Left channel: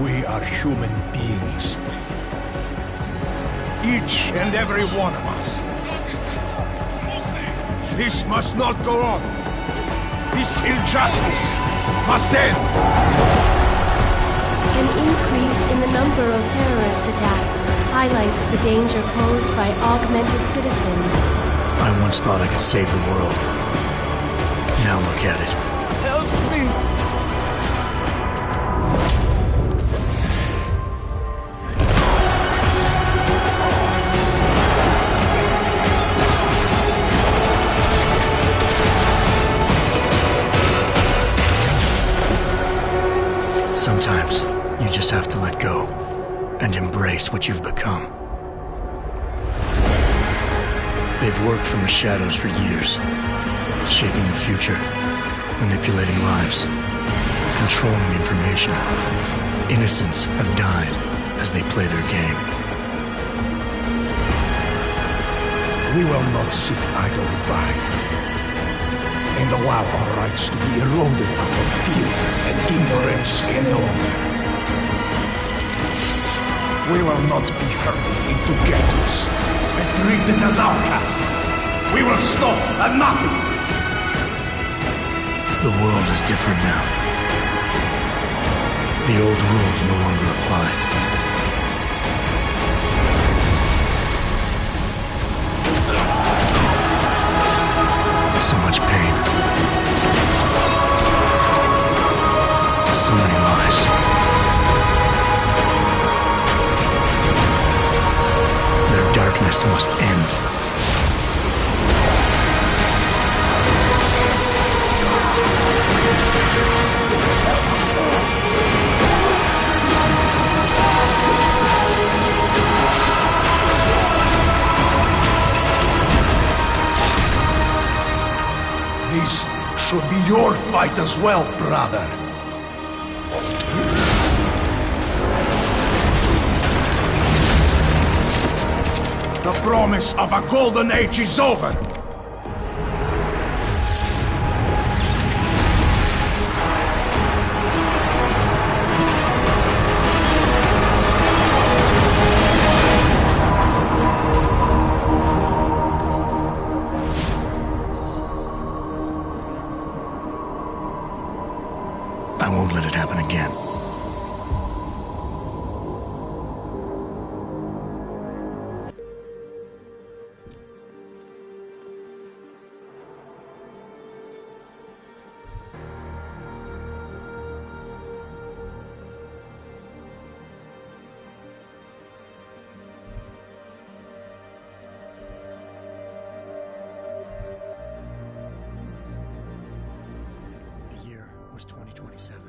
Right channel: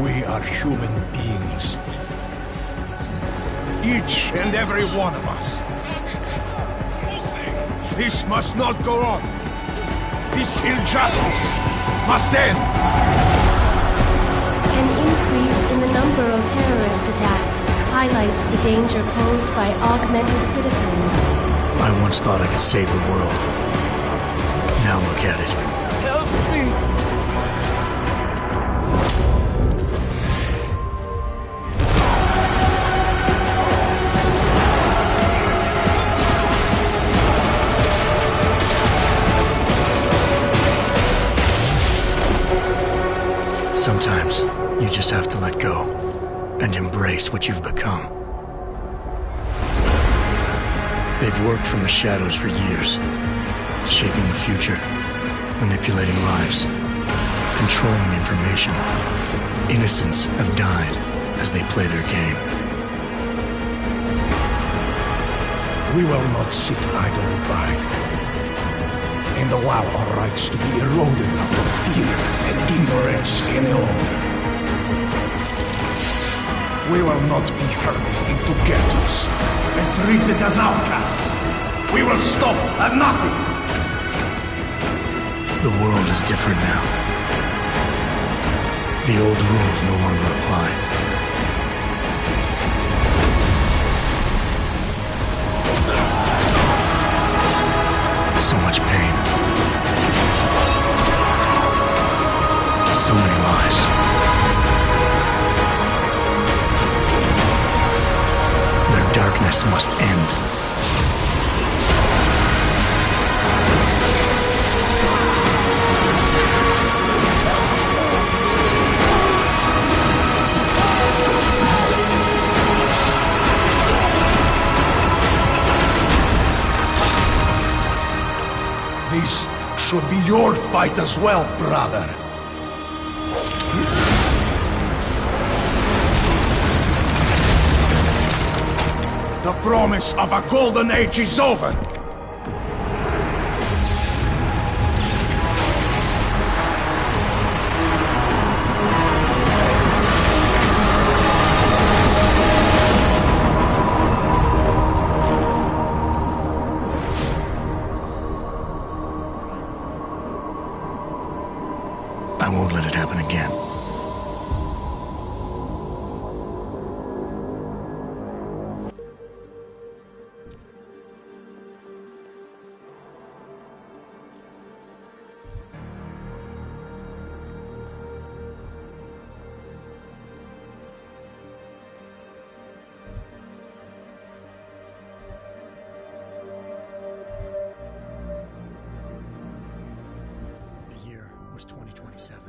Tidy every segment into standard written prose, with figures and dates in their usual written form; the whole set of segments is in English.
We are human beings. Each and every one of us. This must not go on. This injustice must end. An increase in the number of terrorist attacks highlights the danger posed by augmented citizens. I once thought I could save the world. Now look at it. Help me! Sometimes, you just have to let go and embrace what you've become. They've worked from the shadows for years, shaping the future, manipulating lives, controlling information. Innocents have died as they play their game. We will not sit idly by and allow our rights to be eroded out of fear and ignorance any longer. We will not be herded into ghettos and treated as outcasts. We will stop at nothing. The world is different now. The old rules no longer apply. So much pain. So many lies. Their darkness must end. This should be your fight as well, brother. The promise of a golden age is over. I won't let it happen again. The year was 2027.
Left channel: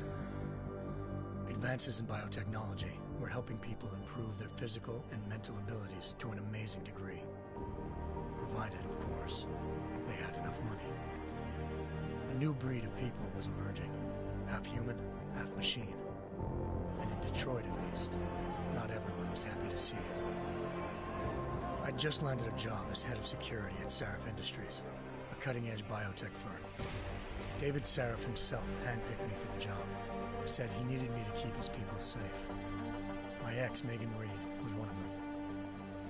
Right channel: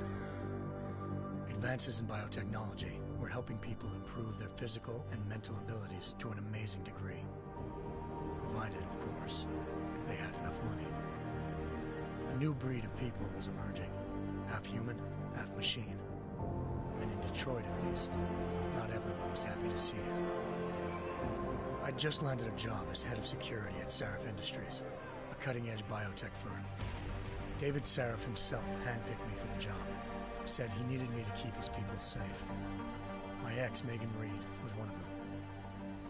Advances in biotechnology were helping people improve their physical and mental abilities to an amazing degree. Provided, of course, they had enough money. A new breed of people was emerging, half human, half machine. And in Detroit at least, not everyone was happy to see it. I'd just landed a job as head of security at Sarif Industries, a cutting-edge biotech firm. David Sarif himself handpicked me for the job. Said he needed me to keep his people safe. My ex, Megan Reed, was one of them.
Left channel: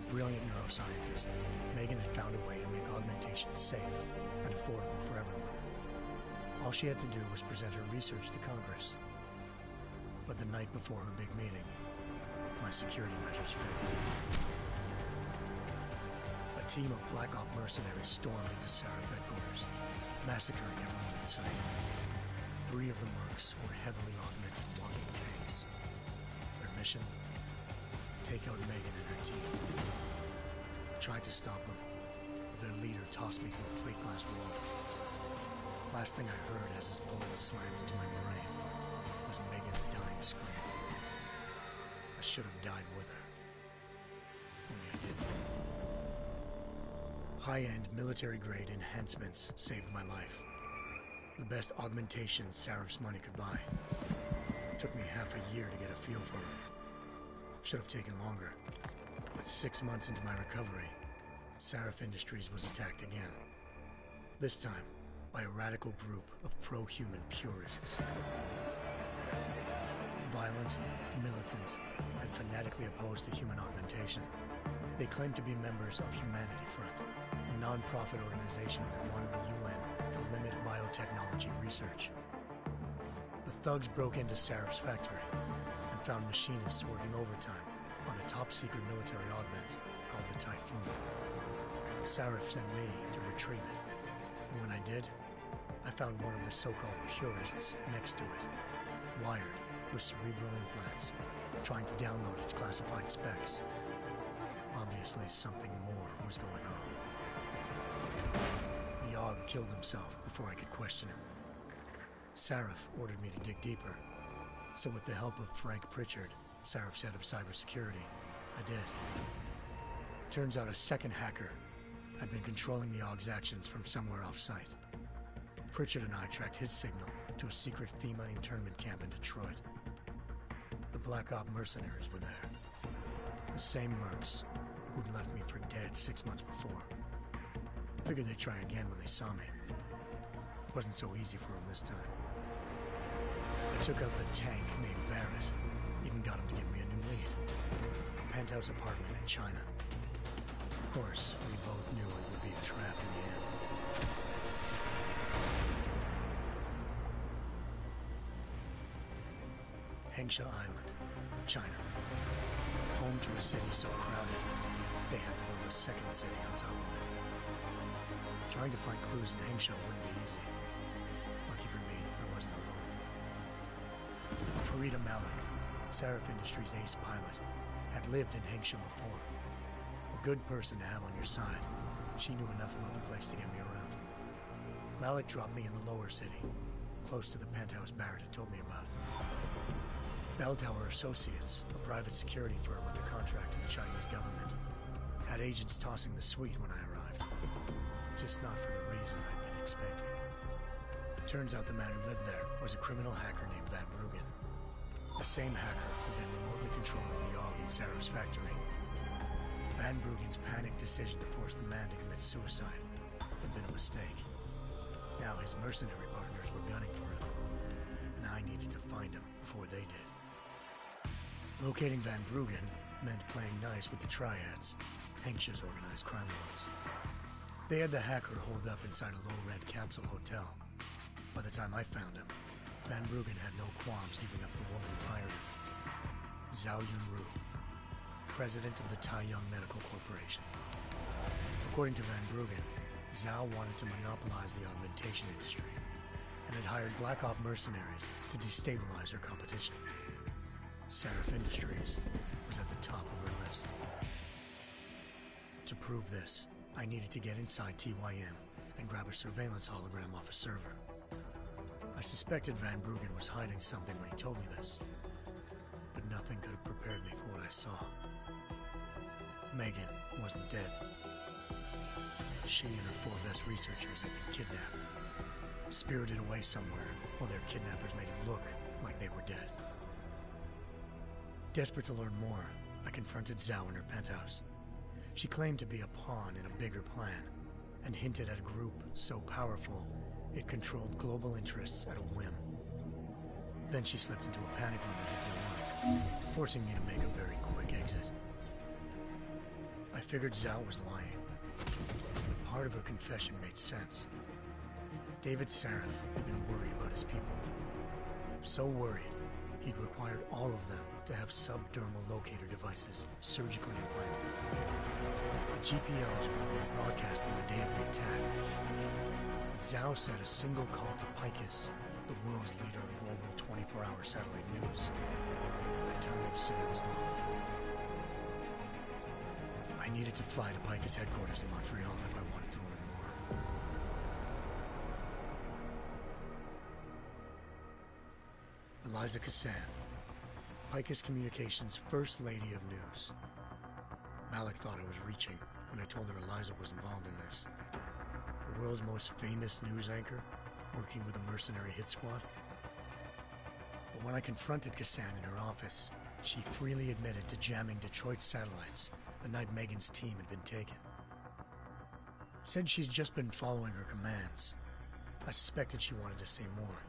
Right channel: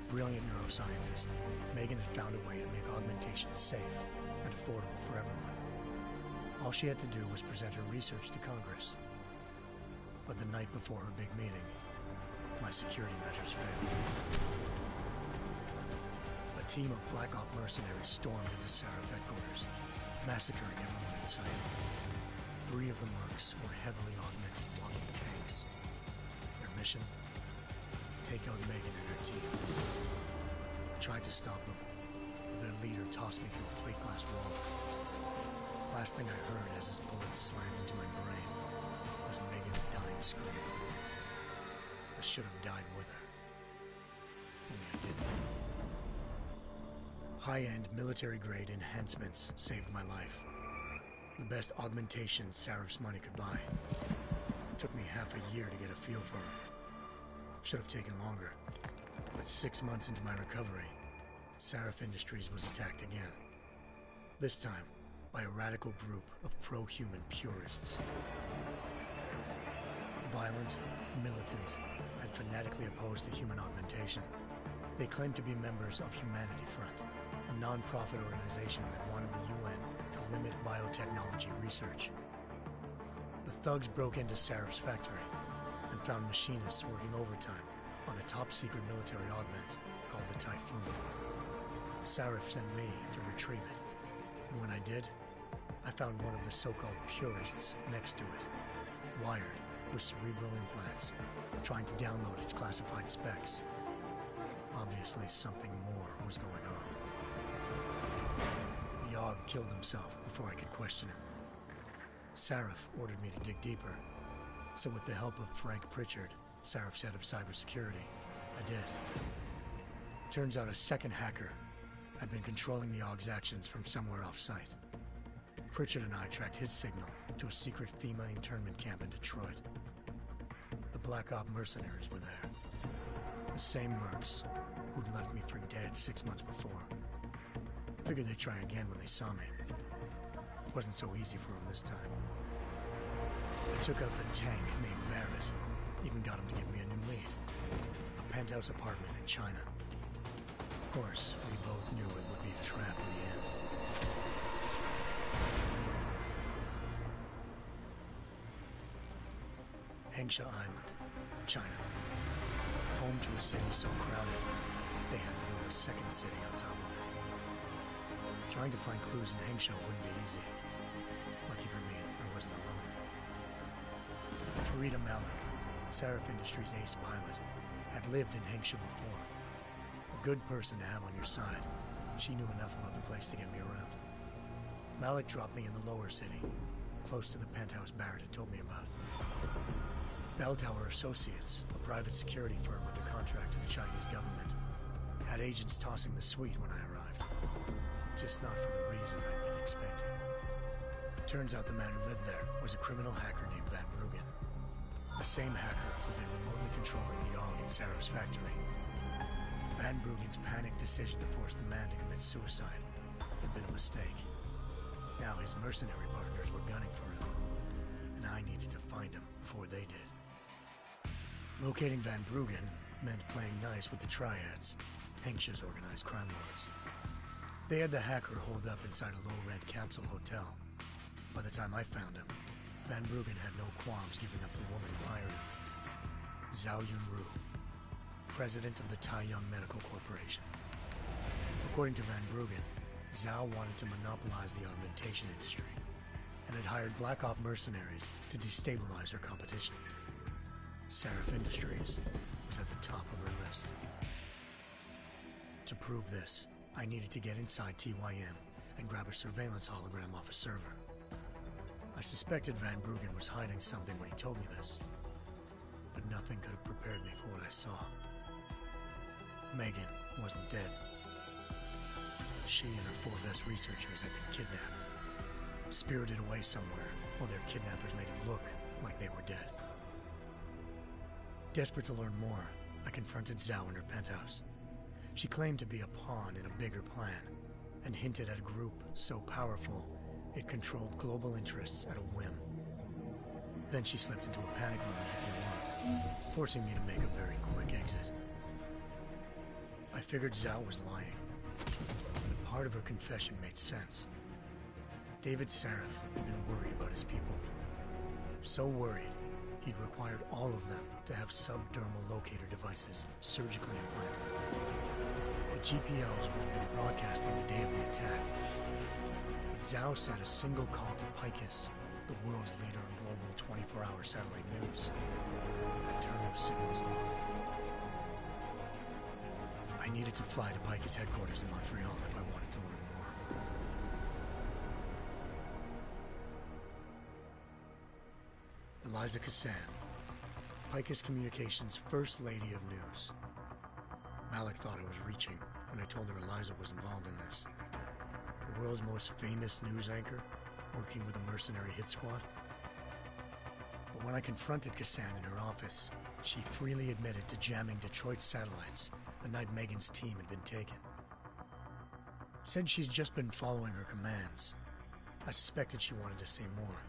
Brilliant neuroscientist, Megan had found a way to make augmentation safe and affordable for everyone. All she had to do was present her research to Congress. But the night before her big meeting, my security measures failed. A team of Black Op mercenaries stormed into Sarif headquarters, massacring everyone in sight. 3 of the mercs were heavily augmented walking tanks. Their mission? Take out Megan and her team. I tried to stop them, but their leader tossed me through a plate glass wall. Last thing I heard as his bullets slammed into my brain was Megan's dying scream. I should have died with her. Only I didn't. High-end military-grade enhancements saved my life. The best augmentation Sarif's money could buy. Took me half a year to get a feel for her. Should have taken longer. But 6 months into my recovery, Sarif Industries was attacked again. This time, by a radical group of pro-human purists. Violent, militant, and fanatically opposed to human augmentation. They claimed to be members of Humanity Front, a non-profit organization that wanted the UN to limit biotechnology research. The thugs broke into Sarif's factory and found machinists working overtime on a top-secret military augment called the Typhoon. Sarif sent me to retrieve it, and when I did, I found one of the so-called purists next to it, wired with cerebral implants, trying to download its classified specs. Obviously, something more was going on. The Aug killed himself before I could question him. Sarif ordered me to dig deeper, so with the help of Frank Pritchard, Sarif's head of cybersecurity, I did. Turns out a second hacker had been controlling the Aug's actions from somewhere off-site. Pritchard and I tracked his signal to a secret FEMA internment camp in Detroit. The Black Op mercenaries were there. The same mercs who'd left me for dead 6 months before. Figured they'd try again when they saw me. Wasn't so easy for them this time. They took out the tank named Barrett. Even got him to give me a new lead. A penthouse apartment in China. Of course, we both knew it would be a trap in the end. Hengsha Island, China. Home to a city so crowded, they had to build a second city on top of it. Trying to find clues in Hengsha wouldn't be easy. Lucky for me, I wasn't alone. Farida Malik, Sarif Industries' ace pilot, had lived in Hengsha before. A good person to have on your side. She knew enough about the place to get me around. Malik dropped me in the lower city, close to the penthouse Barrett had told me about. Bell Tower Associates, a private security firm under contract to the Chinese government, had agents tossing the suite when I arrived. Just not for the reason I'd been expecting. Turns out the man who lived there was a criminal hacker named Van Bruggen. The same hacker who'd been remotely controlling the AUG in Sarif's factory. Van Bruggen's panicked decision to force the man to commit suicide had been a mistake. Now his mercenary partners were gunning for him, and I needed to find him before they did. Locating Van Bruggen meant playing nice with the Triads, Hengsha's organized crime lords. They had the hacker holed up inside a low-rent capsule hotel. By the time I found him, Van Bruggen had no qualms giving up the woman who hired him. Zhao Yunru, president of the Taiyang Medical Corporation. According to Van Bruggen, Zhao wanted to monopolize the augmentation industry and had hired Black Op mercenaries to destabilize her competition. Sarif Industries was at the top of her list. To prove this, I needed to get inside TYM and grab a surveillance hologram off a server. I suspected Van Bruggen was hiding something when he told me this, but nothing could have prepared me for what I saw. Megan wasn't dead. She and her 4 best researchers had been kidnapped, spirited away somewhere while their kidnappers made it look like they were dead. Desperate to learn more, I confronted Zhao in her penthouse. She claimed to be a pawn in a bigger plan, and hinted at a group so powerful it controlled global interests at a whim. Then she slipped into a panic room and hit the alarm, forcing me to make a very quick exit. I figured Zhao was lying, but part of her confession made sense. David Sarif had been worried about his people. So worried, he'd required all of them to have subdermal locator devices surgically implanted. The GPOs would have been broadcasting the day of the attack. But Zhao said a single call to Picus, the world's leader in global 24-hour satellite news, had turned those signals off. I needed to fly to Picus headquarters in Montreal if I wanted to learn more. Eliza Cassan, Picus Communications' First Lady of News. Malik thought I was reaching when I told her Eliza was involved in this. The world's most famous news anchor, working with a mercenary hit squad. But when I confronted Cassan in her office, she freely admitted to jamming Detroit satellites the night Megan's team had been taken. Said she's just been following her commands. I suspected she wanted to say more.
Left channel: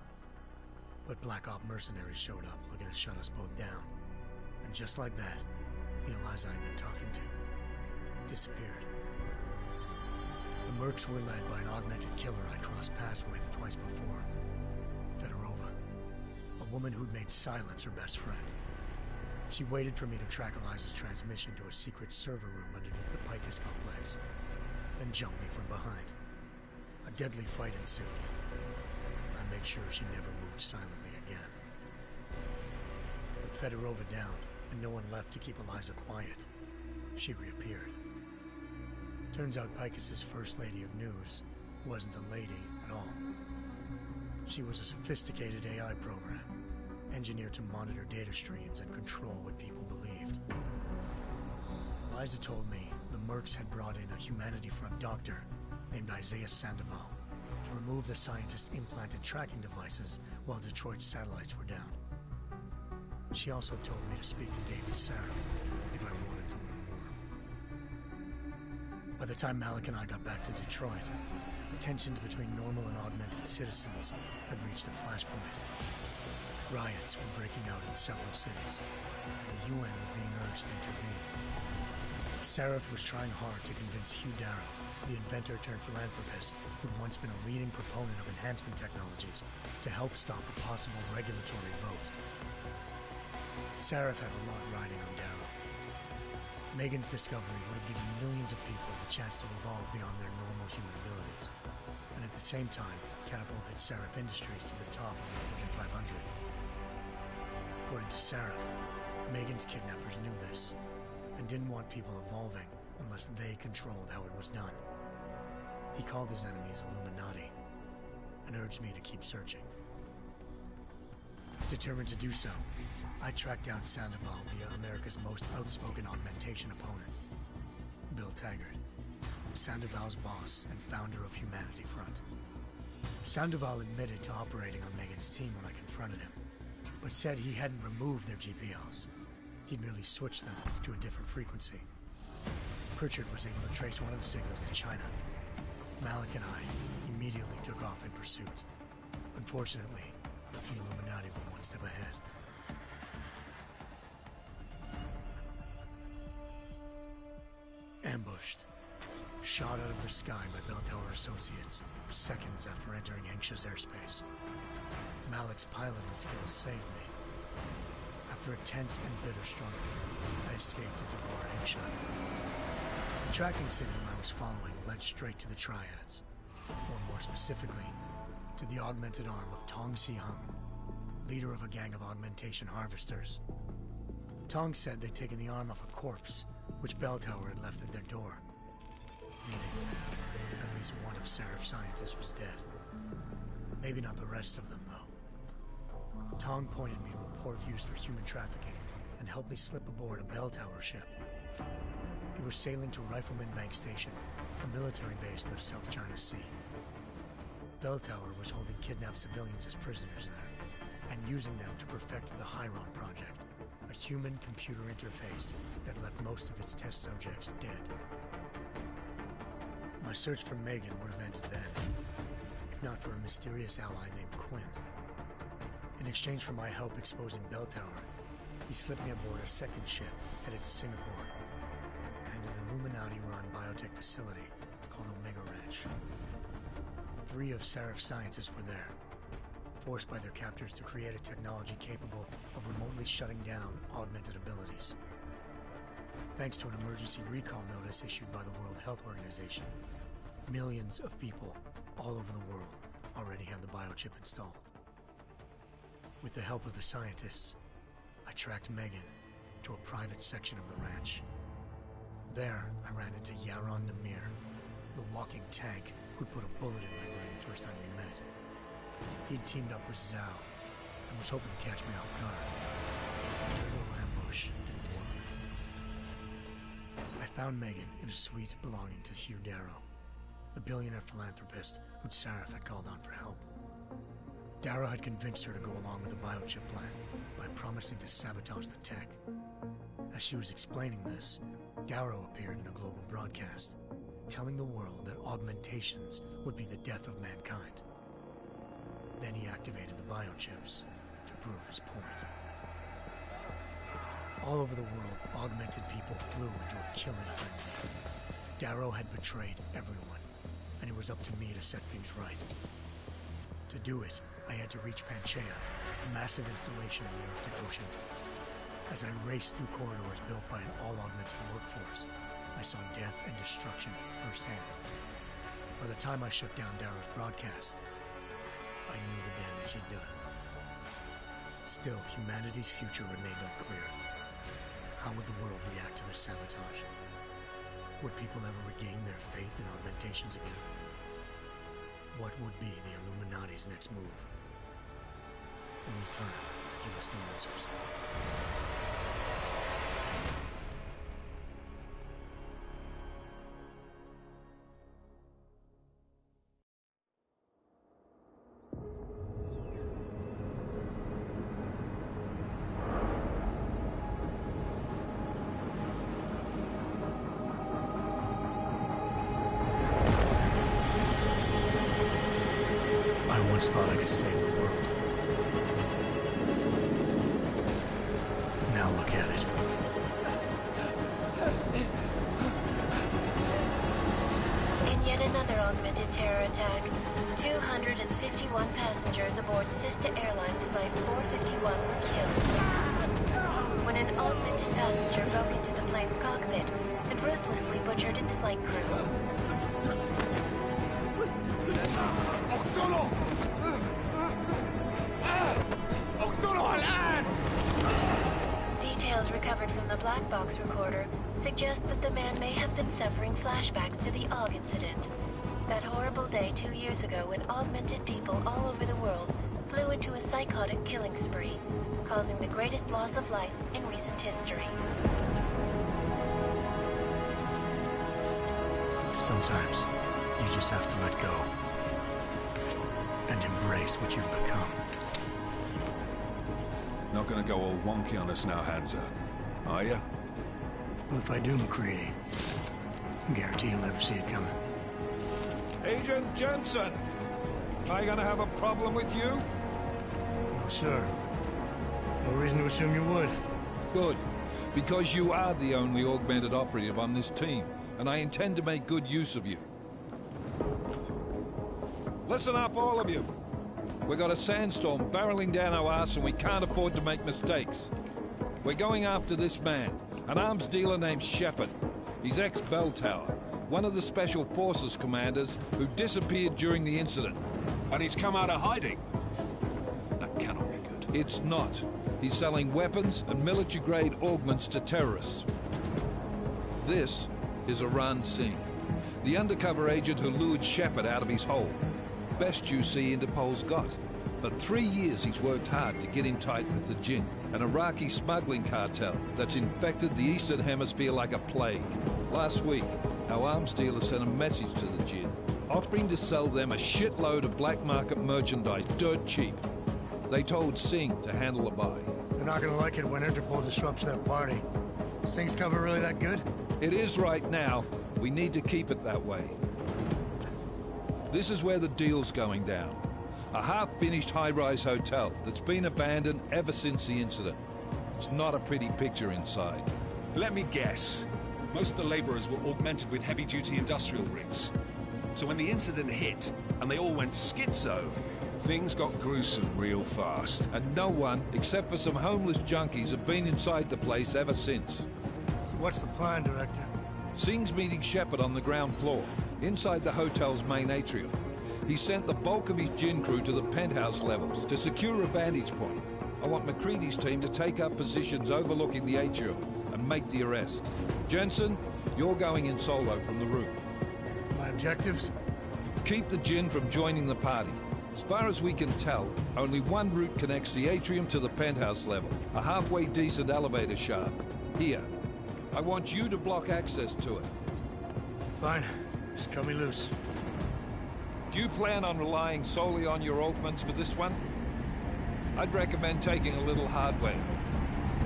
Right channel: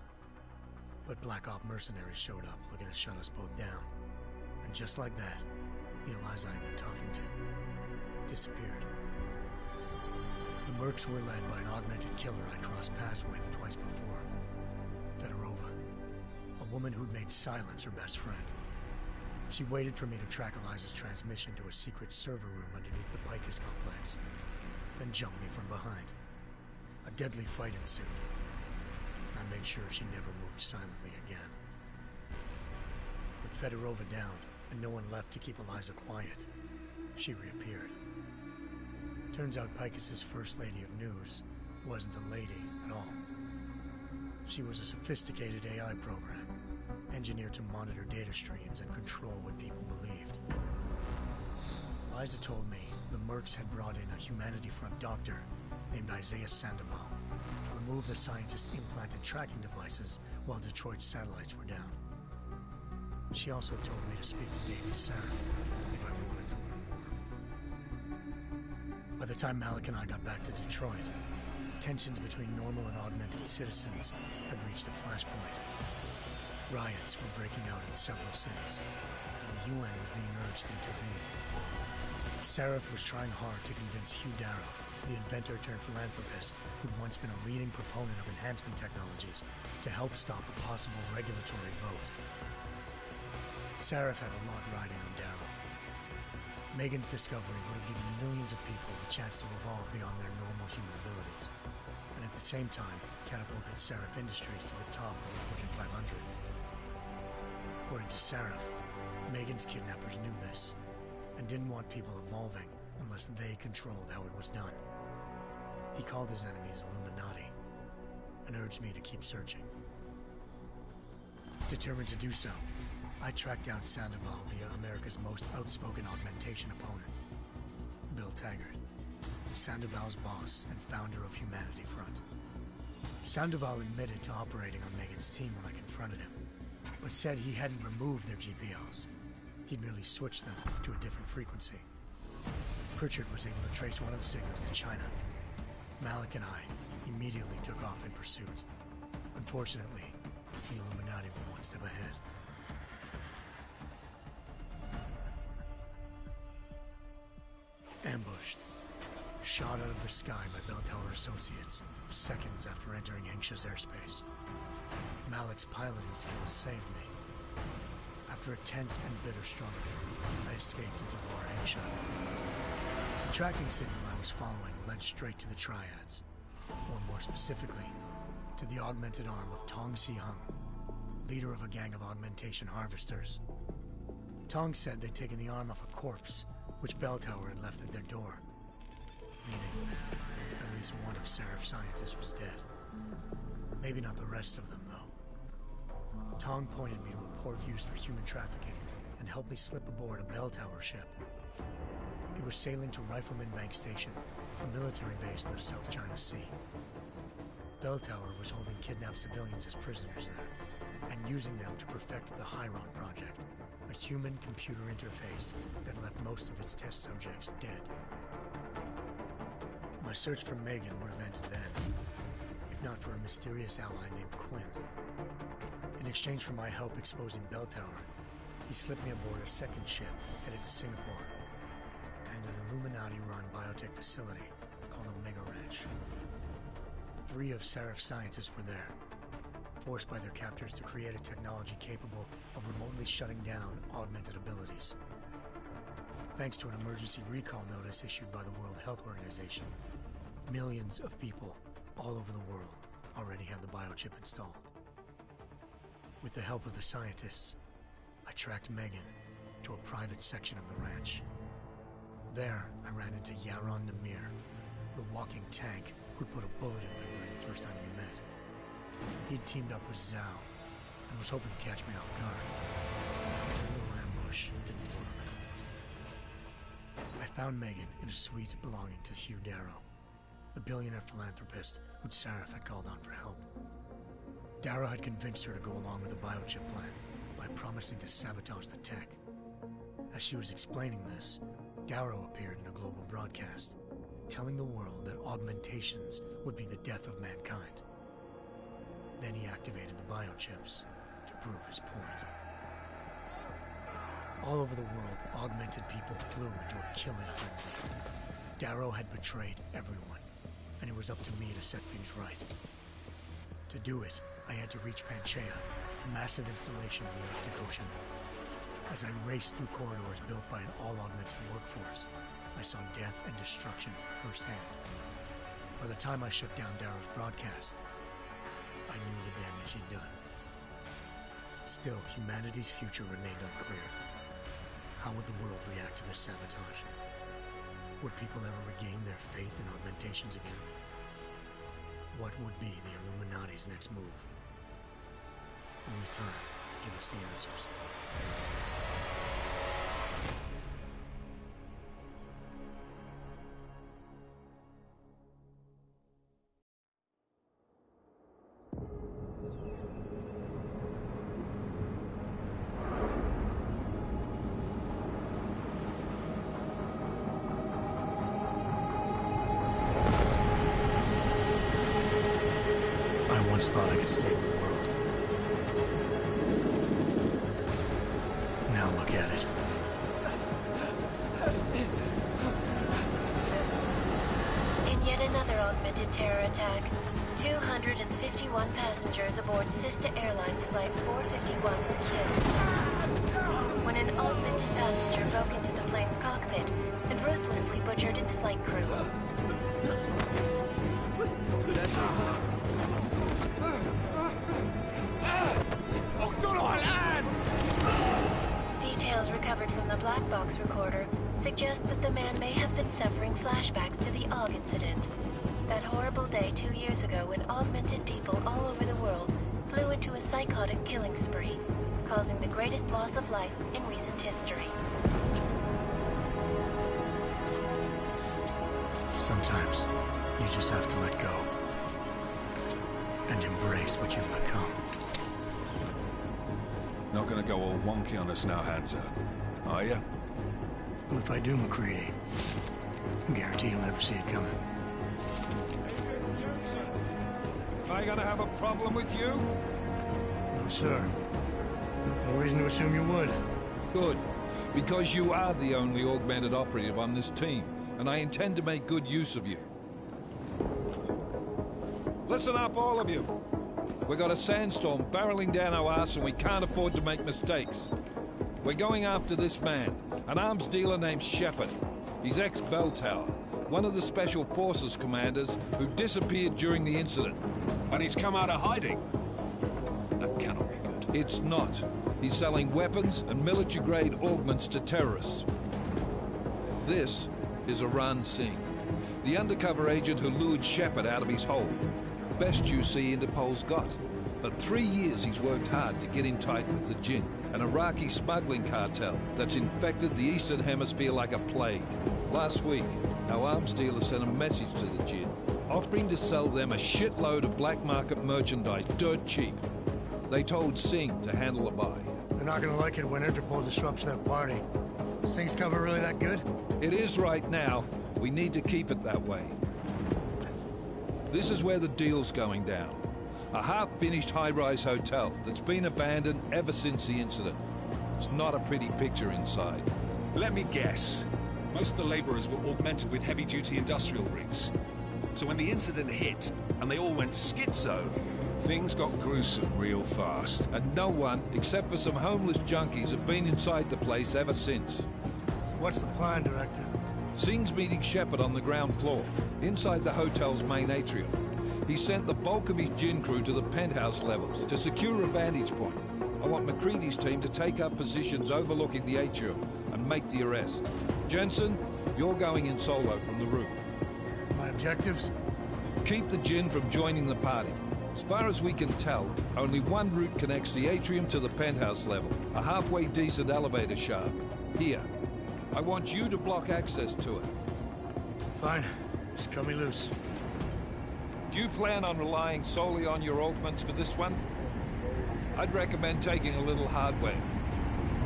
But Black Op mercenaries showed up looking to shut us both down. And just like that, the Eliza I'd been talking to disappeared. The mercs were led by an augmented killer I crossed paths with twice before, Fedorova, a woman who'd made silence her best friend. She waited for me to track Eliza's transmission to a secret server room underneath the Picus complex, then jumped me from behind. A deadly fight ensued. I made sure she never moved silently again. With Fedorova down, and no one left to keep Eliza quiet, she reappeared. Turns out Picus's first lady of news wasn't a lady at all. She was a sophisticated AI program, engineered to monitor data streams and control what people believed. Eliza told me the mercs had brought in a Humanity Front doctor named Isaiah Sandoval to remove the scientist's implanted tracking devices while Detroit's satellites were down. She also told me to speak to David Sarif if I wanted to learn more. By the time Malik and I got back to Detroit, tensions between normal and augmented citizens had reached a flashpoint. Riots were breaking out in several cities, and the UN was being urged to intervene. Sarif was trying hard to convince Hugh Darrow, the inventor-turned-philanthropist who'd once been a leading proponent of enhancement technologies, to help stop a possible regulatory vote. Sarif had a lot riding on Darrow. Megan's discovery would have given millions of people the chance to evolve beyond their normal human abilities, and at the same time catapulted Sarif Industries to the top of the Fortune 500. According to Sarif, Megan's kidnappers knew this, and didn't want people evolving unless they controlled how it was done. He called his enemies Illuminati, and urged me to keep searching. Determined to do so, I tracked down Sandoval via America's most outspoken augmentation opponent, Bill Taggart, Sandoval's boss and founder of Humanity Front. Sandoval admitted to operating on Megan's team when I confronted him, but said he hadn't removed their GPLs. He'd merely switched them to a different frequency. Pritchard was able to trace one of the signals to China. Malik and I immediately took off in pursuit. Unfortunately, the Illuminati were one step ahead. Ambushed. Shot out of the sky by Bell Tower Associates, seconds after entering Hengsha's airspace. Malik's piloting skills saved me. After a tense and bitter struggle, I escaped into Lower Hengsha. The tracking signal I was following led straight to the Triads, or more specifically, to the augmented arm of Tong Si-hung, leader of a gang of augmentation harvesters. Tong said they'd taken the arm off a corpse, which Bell Tower had left at their door, meaning at least one of Sarif's scientists was dead. Maybe not the rest of them, though. Tong pointed me to a port used for human trafficking and helped me slip aboard a Bell Tower ship. We were sailing to Rifleman Bank Station, a military base in the South China Sea. Bell Tower was holding kidnapped civilians as prisoners there, and using them to perfect the Hyron Project, a human-computer interface that left most of its test subjects dead. My search for Megan would have ended then, if not for a mysterious ally named Quinn. In exchange for my help exposing Bell Tower, he slipped me aboard a second ship headed to Singapore, and an Illuminati-run biotech facility called Omega Ranch. 3 of Sarif's scientists were there, forced by their captors to create a technology capable of remotely shutting down augmented abilities. Thanks to an emergency recall notice issued by the World Health Organization, millions of people all over the world already had the biochip installed. With the help of the scientists, I tracked Megan to a private section of the ranch. There, I ran into Yaron Namir, the walking tank who'd put a bullet in my brain the first time we met. He'd teamed up with Zhao and was hoping to catch me off guard. Their little ambush didn't work. I found Megan in a suite belonging to Hugh Darrow, the billionaire philanthropist who'd Sarif had called on for help. Darrow had convinced her to go along with the biochip plan by promising to sabotage the tech. As she was explaining this, Darrow appeared in a global broadcast, telling the world that augmentations would be the death of mankind. Then he activated the biochips to prove his point. All over the world, augmented people flew into a killing frenzy. Darrow had betrayed everyone, and it was up to me to set things right. To do it, I had to reach Panchaea, a massive installation in the Arctic Ocean. As I raced through corridors built by an all-augmented workforce, I saw death and destruction firsthand. By the time I shut down Darrow's broadcast, I knew the damage he'd done. Still, humanity's future remained unclear. How would the world react to this sabotage? Would people ever regain their faith in augmentations again? What would be the Illuminati's next move? Only time could give us the answers. I once thought I could save the world. Now look at it. In yet another augmented terror attack, 251 passengers aboard Sister Airlines Flight 451 were killed. When an augmented passenger broke into the plane's cockpit and ruthlessly butchered its flight crew. Details recovered from the black box recorder suggest that the man may have been suffering flashbacks to the AUG incident. That horrible day 2 years ago when augmented people all over the world flew into a psychotic killing spree, causing the greatest loss of life in recent history. Sometimes, you just have to let go. And embrace what you've become. Not gonna go all wonky on us now, Hansa, are ya? Well, if I do, McCready, I guarantee you'll never see it coming. Agent Jenson! Am I gonna have a problem with you? No, sir. No reason to assume you would. Good. Because you are the only augmented operative on this team, and I intend to make good use of you. Listen up, all of you. We got a sandstorm barreling down our arse and we can't afford to make mistakes. We're going after this man, an arms dealer named Shepard. He's ex-Bell Tower, one of the Special Forces commanders who disappeared during the incident. And he's come out of hiding. That cannot be good. It's not. He's selling weapons and military-grade augments to terrorists. This is Aran Singh, the undercover agent who lured Shepard out of his hole. Best you see Interpol's got. For 3 years he's worked hard to get in tight with the Jinn, an Iraqi smuggling cartel that's infected the Eastern Hemisphere like a plague. Last week, our arms dealer sent a message to the Jinn, offering to sell them a shitload of black market merchandise dirt cheap. They told Singh to handle the buy. They're not gonna like it when Interpol disrupts their party. Singh's cover really that good? It is right now. We need to keep it that way. This is where the deal's going down. A half-finished high-rise hotel that's been abandoned ever since the incident. It's not a pretty picture inside. Let me guess. Most of the laborers were augmented with heavy-duty industrial rigs. So when the incident hit, and they all went schizo, things got gruesome real fast. And no one, except for some homeless junkies, have been inside the place ever since. So what's the plan, Director? Singh's meeting Shepard on the ground floor, inside the hotel's main atrium. He sent the bulk of his Jinn crew to the penthouse levels to secure a vantage point. I want McCready's team to take up positions overlooking the atrium and make the arrest. Jenson, you're going in solo from the roof. My objectives? Keep the Jinn from joining the party. As far as we can tell, only one route connects the atrium to the penthouse level, a halfway decent elevator shaft. Here. I want you to block access to it. Fine. Just cut me loose. Do you plan on relying solely on your augments for this one? I'd recommend taking a little hardware,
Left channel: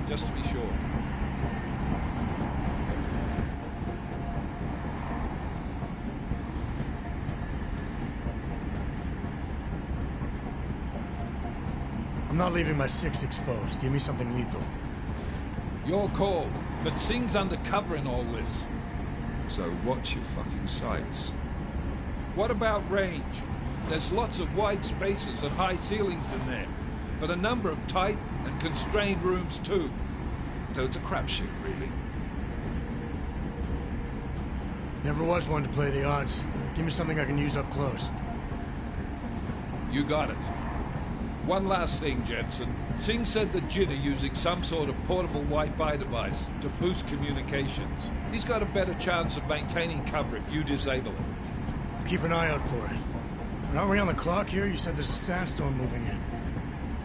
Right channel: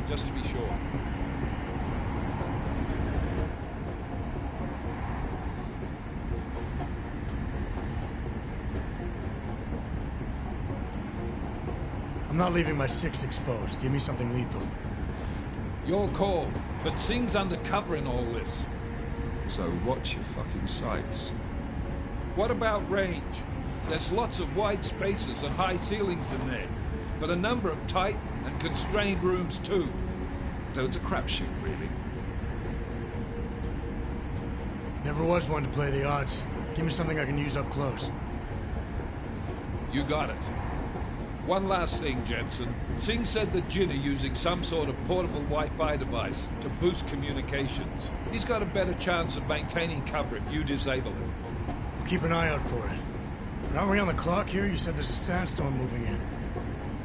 just to be sure. I'm not leaving my 6 exposed. Give me something lethal. Your call, but Singh's undercover in all this. So watch your fucking sights. What about range? There's lots of wide spaces and high ceilings in there, but a number of tight and constrained rooms too. So it's a crapshoot, really. Never was one to play the odds. Give me something I can use up close. You got it. One last thing, Jenson. Singh said the Jinn are using some sort of portable Wi-Fi device to boost communications. He's got a better chance of maintaining cover if you disable it. We'll keep an eye out for it. But aren't we on the clock here? You said there's a sandstorm moving in.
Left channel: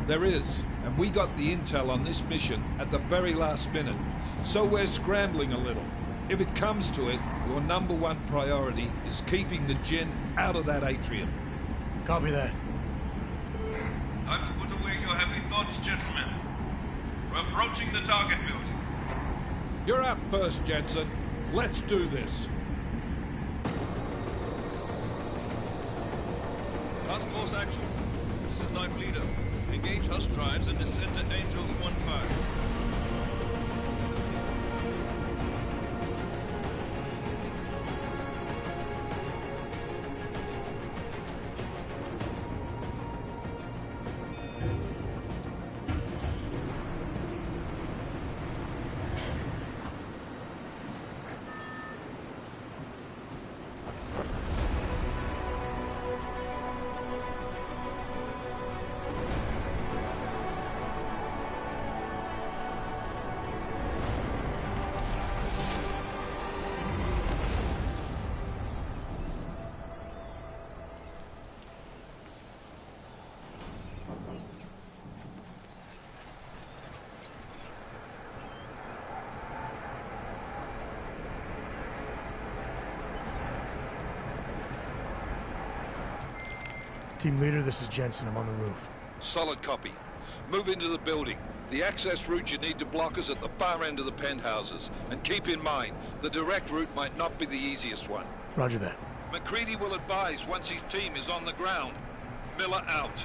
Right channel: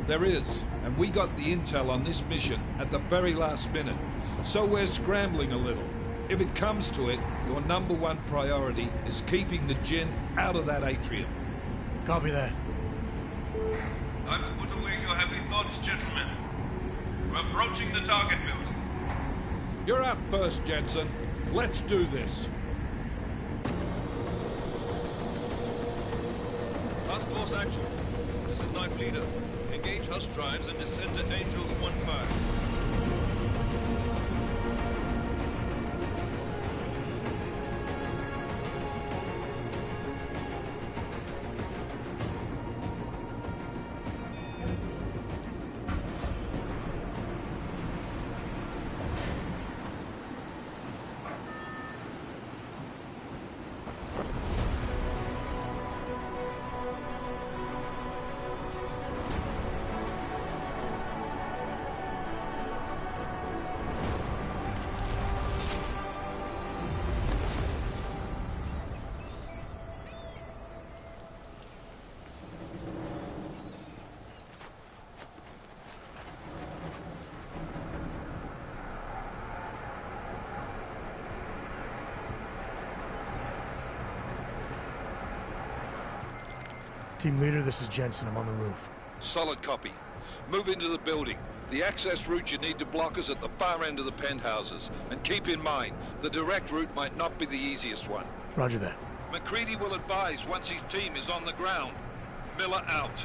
There is, and we got the intel on this mission at the very last minute, so we're scrambling a little. If it comes to it, your #1 priority is keeping the Jinn out of that atrium. Copy that. Time to put away your heavy thoughts, gentlemen. We're approaching the target building. You're up first, Jenson. Let's do this. Task Force action. This is Knife Leader. Engage Hush drives and descend to Angels 1-5. Team leader, this is Jenson. I'm on the roof. Solid copy. Move into the building. The access route you need to block is at the far end of the penthouses. And keep in mind, the direct route might not be the easiest one. Roger that. McCready will advise once his team is on the ground. Miller out.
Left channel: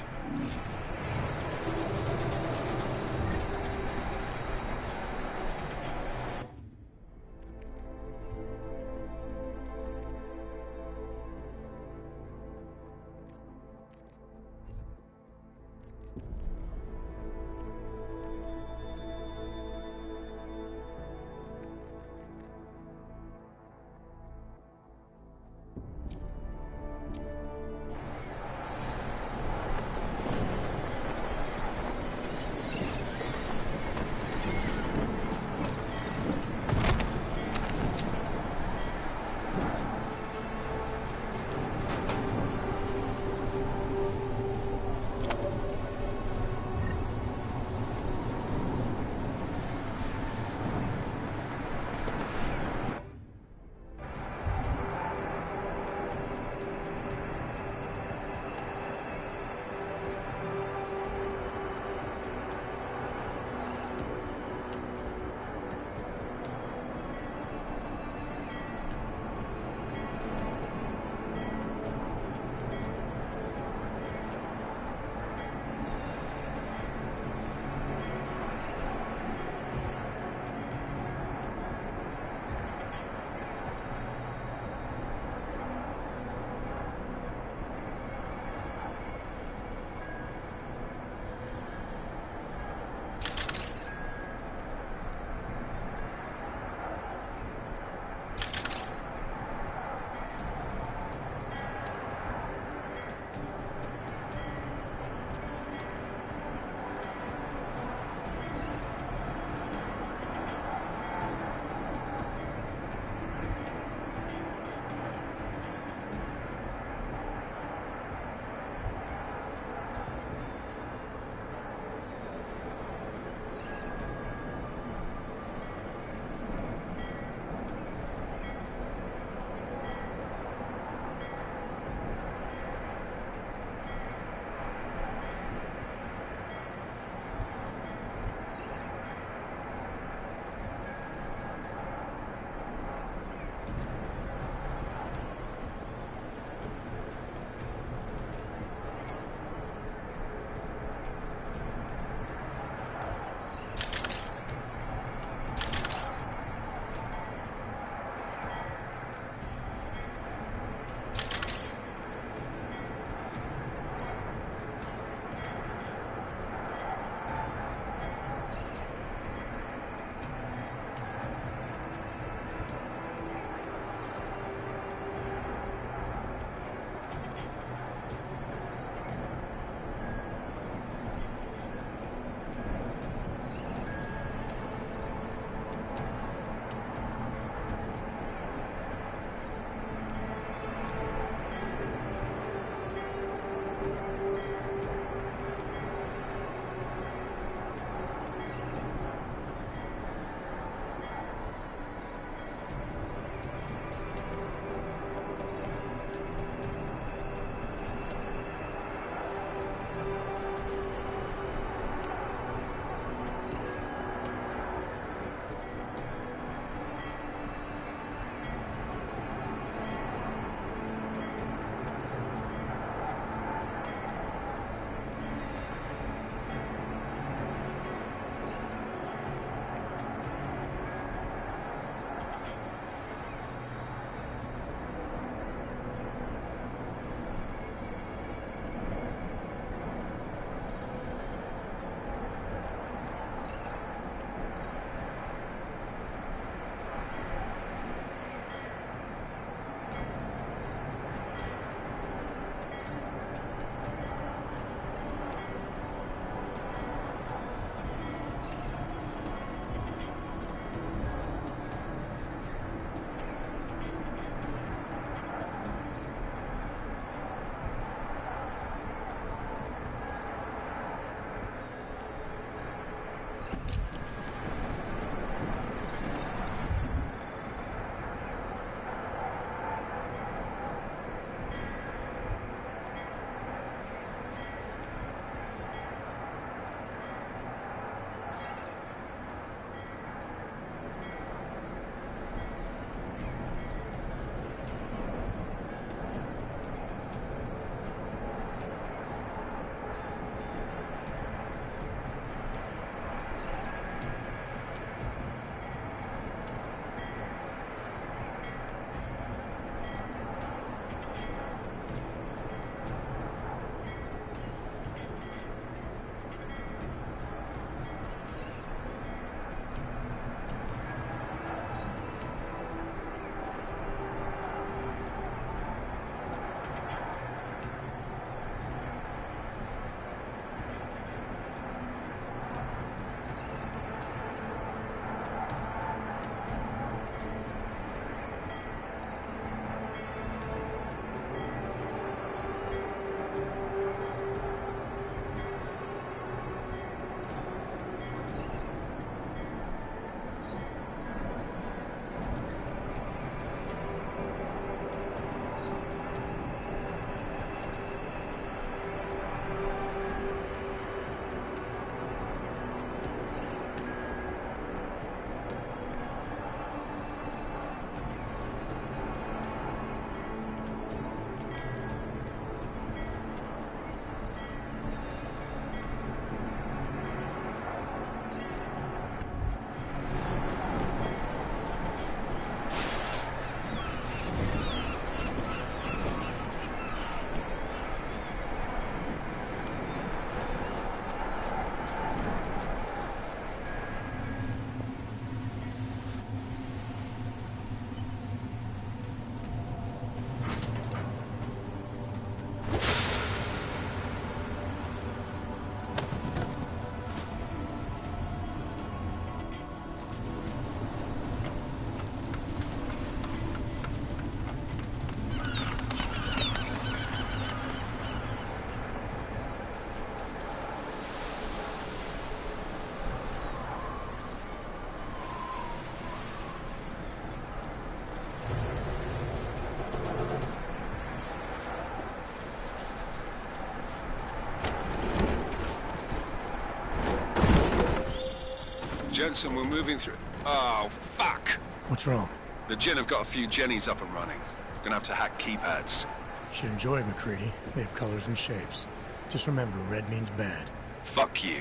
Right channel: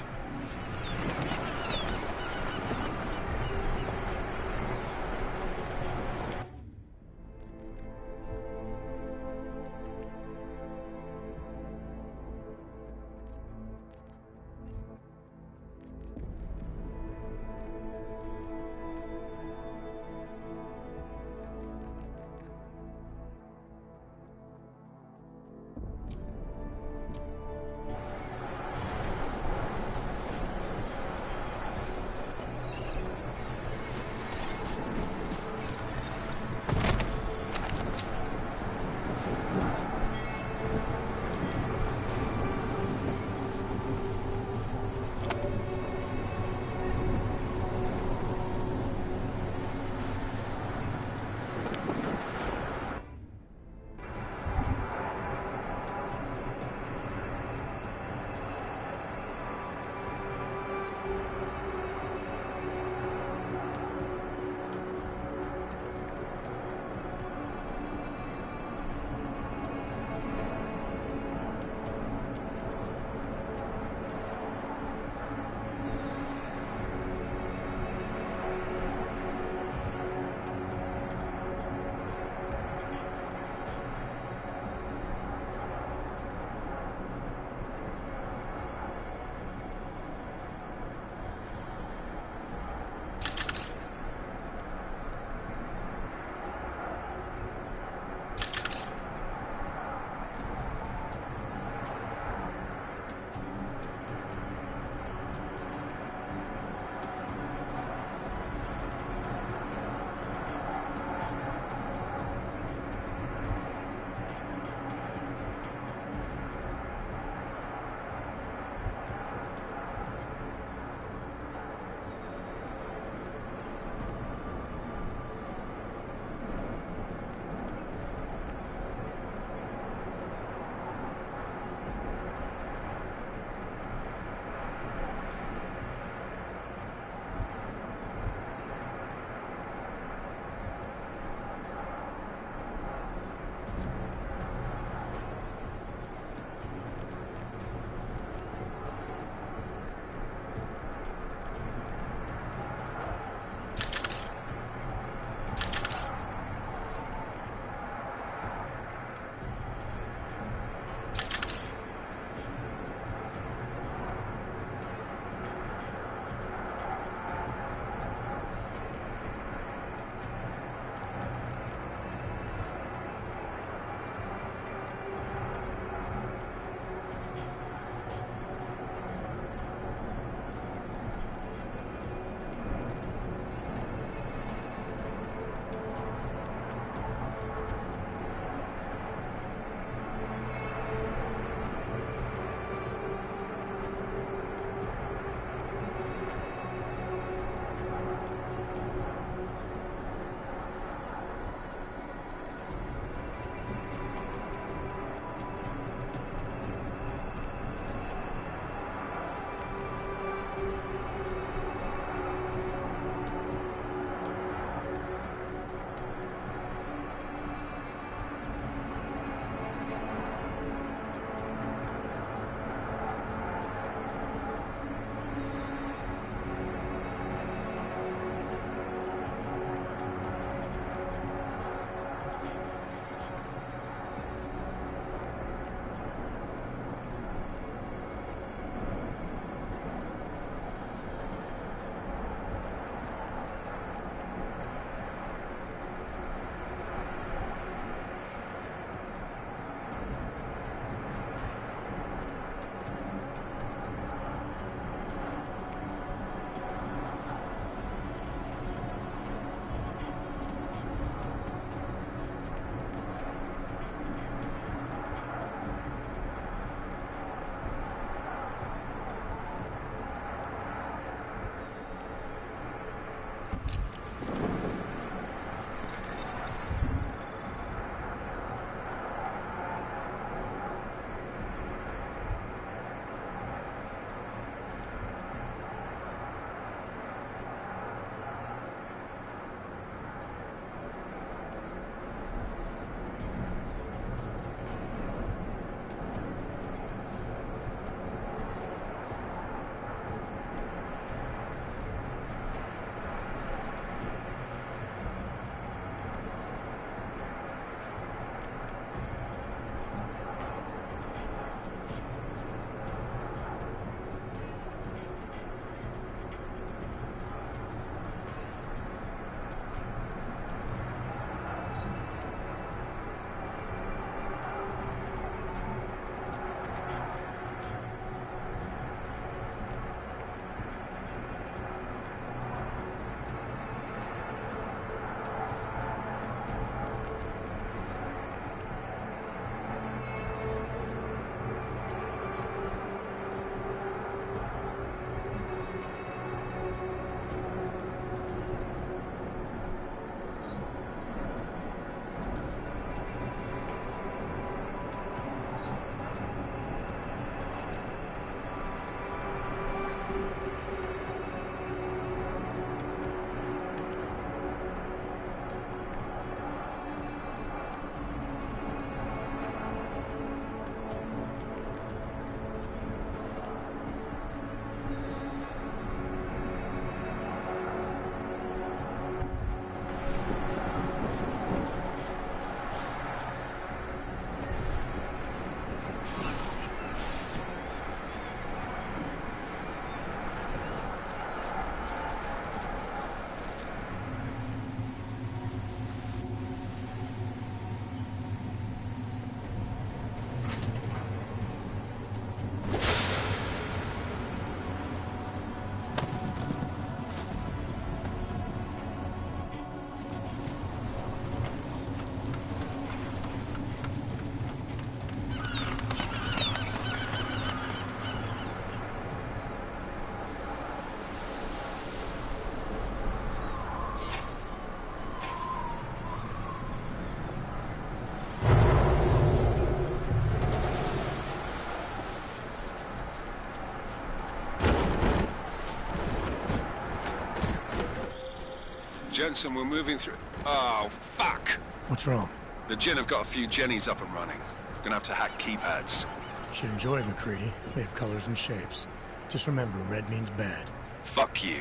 Jenson, we're moving through... Oh, fuck! What's wrong? The Jinn have got a few Jennies up and running. Gonna have to hack keypads. Should enjoy it, McCready. They have colors and shapes. Just remember, red means bad. Fuck you.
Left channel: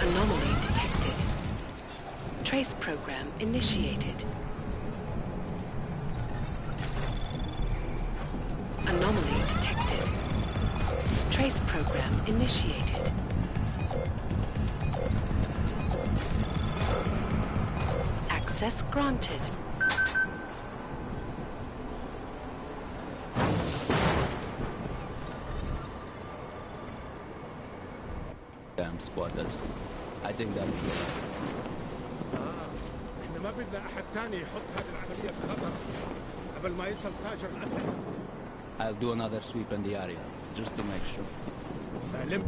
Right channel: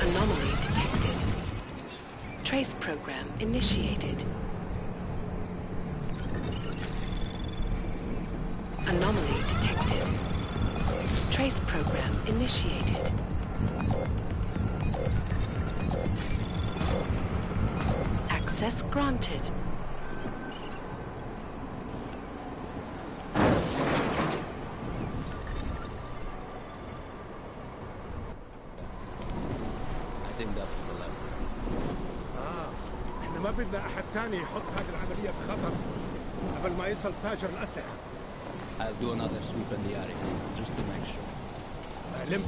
Anomaly detected. Trace program initiated. Anomaly detected. Trace program initiated. Access granted. Damn squatters. I think that's the last one. احنا ما بدنا احد تاني يحط هذه العملية في خطر قبل ما يصل تاجر الأسلحة. I'll do another sweep in the area, just to make sure. علم.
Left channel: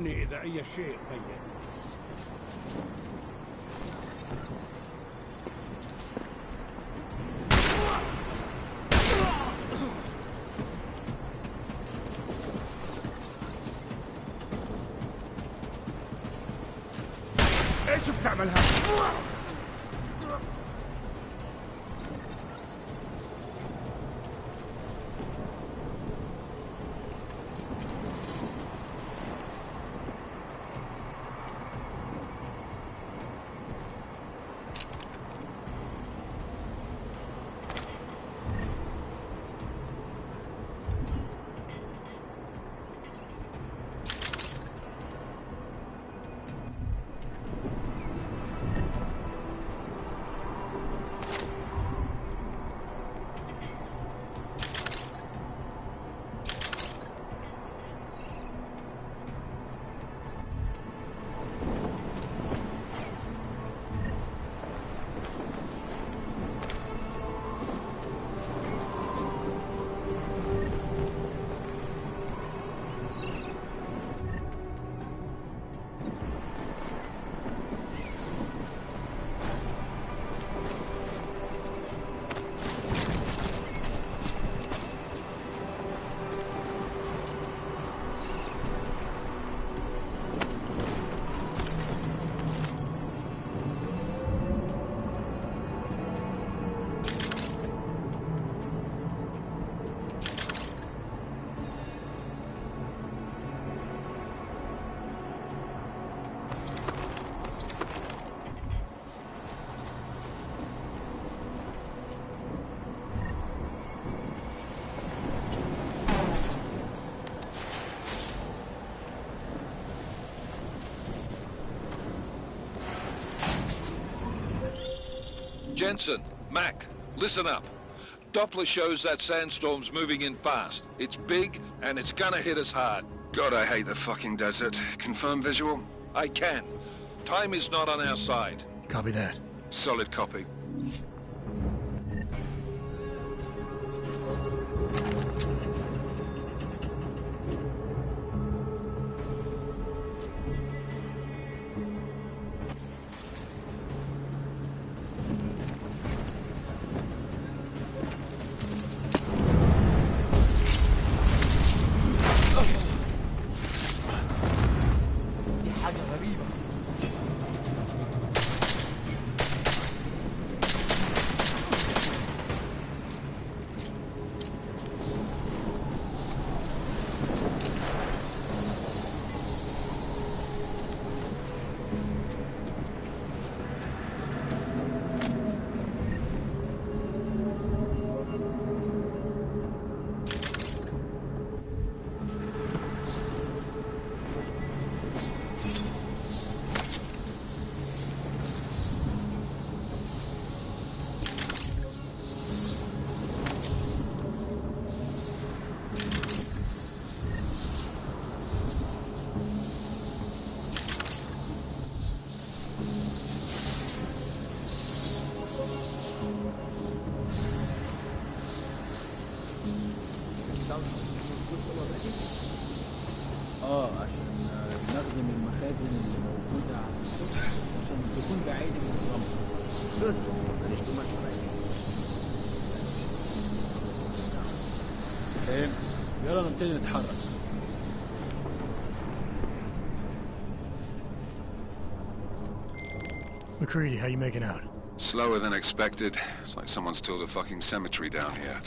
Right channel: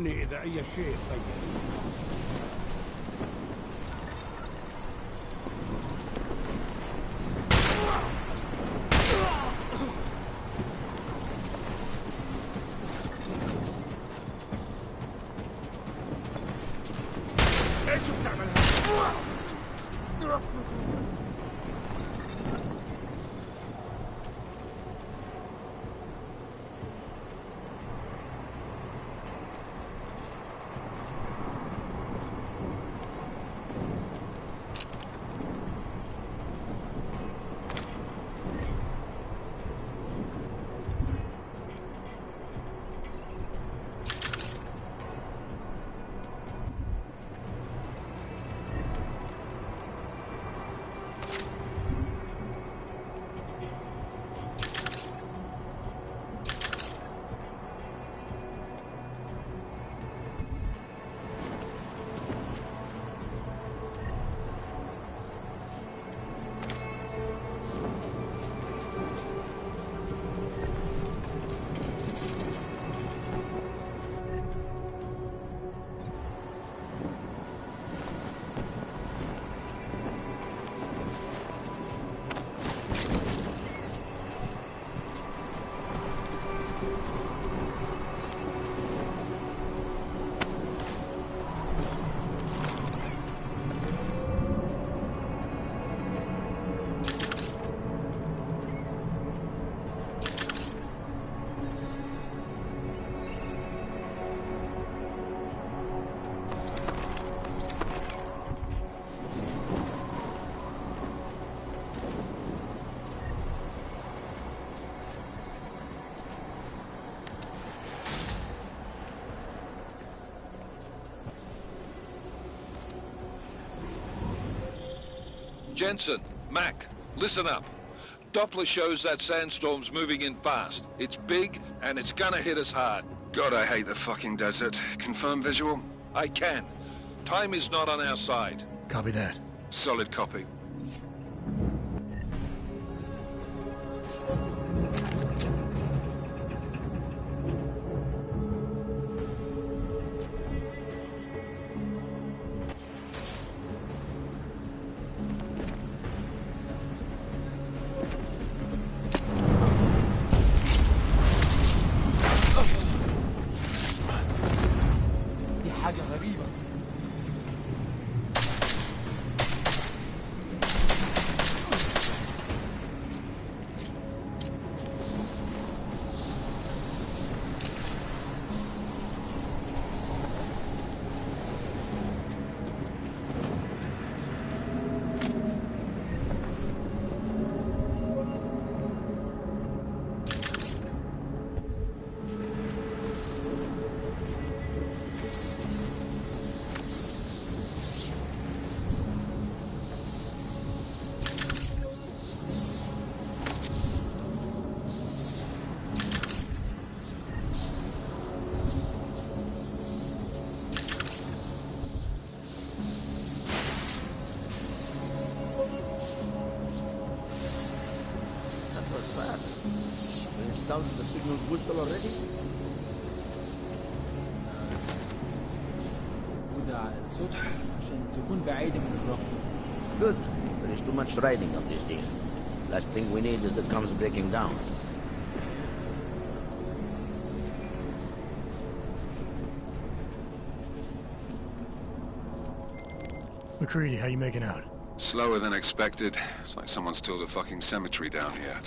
إذا أي شيء غير. ايش بتعمل هذا؟ Jenson, Mac, listen up. Doppler shows that sandstorm's moving in fast. It's big, and it's gonna hit us hard. God, I hate the fucking desert. Confirm visual? I can. Time is not on our side. Copy that. Solid copy. down the signal booster already? نخدم المخازن الموجودة على السطح عشان تكون بعيدة من الرمل. Good. There is too much riding on this thing. Last thing we need is the comes breaking down. فهمت. يلا نبتدي نتحرك. McCready, how you making out? Slower than expected. It's like someone's tilled a fucking cemetery down here.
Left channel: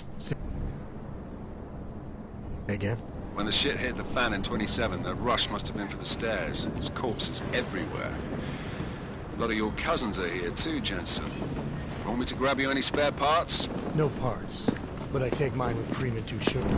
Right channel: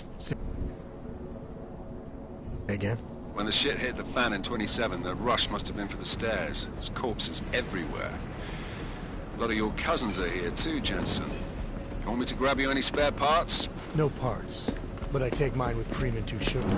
Again? When the shit hit the fan in 27, the rush must have been for the stairs. There's corpses everywhere. A lot of your cousins are here too, Jenson. You want me to grab you any spare parts? No parts, but I take mine with cream and 2 sugars.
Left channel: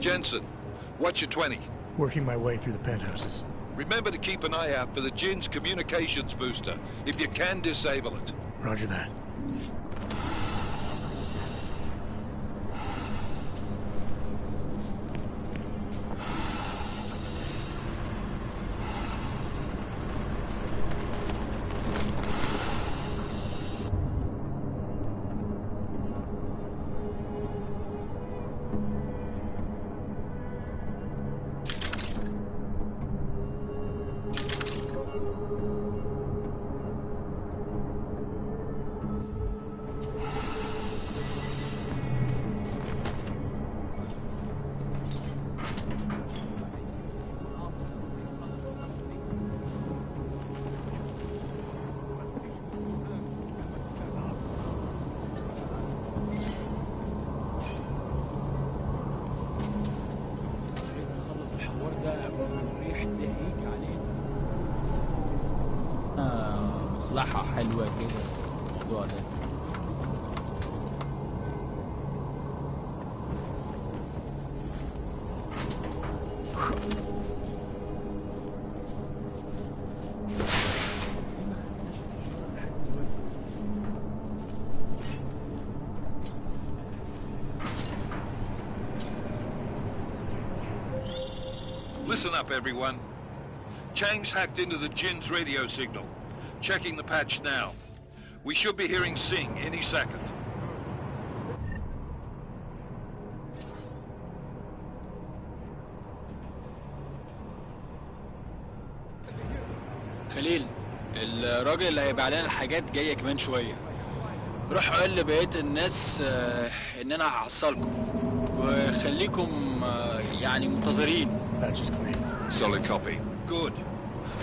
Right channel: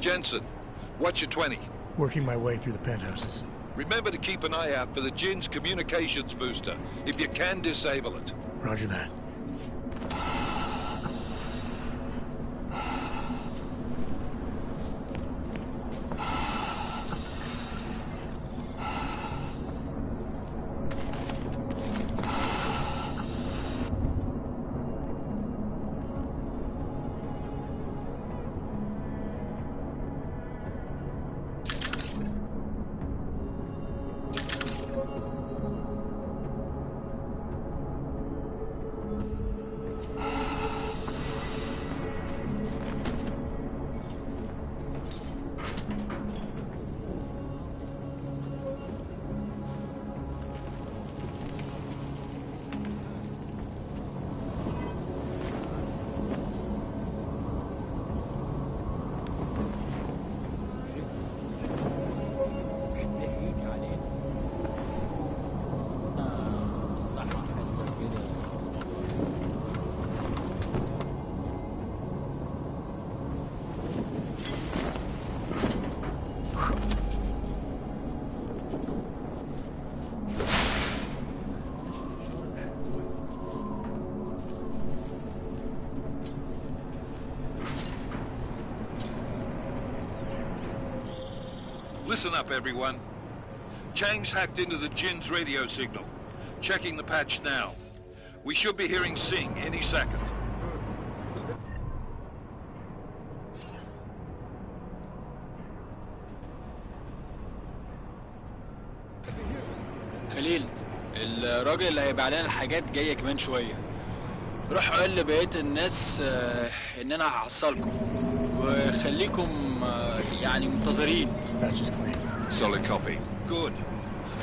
Jenson, what's your 20? Working my way through the penthouses. Remember to keep an eye out for the Jin's communications booster. If you can, disable it. Roger that. مصلحة حلوة كده الموضوع ده. Listen up, everyone. Chang's hacked into the Jin's radio signal. Checking the patch now. We should be hearing Sing any second. خليل، الراجل اللي هيبيع لنا الحاجات جاي كمان شوية. روح قول لبقية الناس ان انا هحصلكم وخليكم يعني منتظرين. Patch is clean. Solid copy. Good.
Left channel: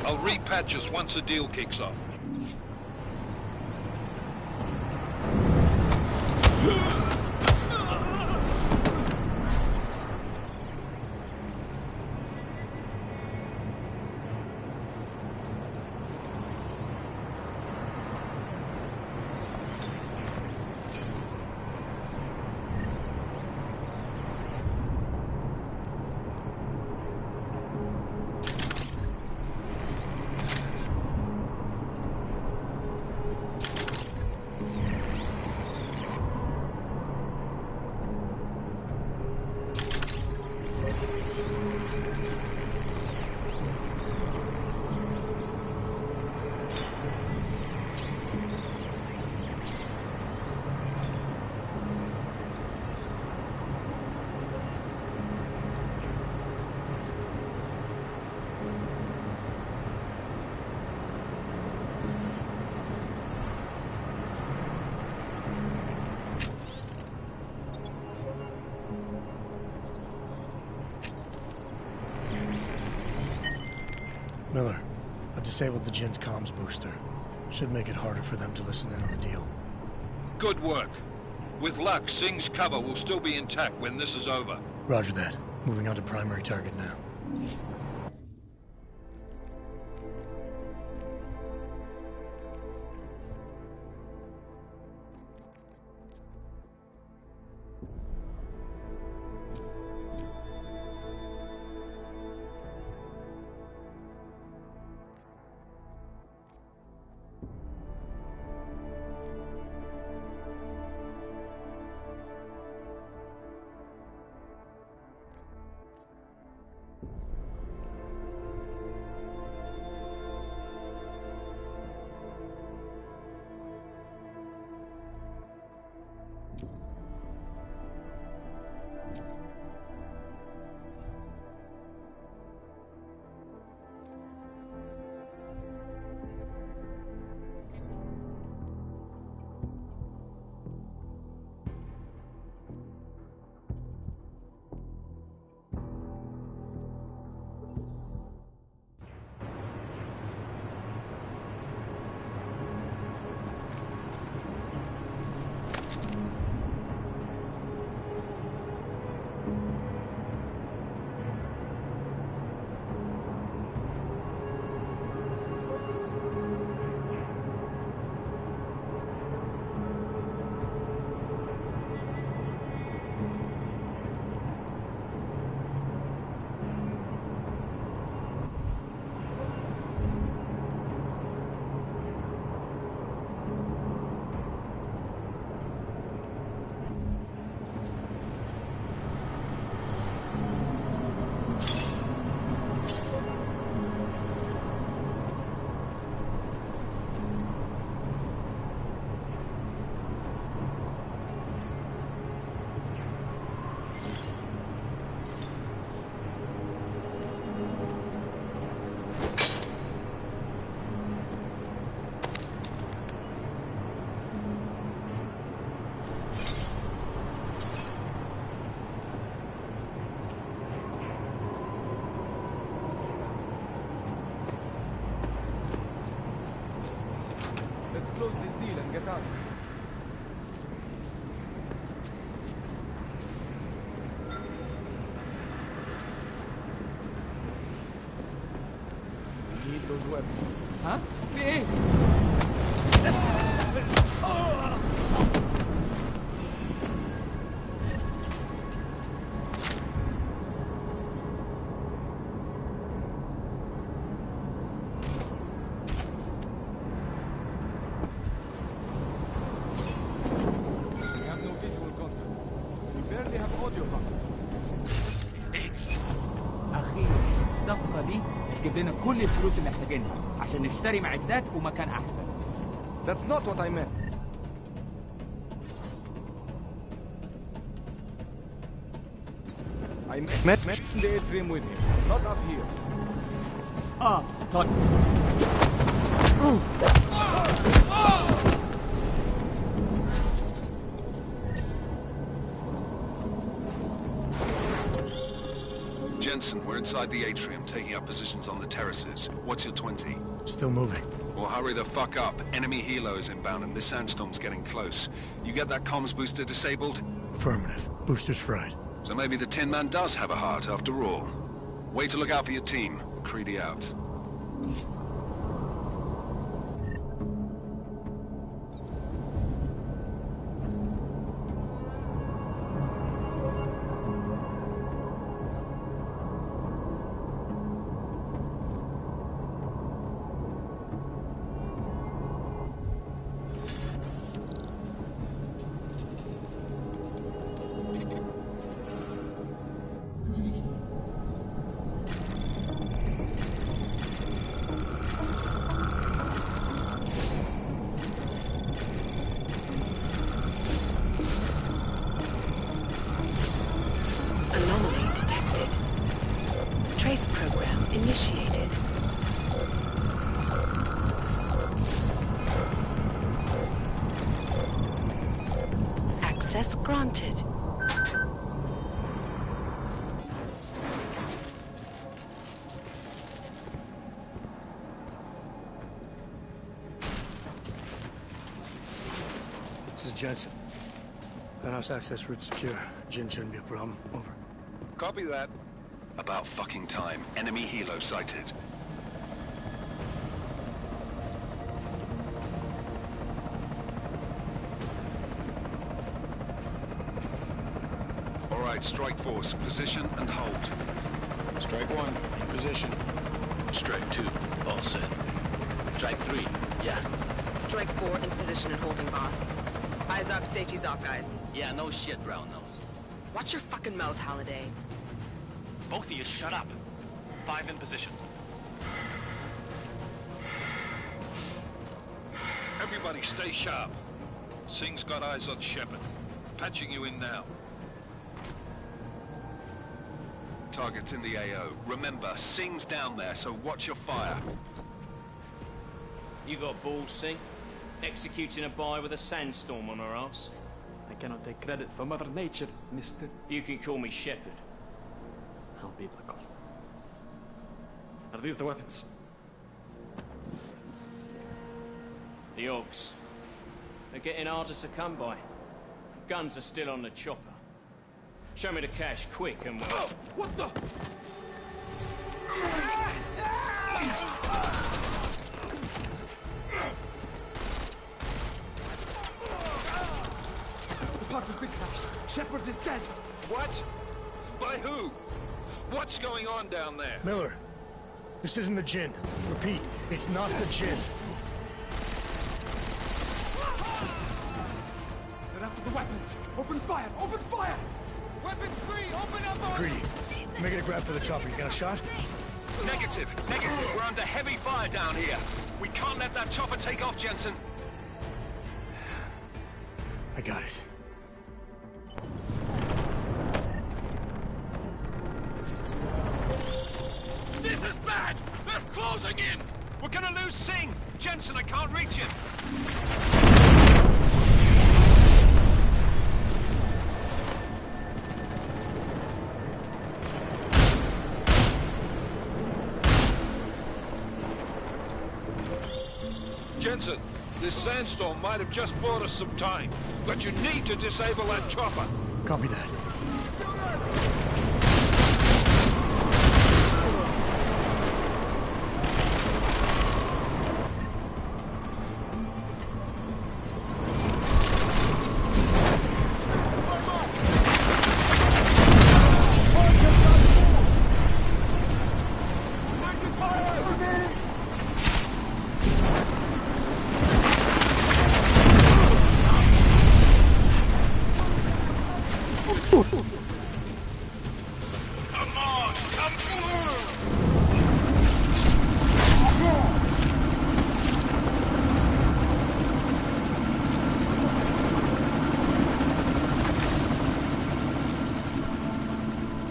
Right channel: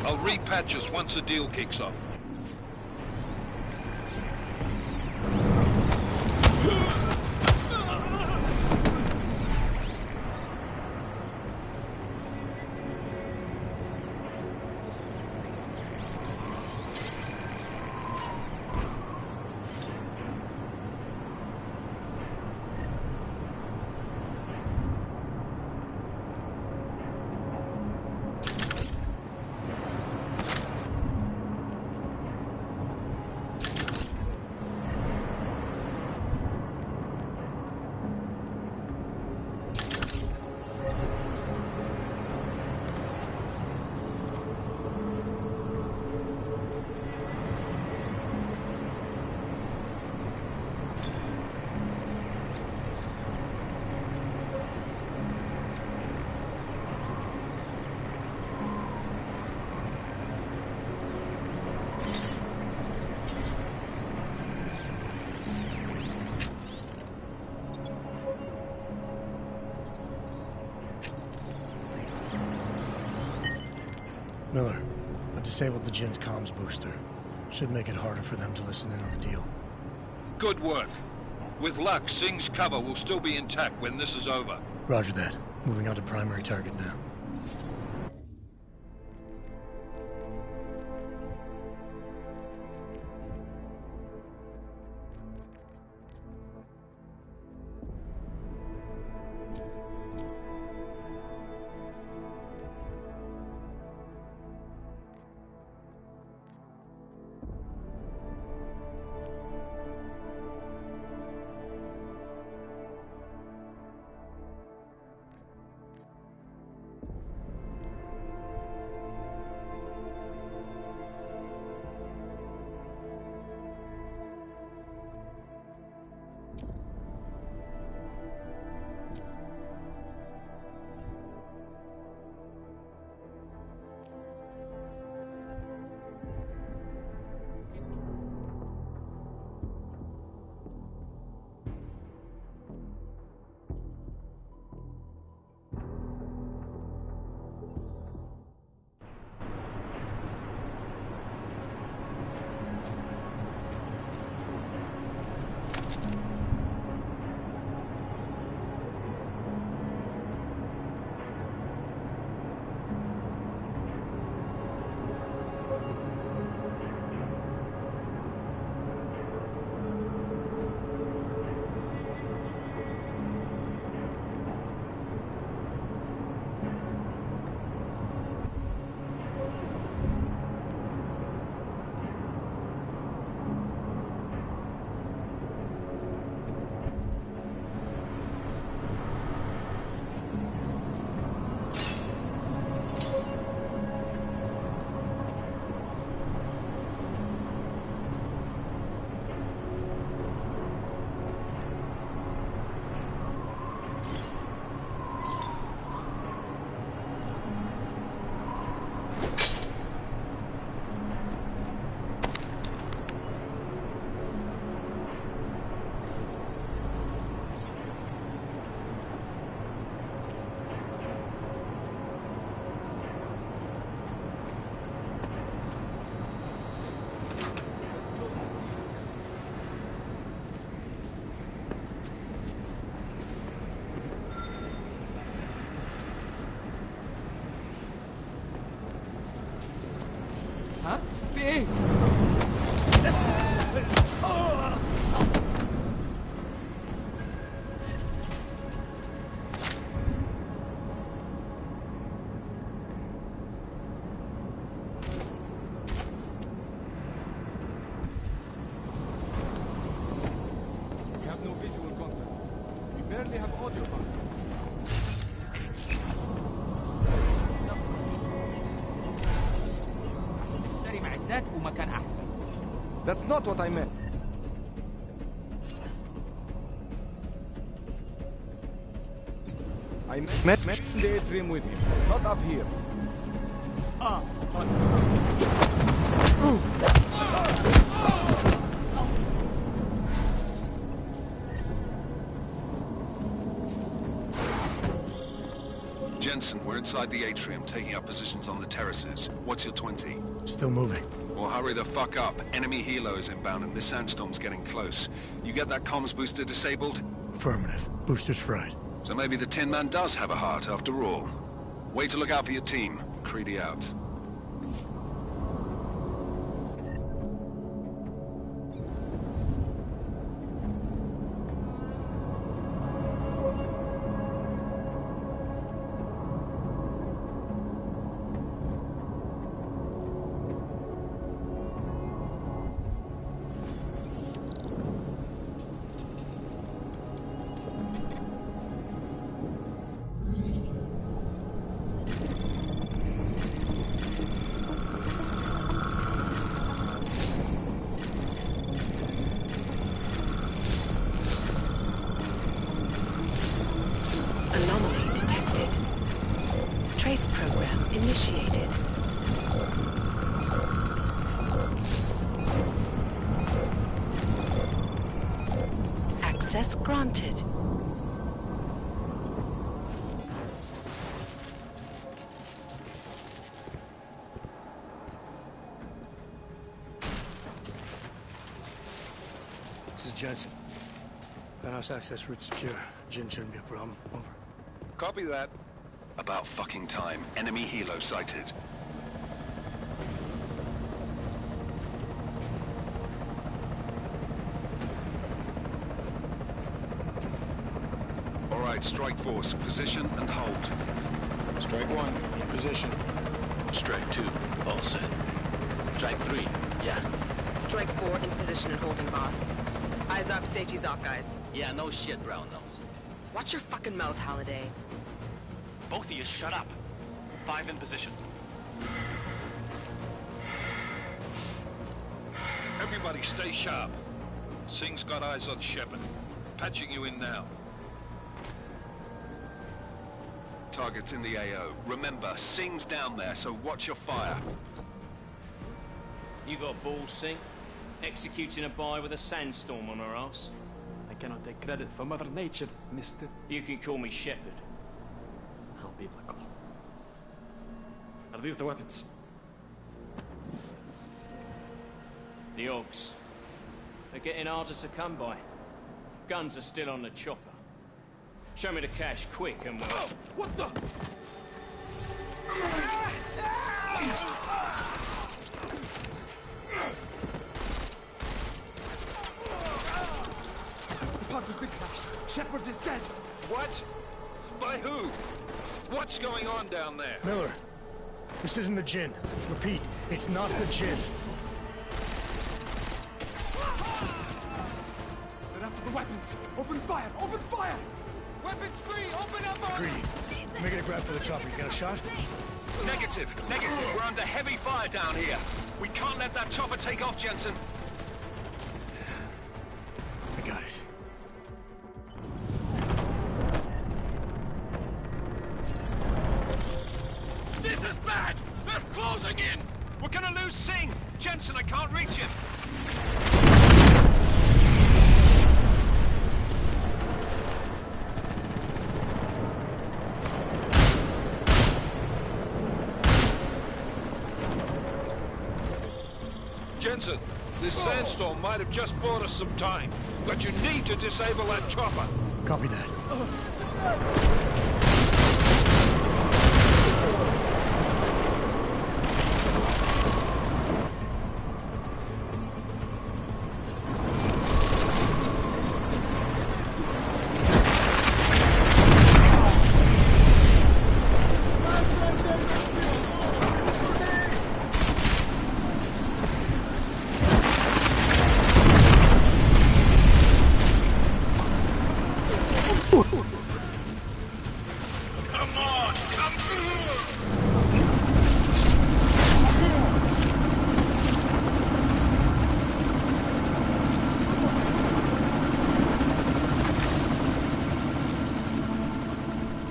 I'll repatch us once the deal kicks off. Miller, I've disabled the Jin's comms booster. Should make it harder for them to listen in on the deal. Good work. With luck, Sing's cover will still be intact when this is over. Roger that. Moving on to primary target now. ايه؟ معدات ومكان احسن. That's not what I meant. I met the atrium with him, not up here. طيب. Jenson, we're inside the atrium, taking up positions on the terraces. What's your 20? Still moving. Well, hurry the fuck up. Enemy helo is inbound and this sandstorm's getting close. You get that comms booster disabled? Affirmative. Booster's fried. So maybe the Tin Man does have a heart after all. Way to look out for your team. Creedy out. Anomaly detected. Trace program initiated. Access granted. This is Jenson. Penthouse access route secure. Jin shouldn't be a problem. Over. Copy that. About fucking time. Enemy helo sighted. All right, strike force. Position and hold. Strike 1, in position. Strike 2, all set. Strike 3, yeah. Strike 4, in position and holding, boss. Eyes up, safety's off, guys. Yeah, no shit, brown nose. Watch your fucking mouth, Halliday. Both of you shut up. 5 in position. Everybody stay sharp. Singh's got eyes on Shepard. Patching you in now. Target's in the AO. Remember, Singh's down there, so watch your fire. You got balls, Singh? Executing a buy with a sandstorm on her ass? I cannot take credit for Mother Nature, mister. You can call me Shepard. How biblical. Are these the weapons? The Ogs. They're getting harder to come by. Guns are still on the chopper. Show me the cash, quick, and we'll... Oh, what the? The park has been crashed. Shepard is dead. What? By who? What's going on down there? Miller, this isn't the Jinn. Repeat, it's not the Jinn. They're after the weapons. Open fire! Open fire! Weapons free! Open up on Greedy, making a grab for the chopper. You got a shot? Negative. Negative. We're under heavy fire down here. We can't let that chopper take off, Jenson. I got it. This is bad! They're closing in! We're gonna lose Singh! Jenson, I can't reach him! Jenson, this sandstorm might have just bought us some time, but you need to disable that chopper. Copy that.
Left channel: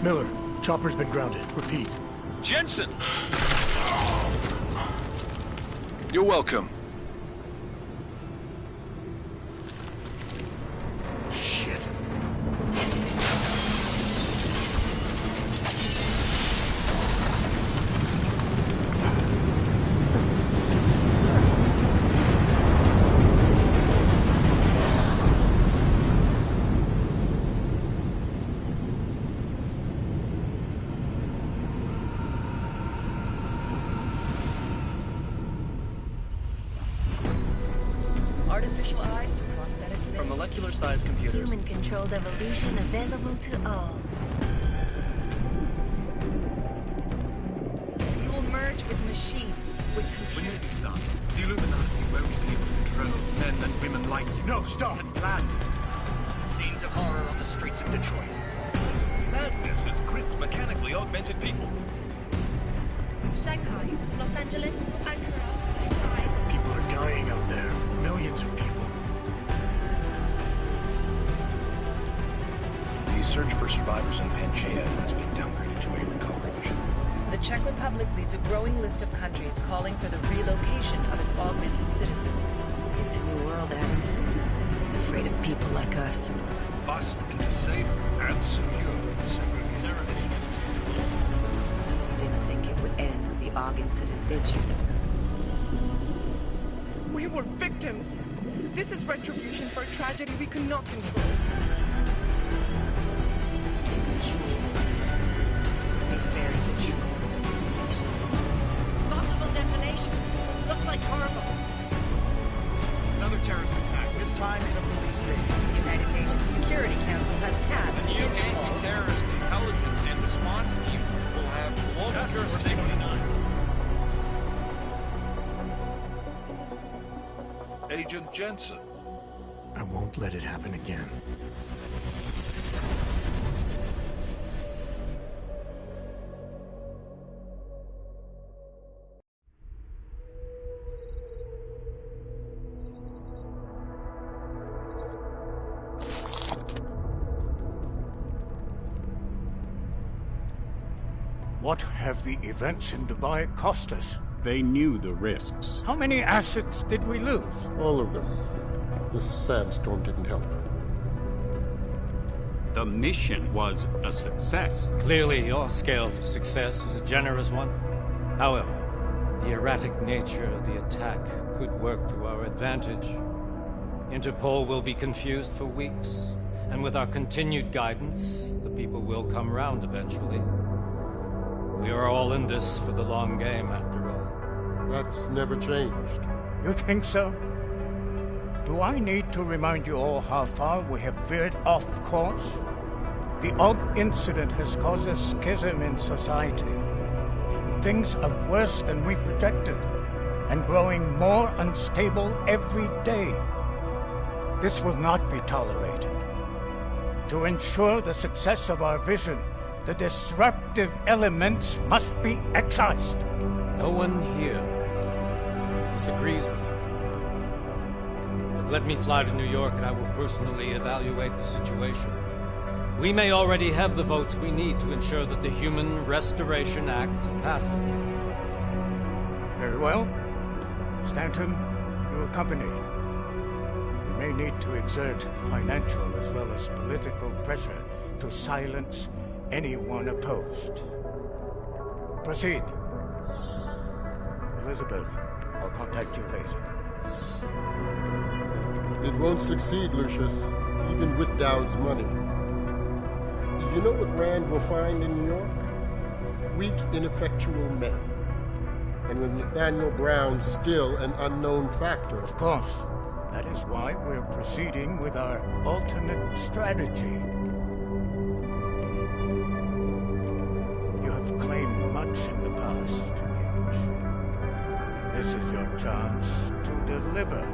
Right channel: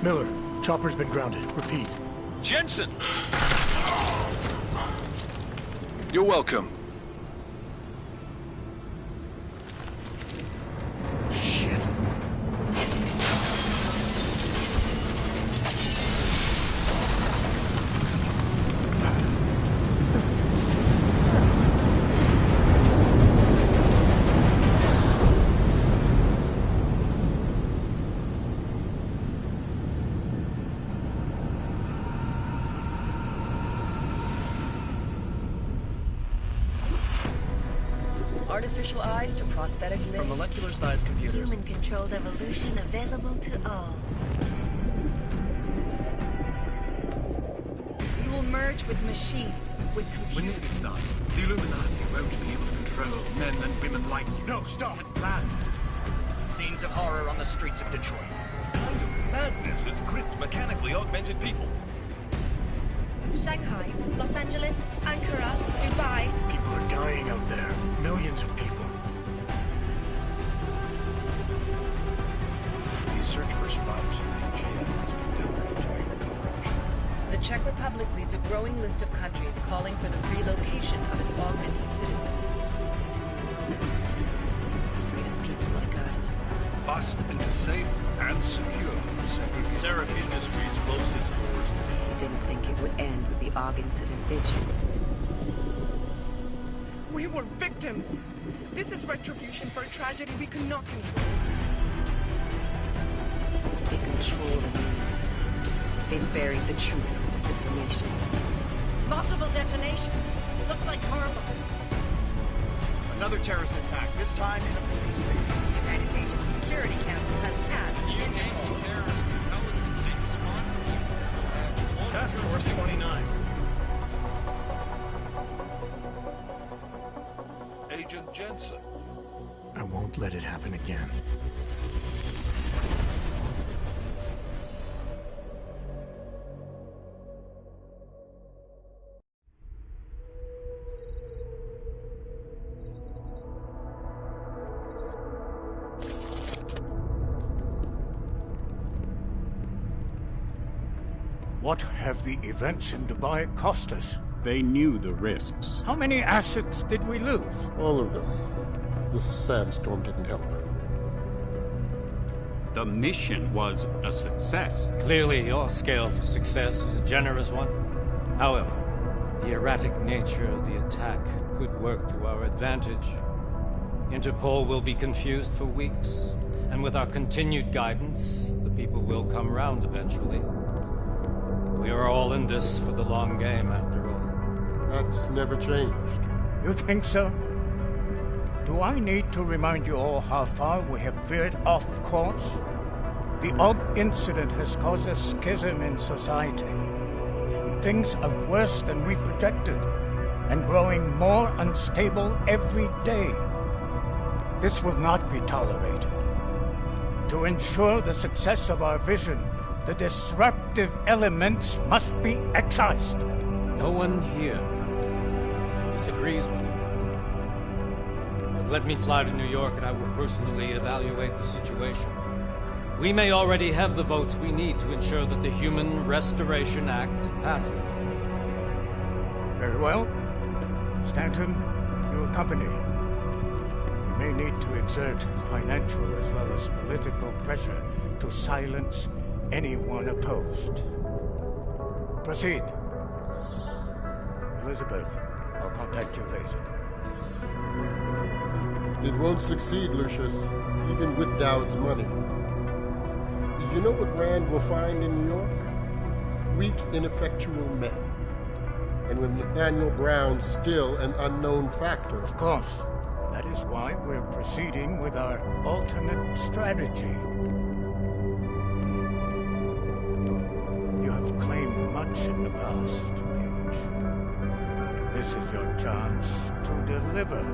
Miller, chopper's been grounded. Repeat. Jenson! You're welcome. Shit. Artificial eyes to prosthetic limbs. From molecular-sized computers. Human-controlled evolution available to all. We will merge with machines, with computers. When this is done, the Illuminati won't be able to control men and women like you. No, stop! And planned. Scenes of horror on the streets of Detroit. Madness has gripped mechanically augmented people. Shanghai, Los Angeles, Ankara, Dubai. People are dying out there. Millions of people. The search for survivors in Pangaea has been downgraded to a recovery mission. The Czech Republic leads a growing list of countries calling for the relocation of its augmented citizens. It's a new world, Adam. It's afraid of people like us. Bust into safe and secure segregation is closely. You didn't think it would end with the AUG incident, did you? We were victims. This is retribution for a tragedy we could not control. They control the news. They buried the truth with disinformation. Multiple detonations. Looks like car bombs. Another terrorist attack, this time in a police station. The United Nations Security Council has passed. The new anti-terrorist intelligence and response team will have all Task Force 29. Agent Jenson. I won't let it happen again. What have the events in Dubai cost us? They knew the risks. How many assets did we lose? All of them. The sandstorm didn't help. The mission was a success. Clearly, your scale for success is a generous one. However, the erratic nature of the attack could work to our advantage. Interpol will be confused for weeks, and with our continued guidance, the people will come round eventually. We are all in this for the long game, after all. That's never changed. You think so? Do I need to remind you all how far we have veered off course? The AUG incident has caused a schism in society. Things are worse than we projected, and growing more unstable every day. This will not be tolerated. To ensure the success of our vision, the disruptive elements must be excised. No one here disagrees with you. But let me fly to New York and I will personally evaluate the situation. We may already have the votes we need to ensure that the Human Restoration Act passes. Very well. Stanton, you accompany. We may need to exert financial as well as political pressure to silence anyone opposed. Proceed. Elizabeth, I'll contact you later. It won't succeed, Lucius, even with Dowd's money. You know what Rand will find in New York? Weak, ineffectual men. And with Nathaniel Brown still an unknown factor. Of course. That is why we're proceeding with our alternate strategy. You have claimed much in the past, Paige. This is your chance to deliver.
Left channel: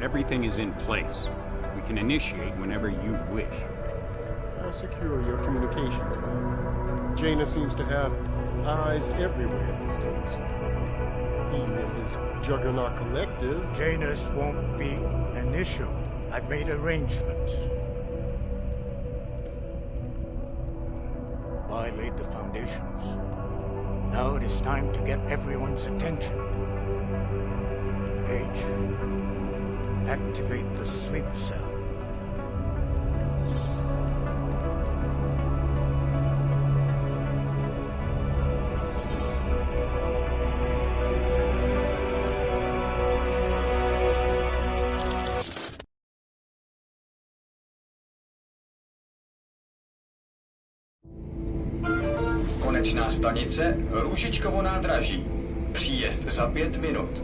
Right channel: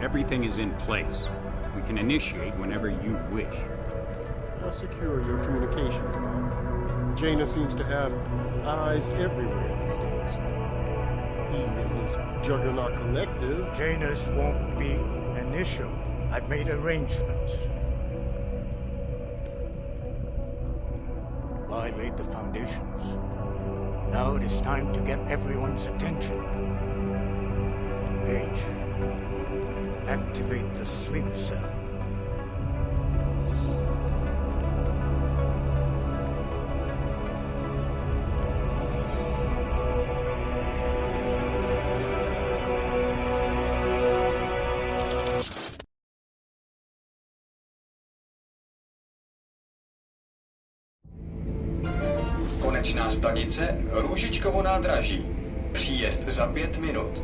Everything is in place. We can initiate whenever you wish. I'll secure your communications, Bob. Jaina seems to have eyes everywhere these days. He and his Juggernaut Collective... Jaina's won't be an issue. I've made arrangements. Dubai laid the foundations. Now it is time to get everyone's attention. Page, activate the sleep cell. Konečná stanice Růžičkovo nádraží. Příjezd za 5 minut.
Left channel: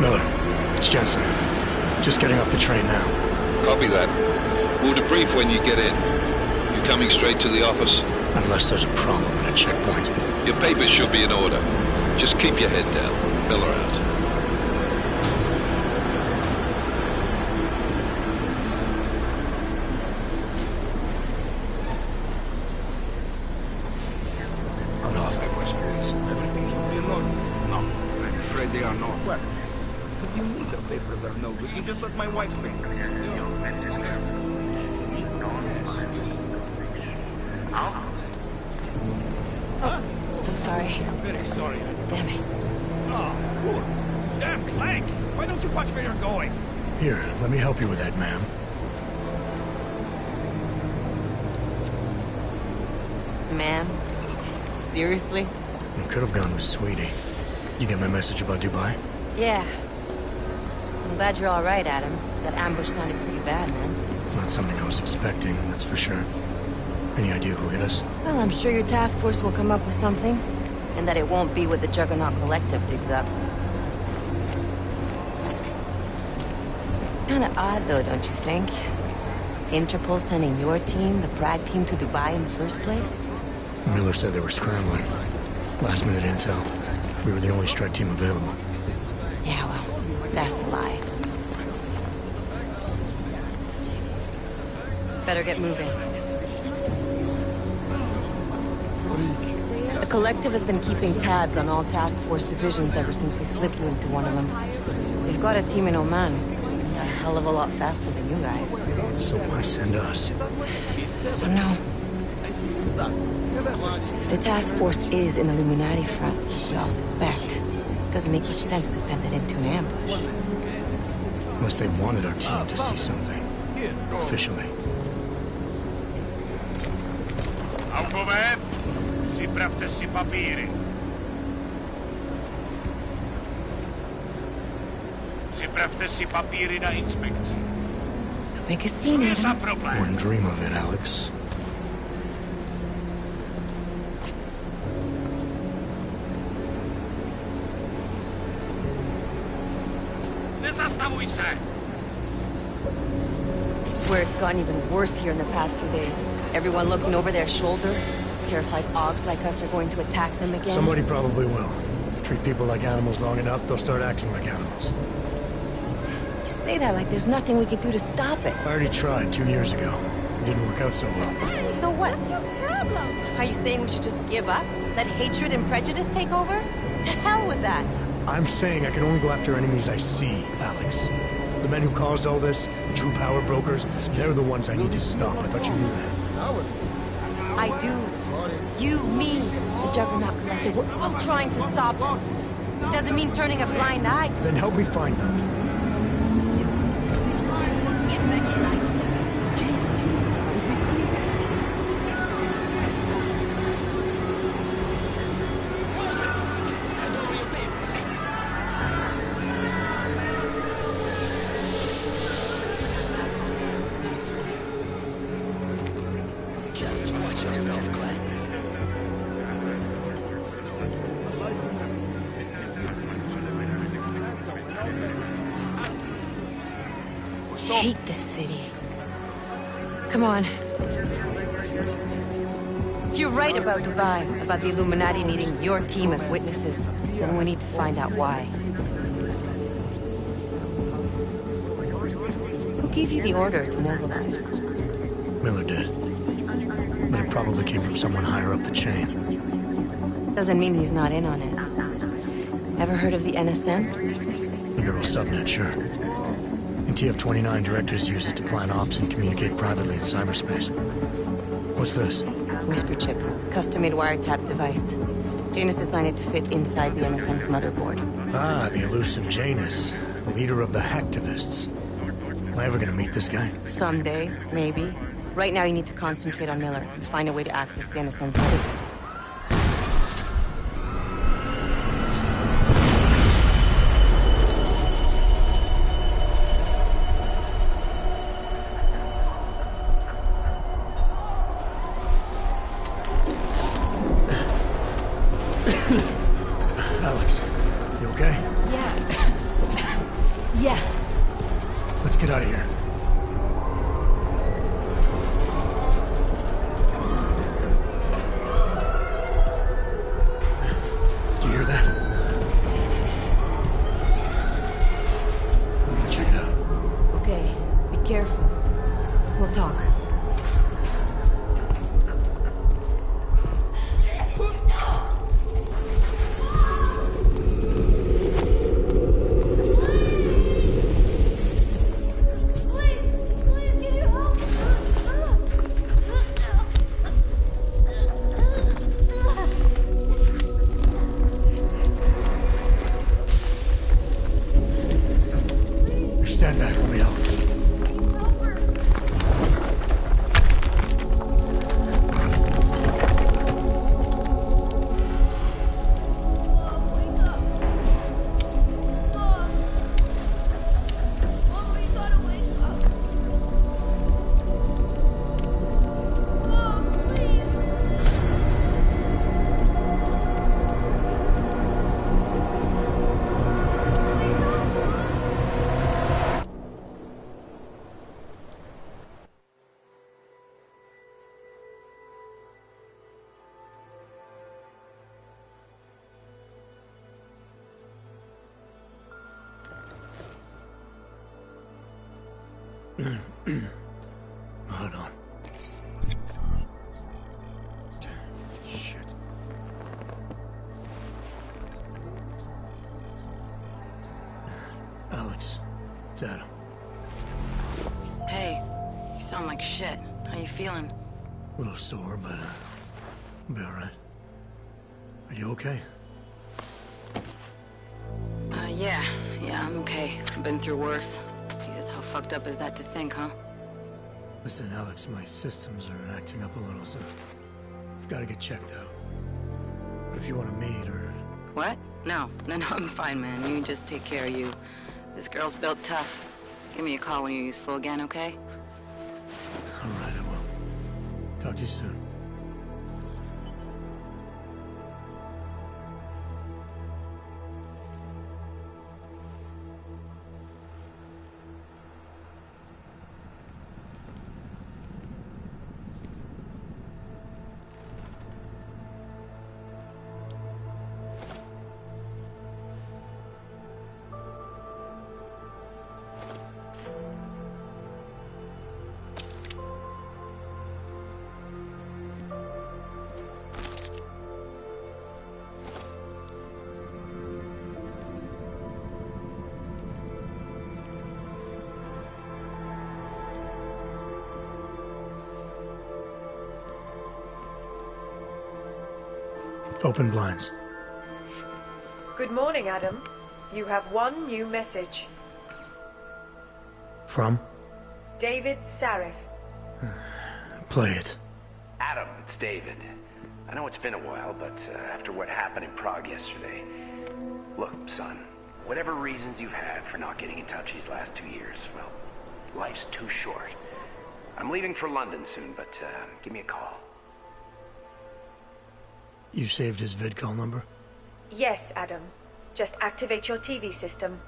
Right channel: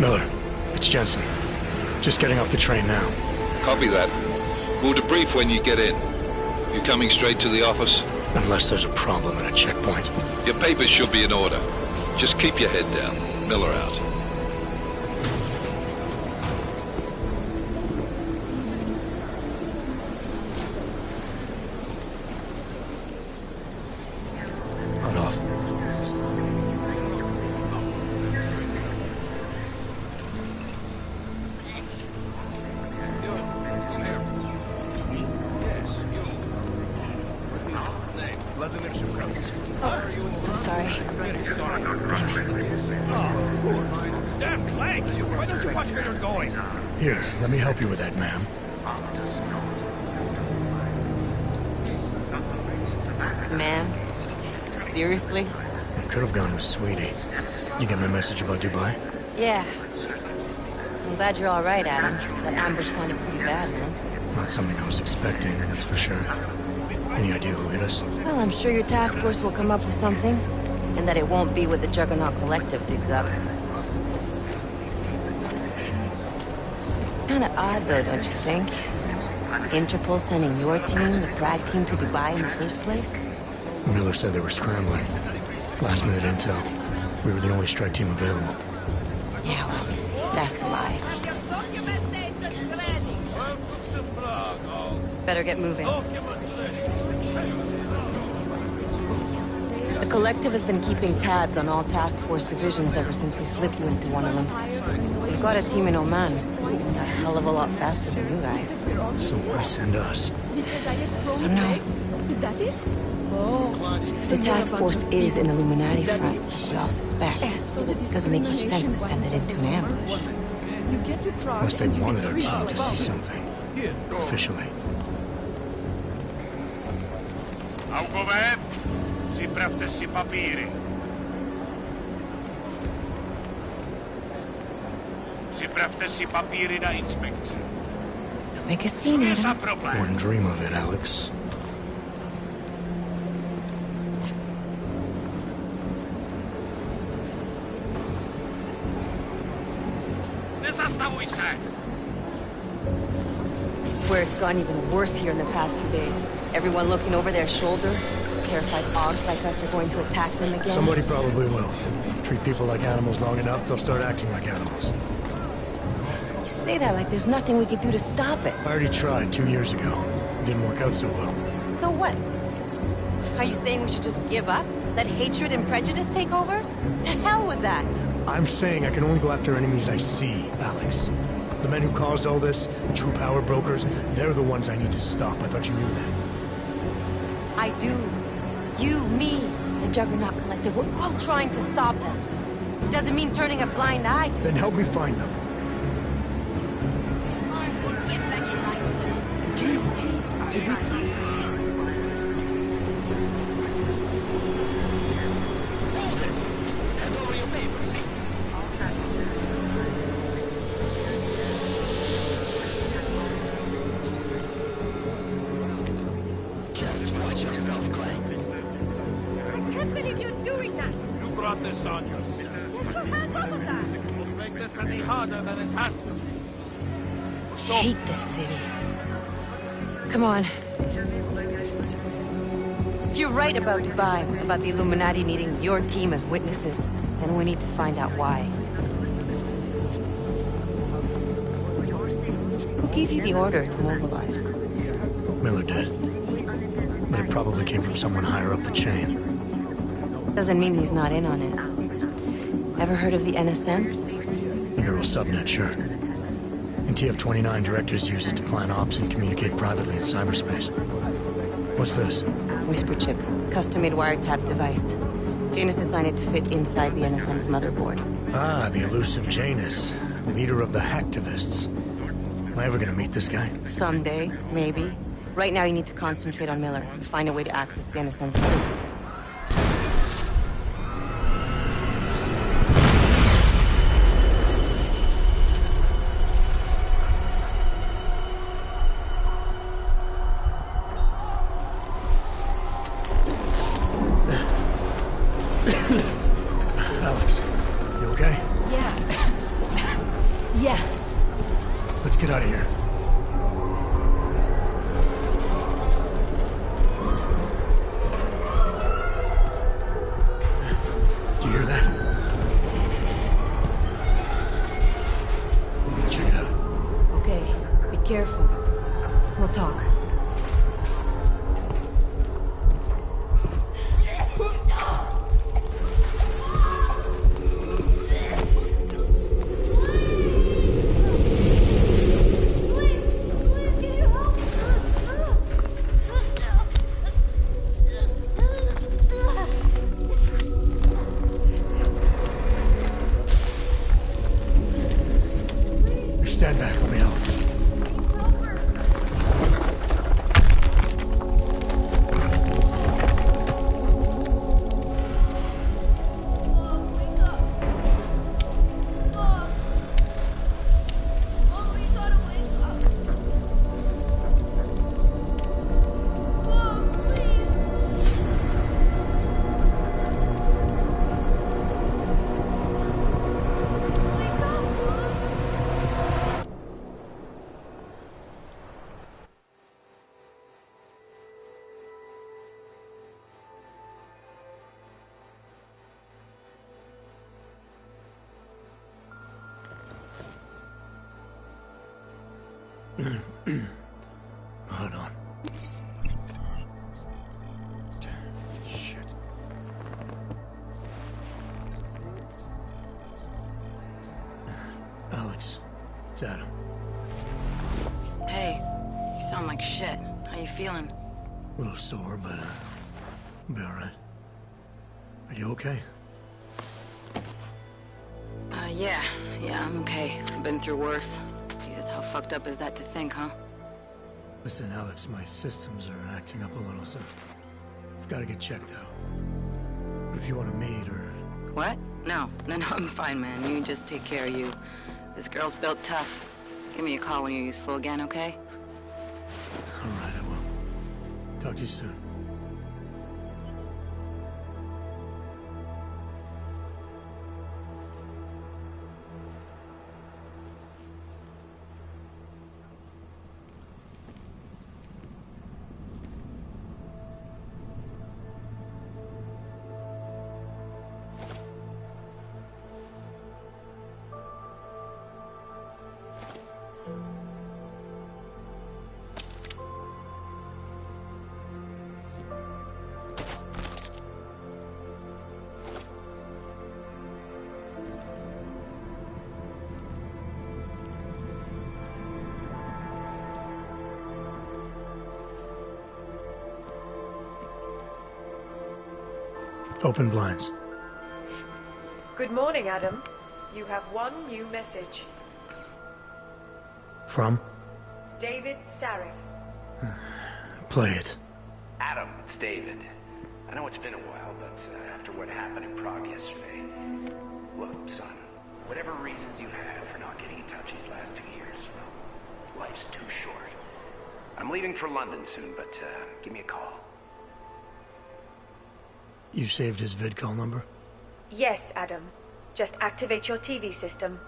Miller, it's Jenson. Just getting off the train now. Copy that. We'll debrief when you get in. You coming straight to the office? Unless there's a problem at a checkpoint. Your papers should be in order. Just keep your head down. Miller out. On off. So sorry. Very sorry. Damn it. Oh, poor. Damn Clank! Why don't you watch where you're going? Here, let me help you with that, ma'am. Man? Seriously? I could have gone with Sweetie. You get my message about Dubai? Yeah. I'm glad you're all right, Adam. That ambush sounded pretty bad, man. Not something I was expecting, that's for sure. Any idea who hit us? Well, I'm sure your task force will come up with something. And that it won't be what the Juggernaut Collective digs up. Kinda odd, though, don't you think? Interpol sending your team, the Prague team, to Dubai in the first place? Miller said they were scrambling. Last minute intel. We were the only strike team available. Yeah, well, that's a lie. Better get moving. The Collective has been keeping tabs on all task force divisions ever since we slipped you into one of them. They've got a team in Oman. A hell of a lot faster than you guys. So why send us? I don't know. If the task force is an Illuminati front, we all suspect. It doesn't make much sense to send it into an ambush. Unless they wanted our team to see something. Officially. Augové, připravte si papíry. Připravte si papíry na inspekci. Make a scene, Adam. Wouldn't dream of it, Alex. Nezastavuj se! I swear it's gotten even worse here in the past few days. Everyone looking over their shoulder. Terrified Augs like us are going to attack them again. Somebody probably will. Treat people like animals long enough, they'll start acting like animals. You say that like there's nothing we could do to stop it. I already tried 2 years ago. It didn't work out so well. So what? Are you saying we should just give up? Let hatred and prejudice take over? To hell with that! I'm saying I can only go after enemies I see, Alex. The men who caused all this, the true power brokers, they're the ones I need to stop. I thought you knew that. I do. You, me, the Juggernaut Collective, we're all trying to stop them. Doesn't mean turning a blind eye to Then help me find them. Just watch yourself, Clank. I hate this city. Come on. If you're right about Dubai, about the Illuminati needing your team as witnesses, then we need to find out why. Who gave you the order to mobilize? Miller did. But it probably came from someone higher up the chain. Doesn't mean he's not in on it. Ever heard of the NSN? The neural subnet, sure. In TF-29, directors use it to plan ops and communicate privately in cyberspace. What's this? Whisper chip. Custom-made wiretap device. Janus designed it to fit inside the NSN's motherboard. Ah, the elusive Janus. Leader of the hacktivists. Am I ever gonna meet this guy? Someday, maybe. Right now you need to concentrate on Miller and find a way to access the NSN's motherboard. Alex, you okay? Yeah. Yeah. Let's get out of here. Do you hear that? I'm gonna check it out. Okay, be careful. We'll talk. Stand back, let me help. Hold on. Shit. Alex, it's Adam. Hey, you sound like shit. How you feeling? A little sore, but I'll be alright. Are you okay? Yeah, I'm okay. I've been through worse. Jesus, how fucked up is that to think, huh? Listen, Alex, my systems are acting up a little, so I've got to get checked out. But if you want to meet or... What? No, I'm fine, man. You just take care of you. This girl's built tough. Give me a call when you're useful again, okay? All right, I will. Talk to you soon. Open blinds. Good morning, Adam. You have one new message. From? David Sarif. Play it. Adam, it's David. I know it's been a while, but after what happened in Prague yesterday... Look, son, whatever reasons you've had for not getting in touch these last 2 years, well, life's too short. I'm leaving for London soon, but give me a call. You saved his vidcall number? Yes, Adam. Just activate your TV system.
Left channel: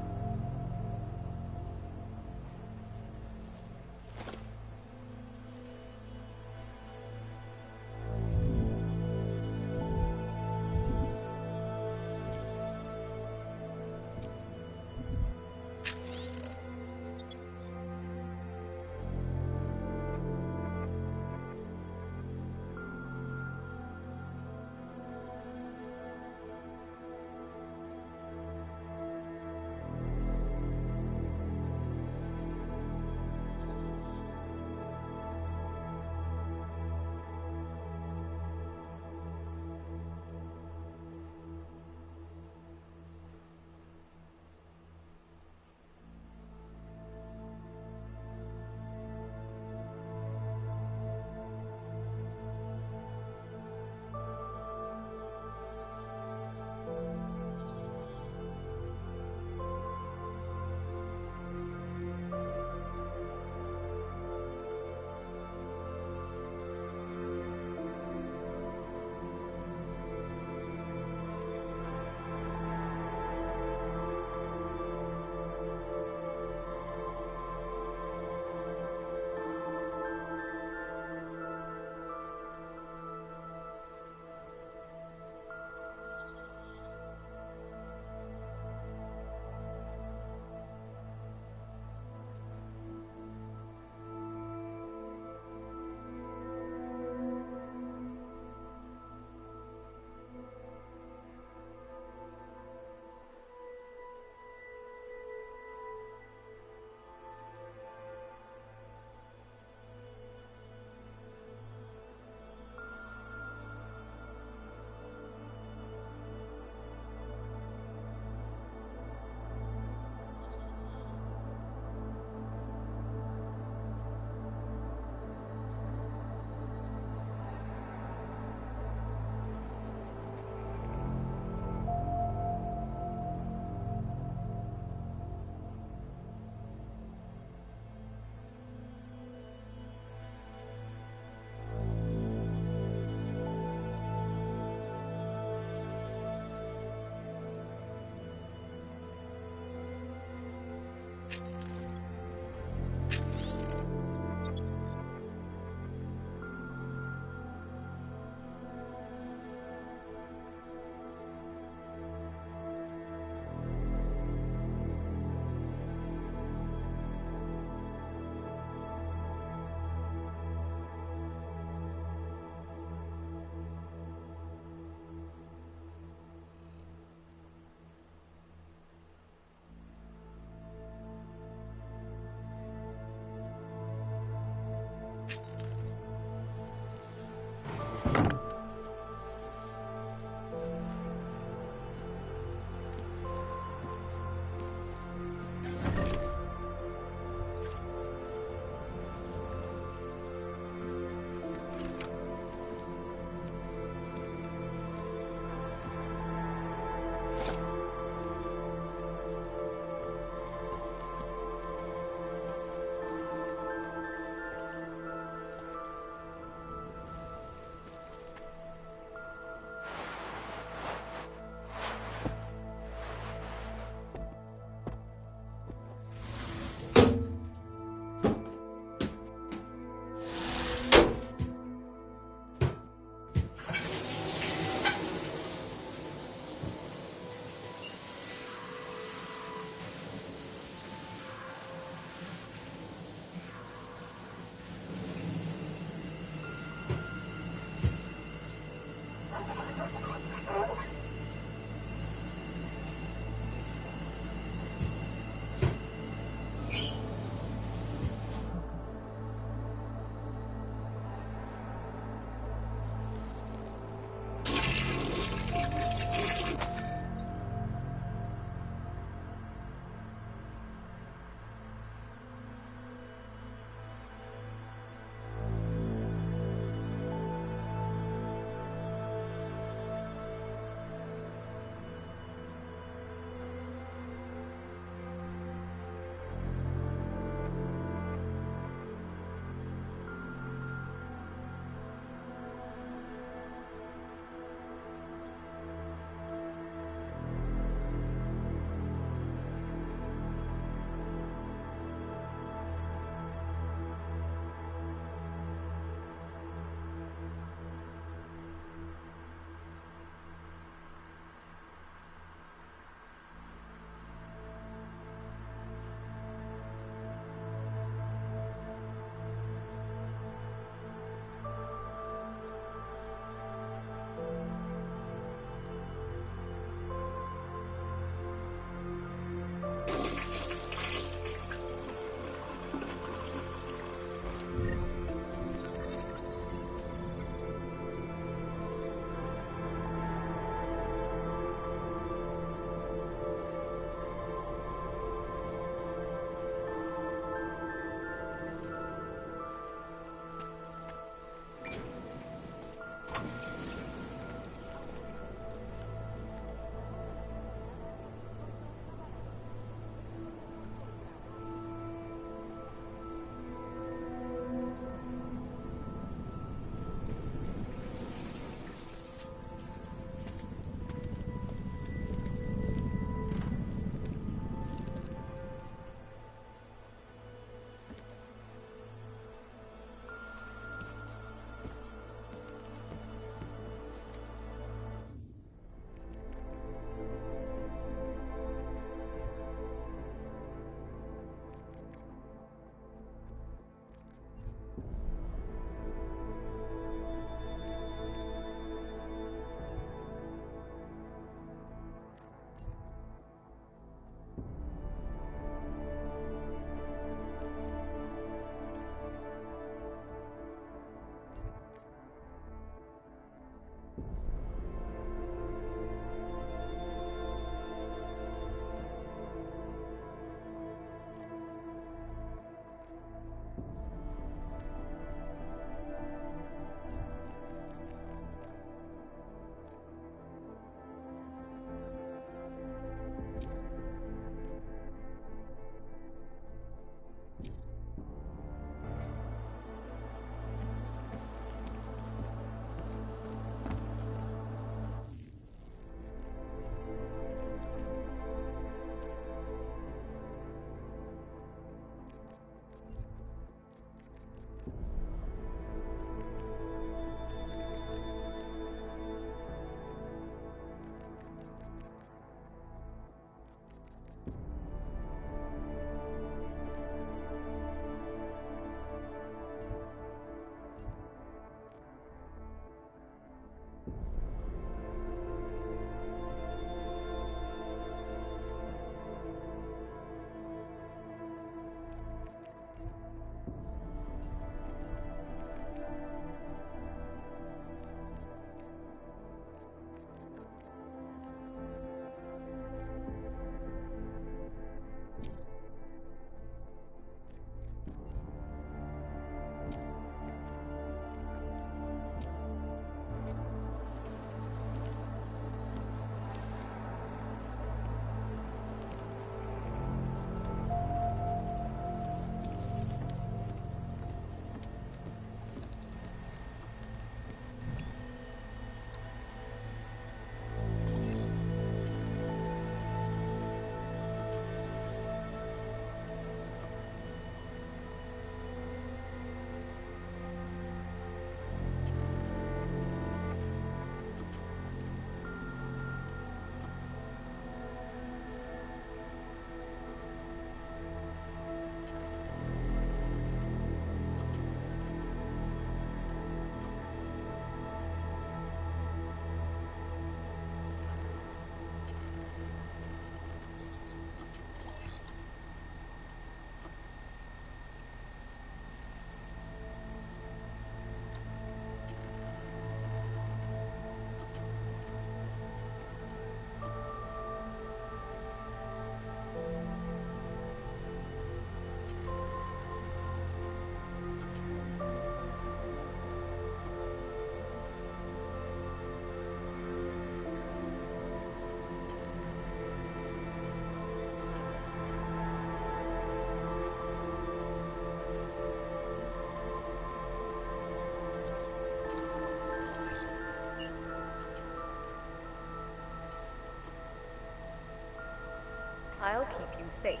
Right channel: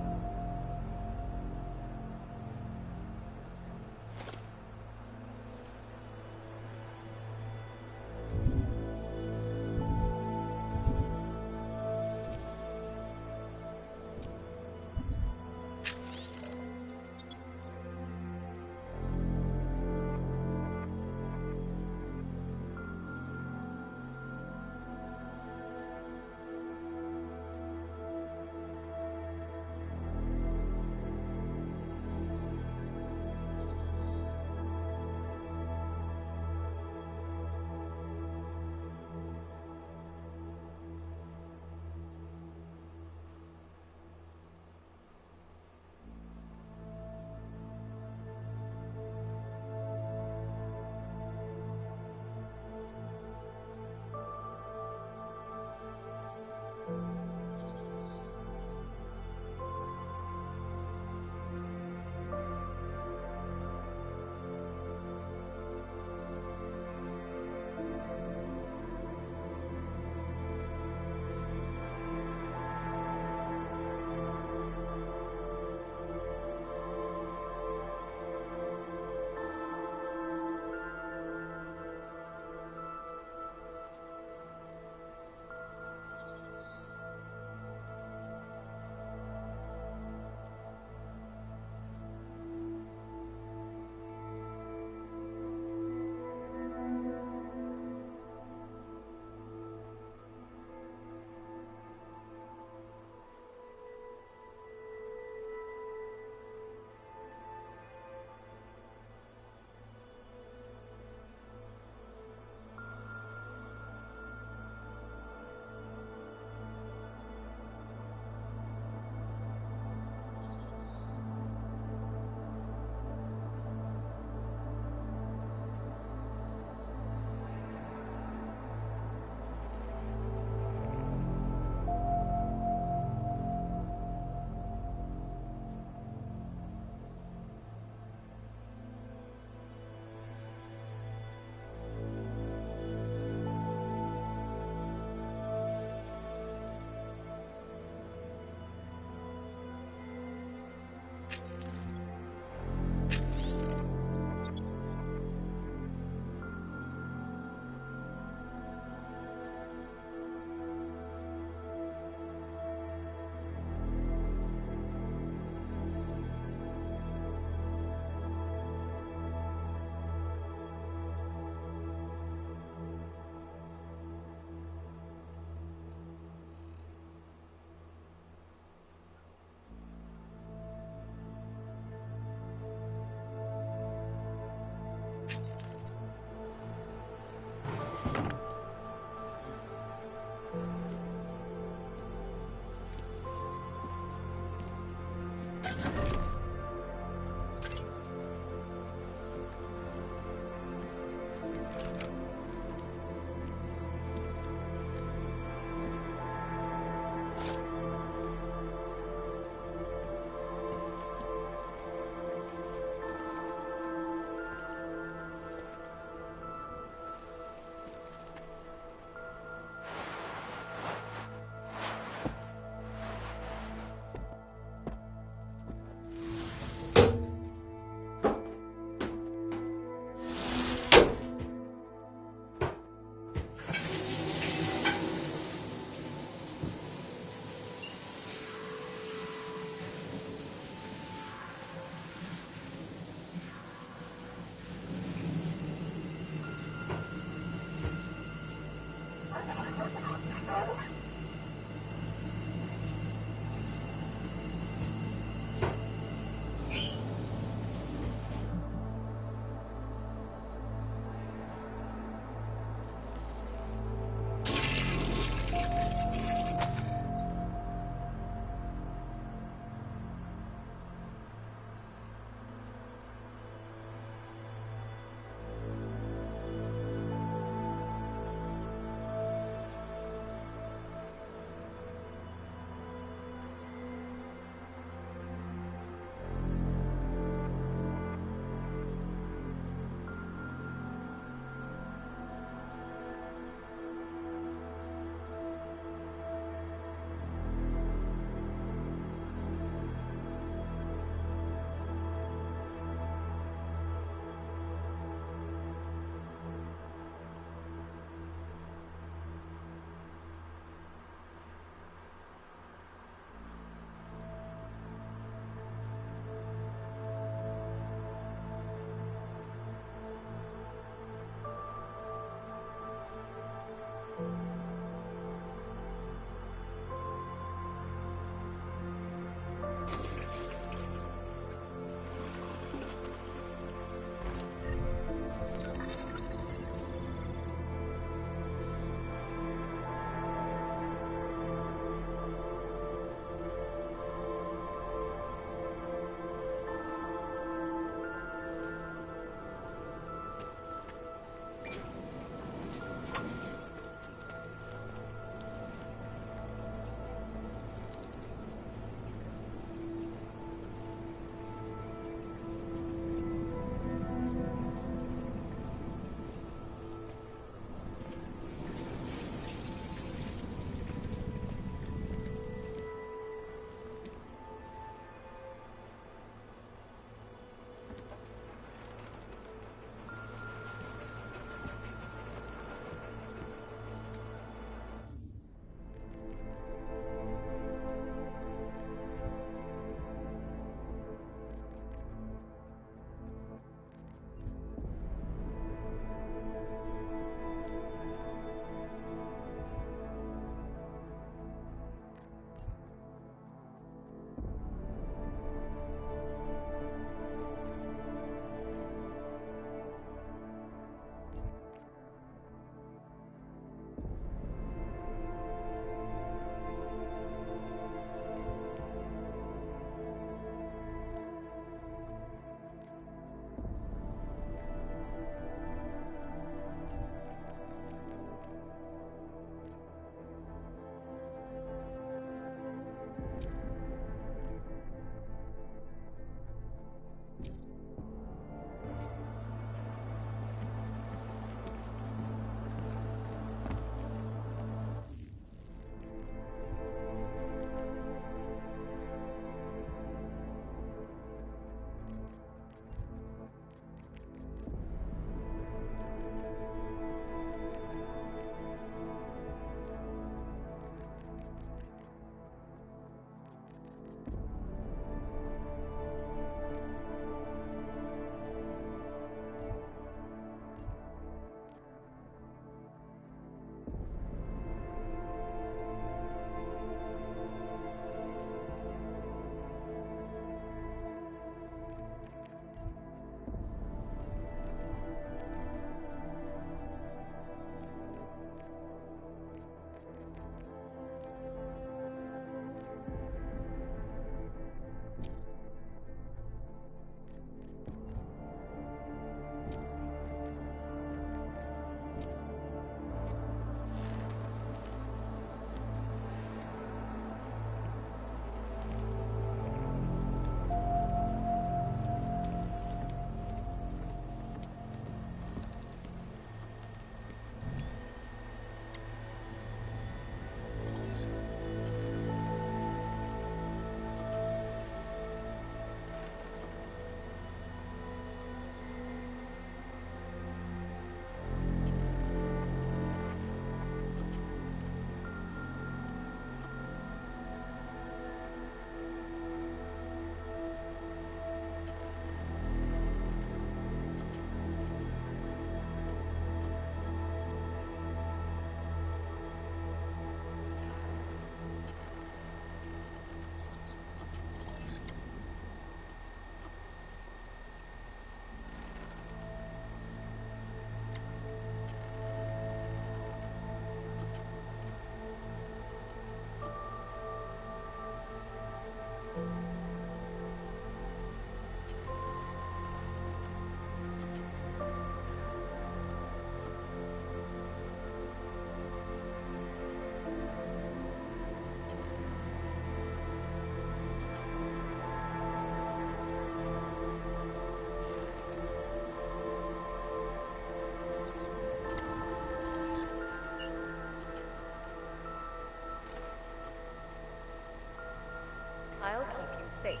safe.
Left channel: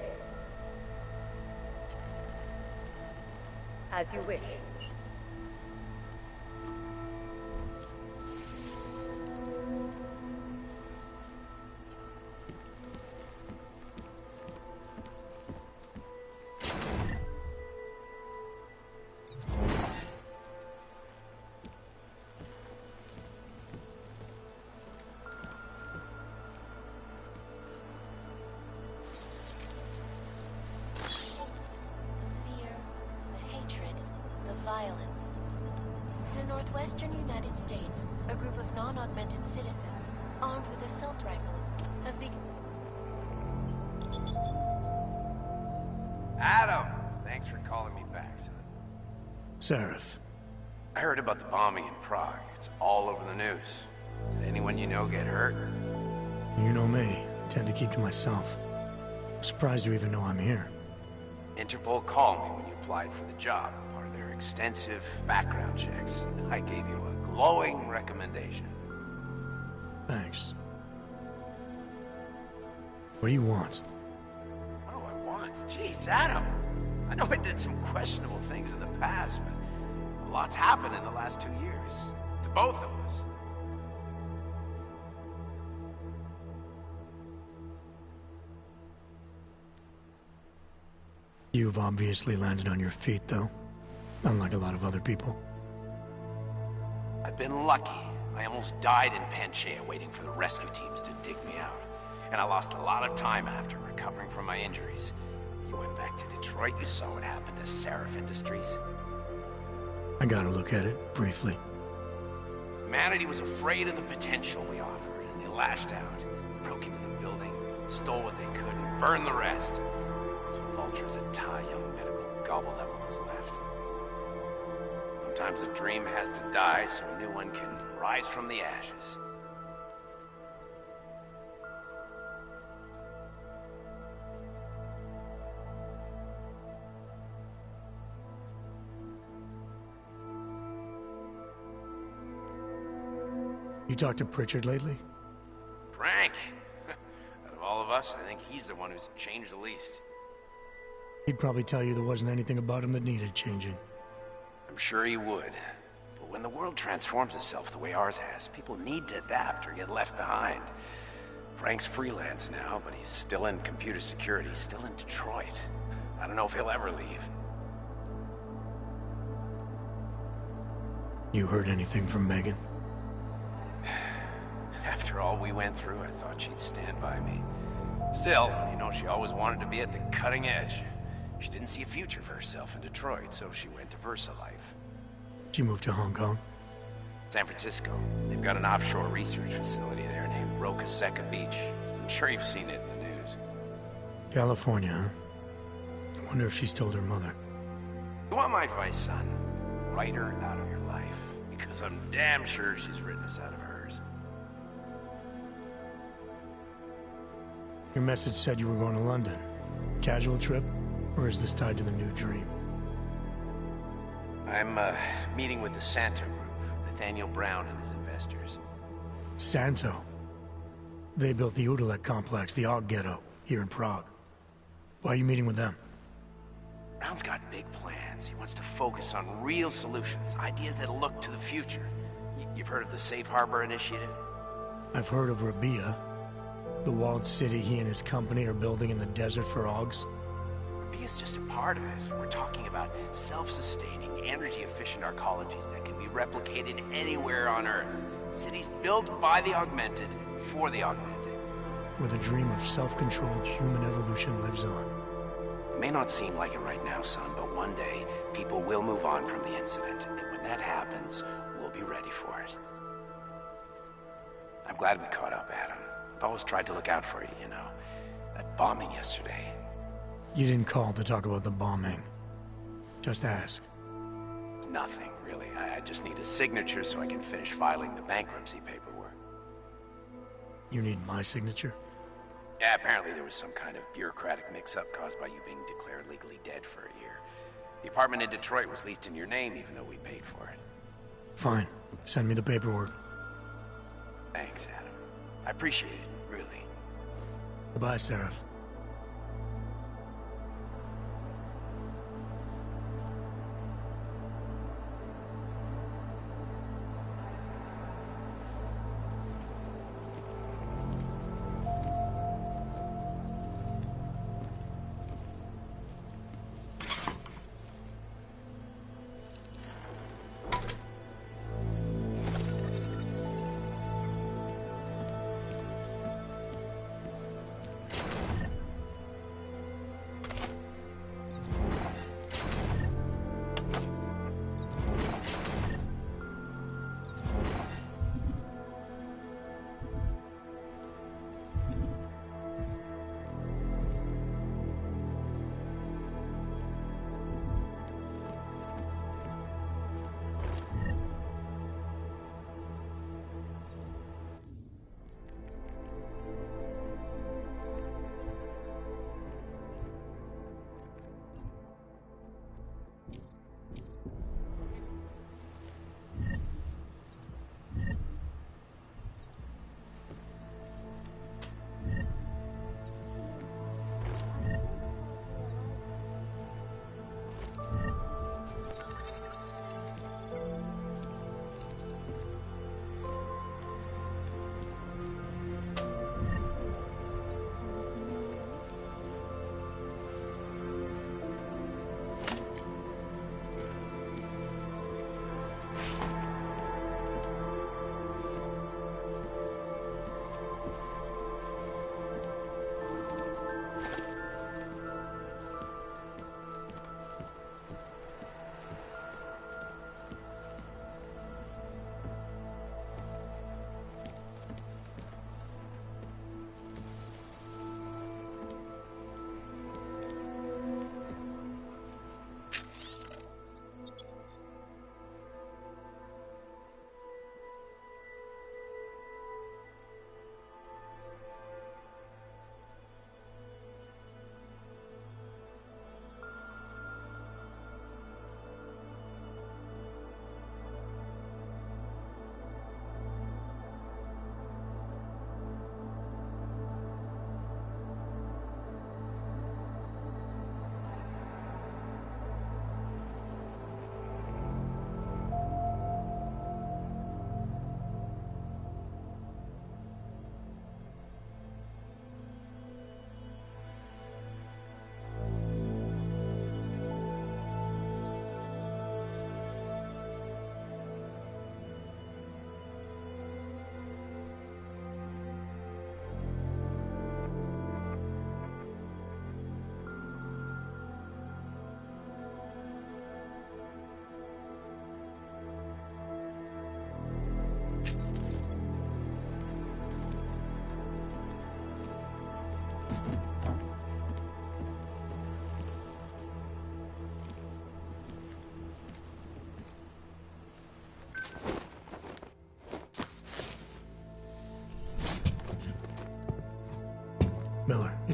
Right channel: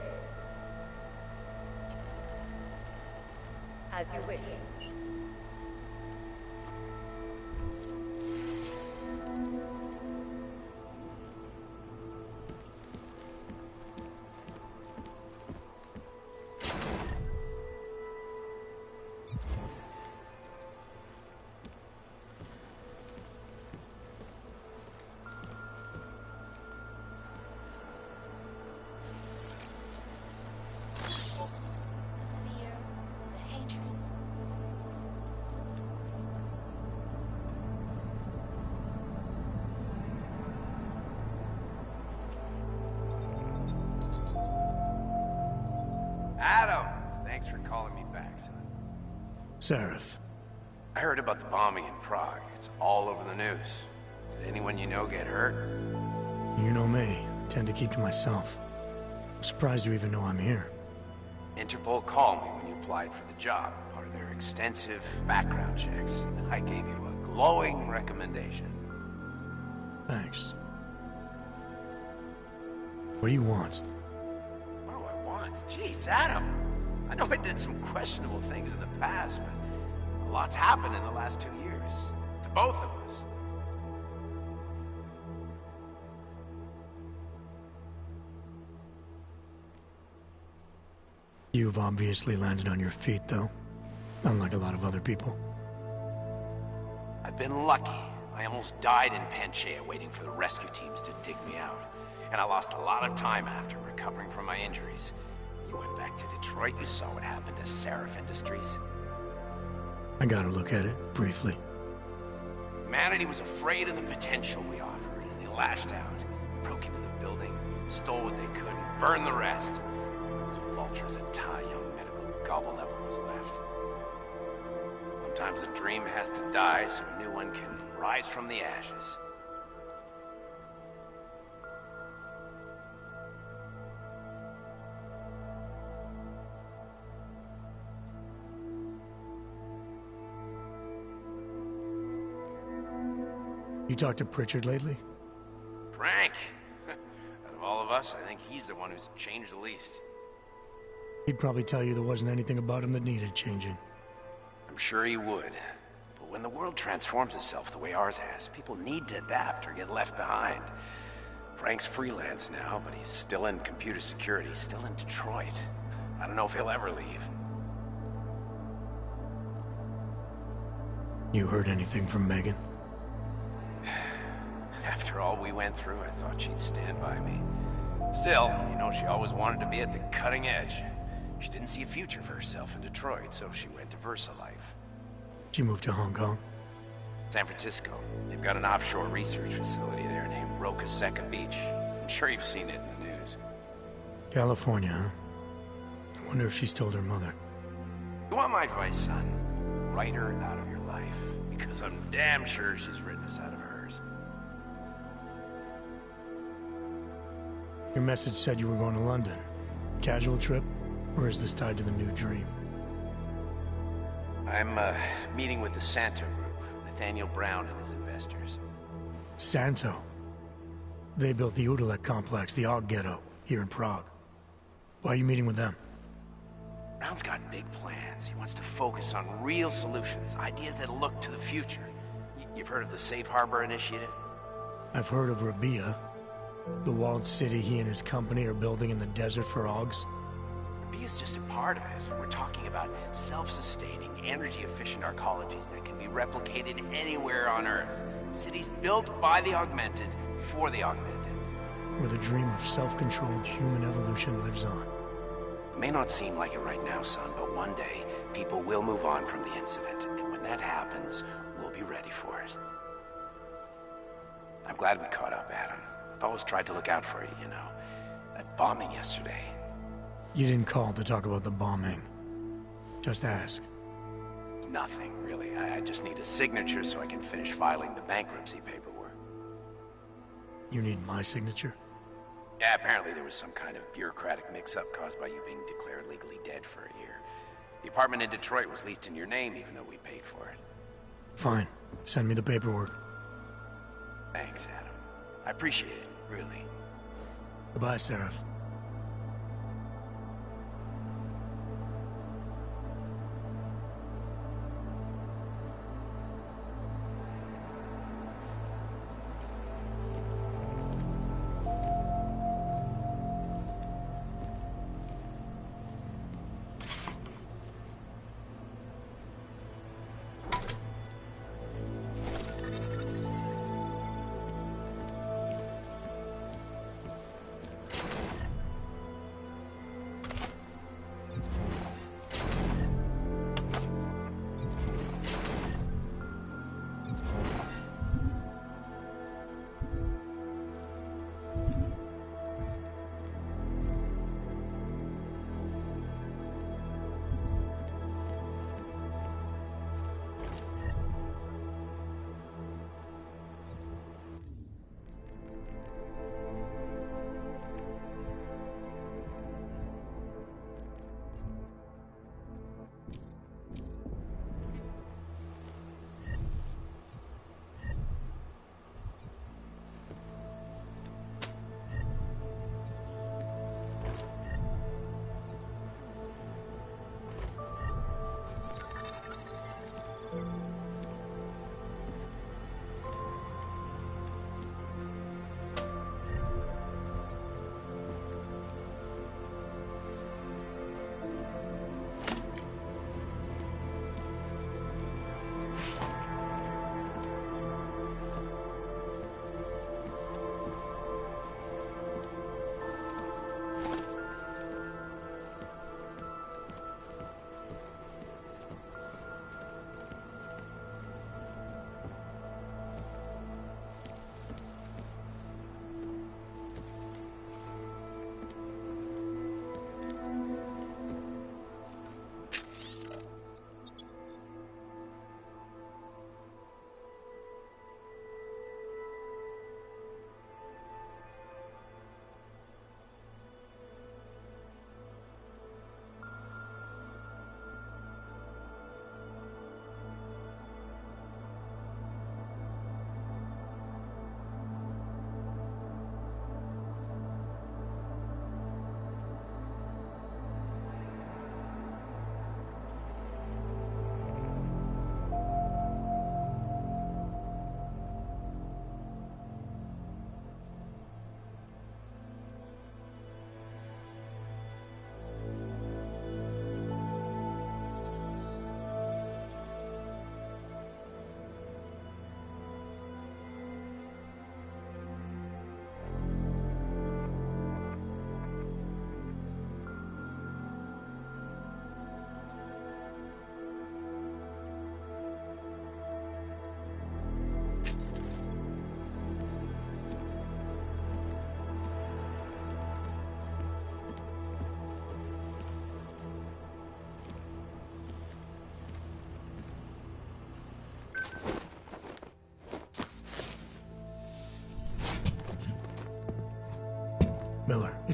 As you wish. Adam! Thanks for calling me back, son. Seraph. I heard about the bombing in Prague. It's all over the news. Did anyone you know get hurt? You know me. Tend to keep to myself. I'm surprised you even know I'm here. Interpol called me when you applied for the job, part of their extensive background checks. I gave you a glowing recommendation. Thanks. What do you want? What do I want? Jeez, Adam. I know I did some questionable things in the past, but a lot's happened in the last 2 years. To both of us. You've obviously landed on your feet, though. Unlike a lot of other people. I've been lucky. I almost died in Panchaea waiting for the rescue teams to dig me out. And I lost a lot of time after recovering from my injuries. You went back to Detroit, you saw what happened to Seraph Industries. I gotta look at it, briefly. Humanity was afraid of the potential we offered, and they lashed out. Broke into the building, stole what they could, and burned the rest. Those vultures at Tai Young Medical gobbled up what was left. Sometimes a dream has to die so a new one can rise from the ashes. You talked to Pritchard lately? Frank! Out of all of us, I think he's the one who's changed the least. He'd probably tell you there wasn't anything about him that needed changing. I'm sure he would. But when the world transforms itself the way ours has, people need to adapt or get left behind. Frank's freelance now, but he's still in computer security, still in Detroit. I don't know if he'll ever leave. You heard anything from Megan? After all we went through, I thought she'd stand by me. Still, you know, she always wanted to be at the cutting edge. She didn't see a future for herself in Detroit, so she went to VersaLife. She moved to Hong Kong? San Francisco. They've got an offshore research facility there named Roca Seca Beach. I'm sure you've seen it in the news. California, huh? I wonder if she's told her mother. You want my advice, son? Write her out of your life, because I'm damn sure she's written us out of hers. Your message said you were going to London. Casual trip? Or is this tied to the new dream? I'm, meeting with the Santo Group, Nathaniel Brown and his investors. Santo? They built the Udalek complex, the Og Ghetto, here in Prague. Why are you meeting with them? Brown's got big plans. He wants to focus on real solutions, ideas that look to the future. You've heard of the Safe Harbor Initiative? I've heard of Rabia, the walled city he and his company are building in the desert for Ogs. Rabia's just a part of it. We're talking about self-sustaining, energy-efficient arcologies that can be replicated anywhere on Earth. Cities built by the augmented, for the augmented. Where the dream of self-controlled human evolution lives on. It may not seem like it right now, son, but one day, people will move on from the incident. And when that happens, we'll be ready for it. I'm glad we caught up, Adam. I've always tried to look out for you, you know. That bombing yesterday. You didn't call to talk about the bombing. Just ask. It's nothing, really. I just need a signature so I can finish filing the bankruptcy paperwork. You need my signature? Yeah, apparently there was some kind of bureaucratic mix-up caused by you being declared legally dead for a year. The apartment in Detroit was leased in your name even though we paid for it. Fine. Send me the paperwork. Thanks, Adam. I appreciate it, really. Goodbye, Seraph.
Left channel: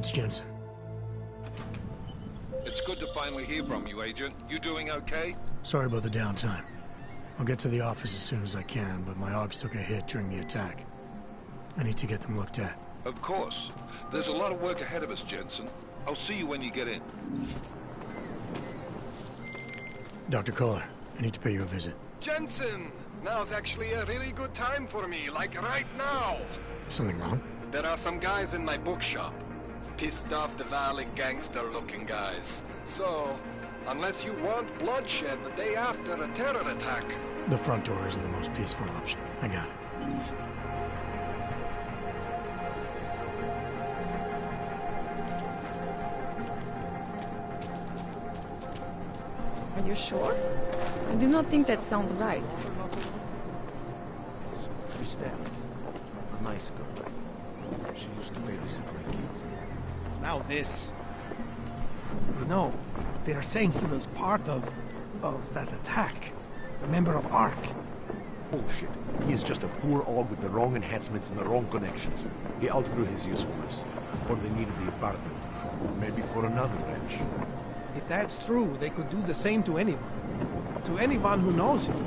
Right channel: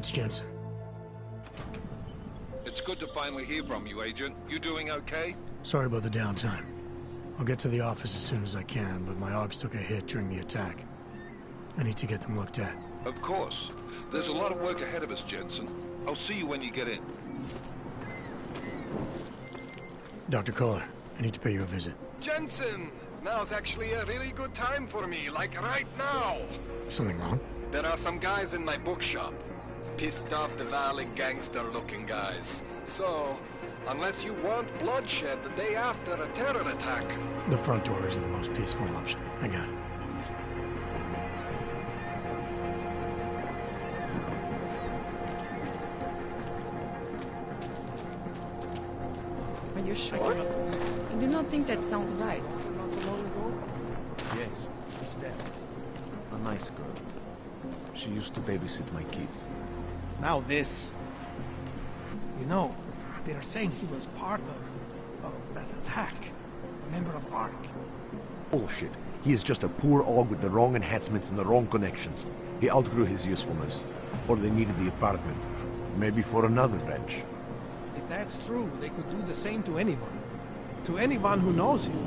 It's Jenson. It's good to finally hear from you, Agent. You doing okay? Sorry about the downtime. I'll get to the office as soon as I can, but my Augs took a hit during the attack. I need to get them looked at. Of course. There's a lot of work ahead of us, Jenson. I'll see you when you get in. Dr. Kohler, I need to pay you a visit. Jenson! Now's actually a really good time for me, like right now! Something wrong? There are some guys in my bookshop. Pissed off the Valley gangster-looking guys. So, unless you want bloodshed the day after a terror attack... The front door isn't the most peaceful option. I got it. Are you sure? I do not think that sounds right. Yes, Christelle. A nice girl. She used to babysit my kids. Now this. You know, they are saying he was part of that attack. A member of ARC. Bullshit. He is just a poor Aug with the wrong enhancements and the wrong connections. He outgrew his usefulness. Or they needed the apartment. Maybe for another wrench. If that's true, they could do the same to anyone. To anyone who knows him.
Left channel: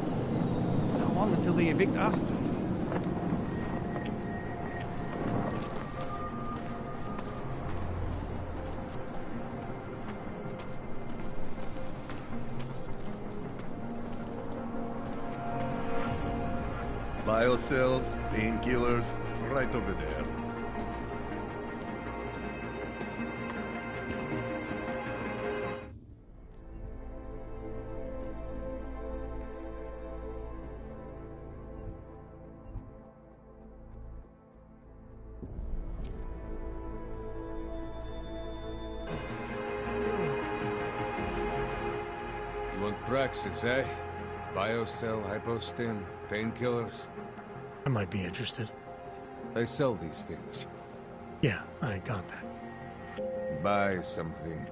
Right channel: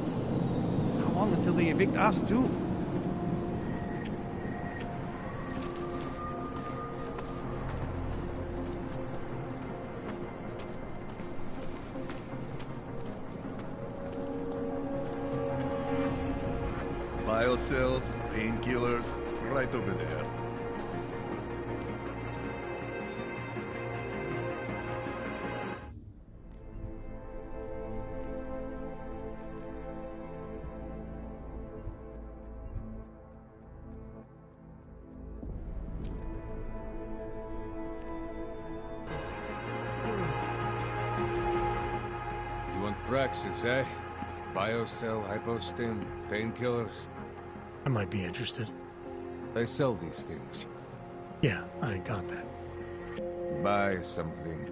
How long until they evict us, too? Biocells, painkillers, right over there. You want Praxis, eh? Biocell, hypostim, painkillers. I might be interested. They sell these things. Yeah, I got that. Buy something.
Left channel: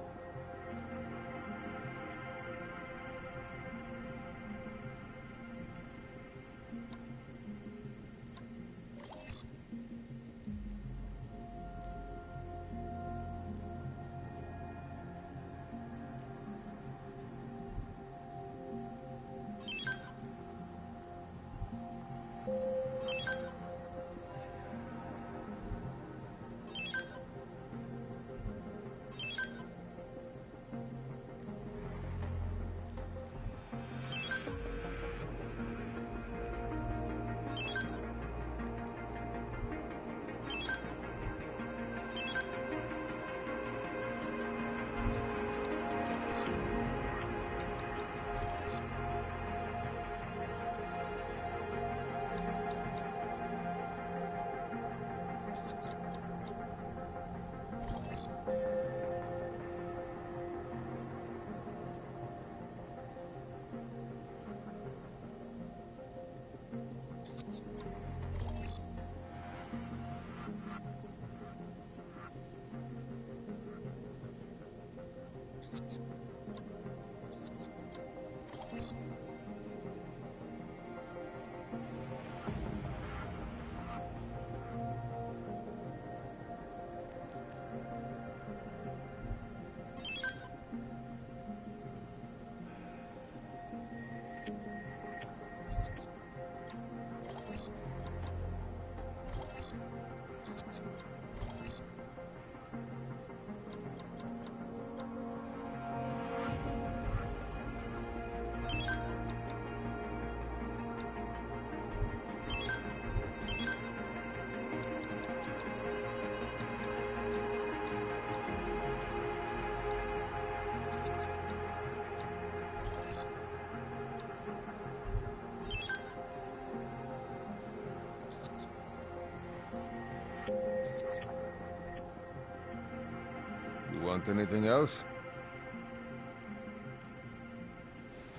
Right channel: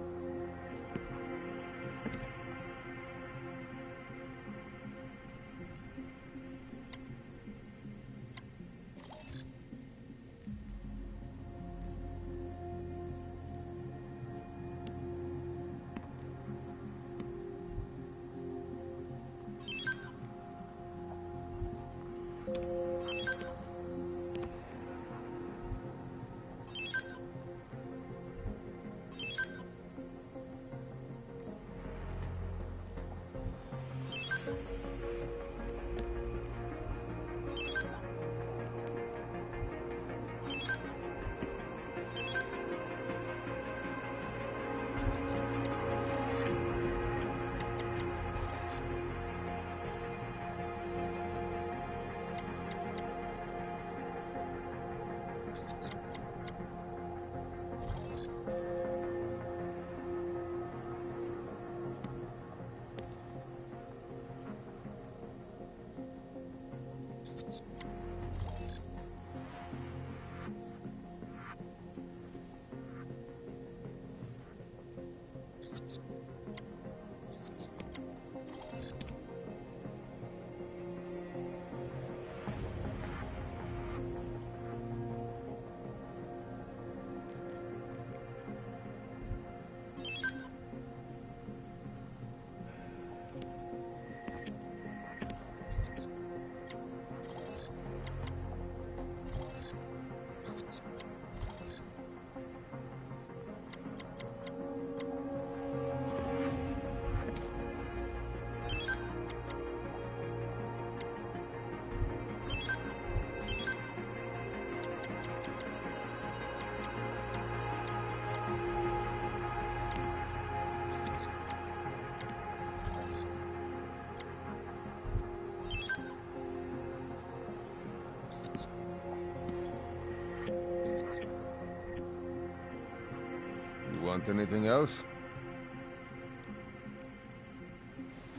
Want anything else?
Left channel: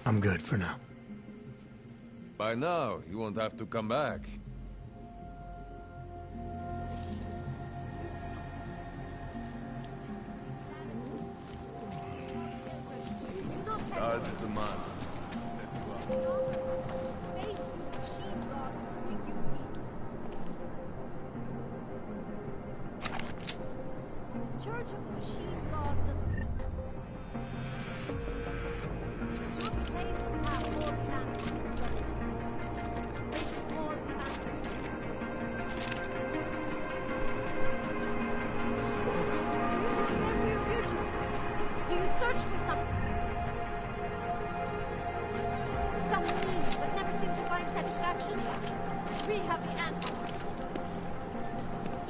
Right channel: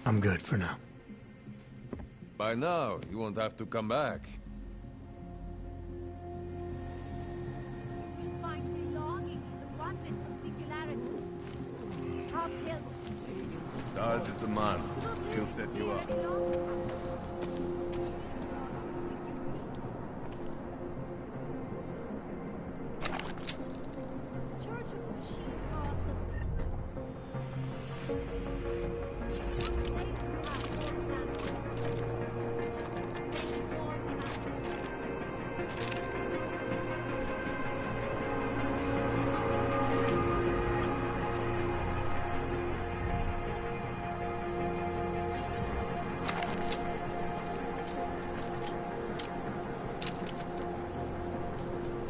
I'm good for now. By now, you won't have to come back. Daz is a man. He'll set you up. Church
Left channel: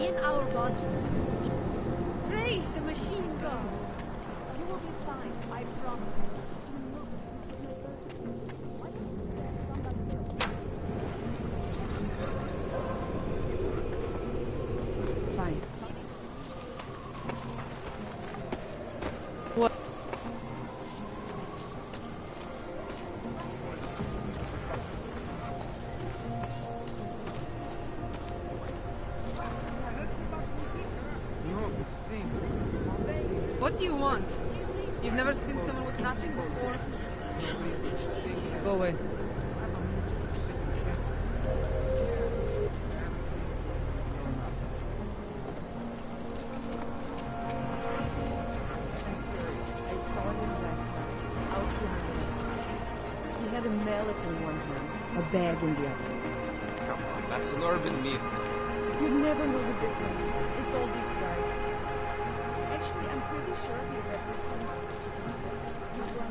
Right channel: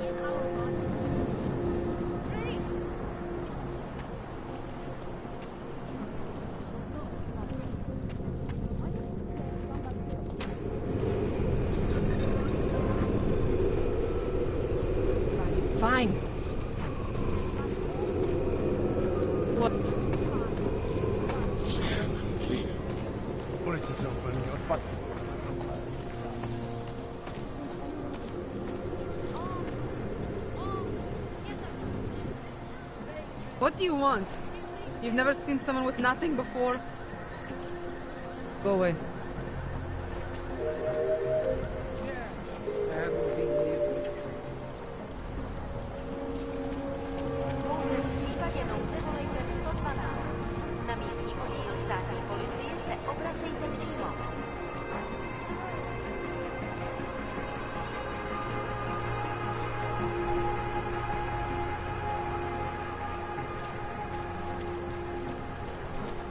in our bodies. Praise the machine god. You will be fine, I promise. Do not have why don't you let somebody else? Fine, fine. What? What do you want? You've never seen someone with nothing before? Go away. That's an urban meme. You've never known the difference. It's all different.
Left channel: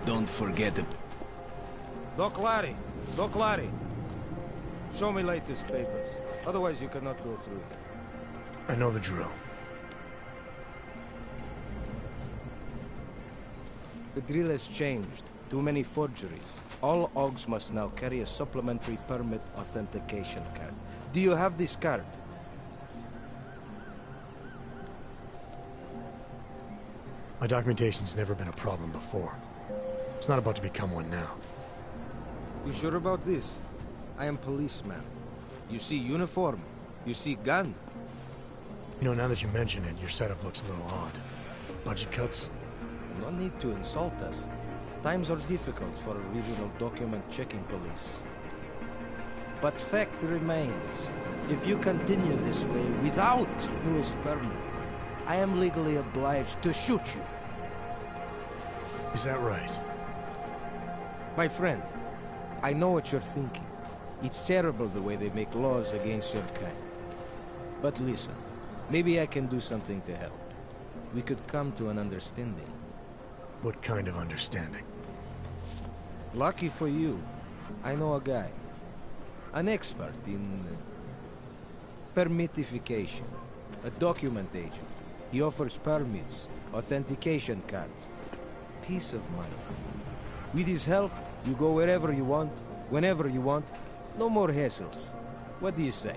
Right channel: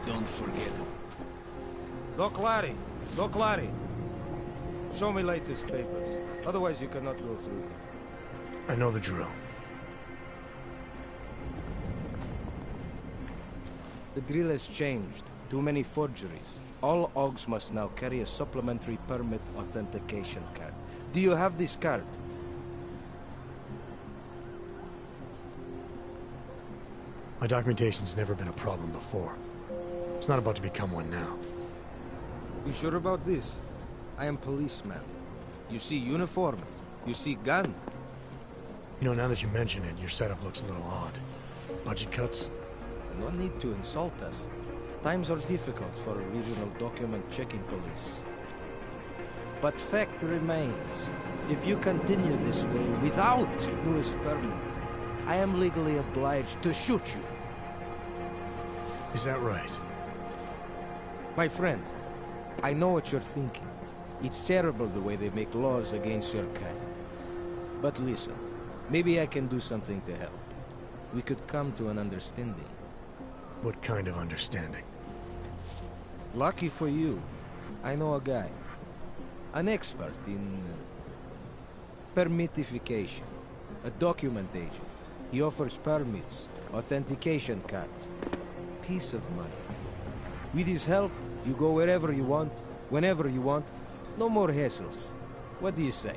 Don't forget it. Doc Larry! Doc Larry! Show me latest papers. Otherwise you cannot go through here. I know the drill. The drill has changed. Too many forgeries. All OGs must now carry a supplementary permit authentication card. Do you have this card? My documentation's never been a problem before. It's not about to become one now. You sure about this? I am policeman. You see uniform. You see gun. You know, now that you mention it, your setup looks a little odd. Budget cuts? No need to insult us. Times are difficult for a regional document checking police. But fact remains, if you continue this way without newest permit, I am legally obliged to shoot you. Is that right? My friend, I know what you're thinking. It's terrible the way they make laws against your kind. But listen, maybe I can do something to help. We could come to an understanding. What kind of understanding? Lucky for you, I know a guy. An expert in permitification. A document agent. He offers permits, authentication cards. Peace of mind. With his help, you go wherever you want, whenever you want. No more hassles. What do you say?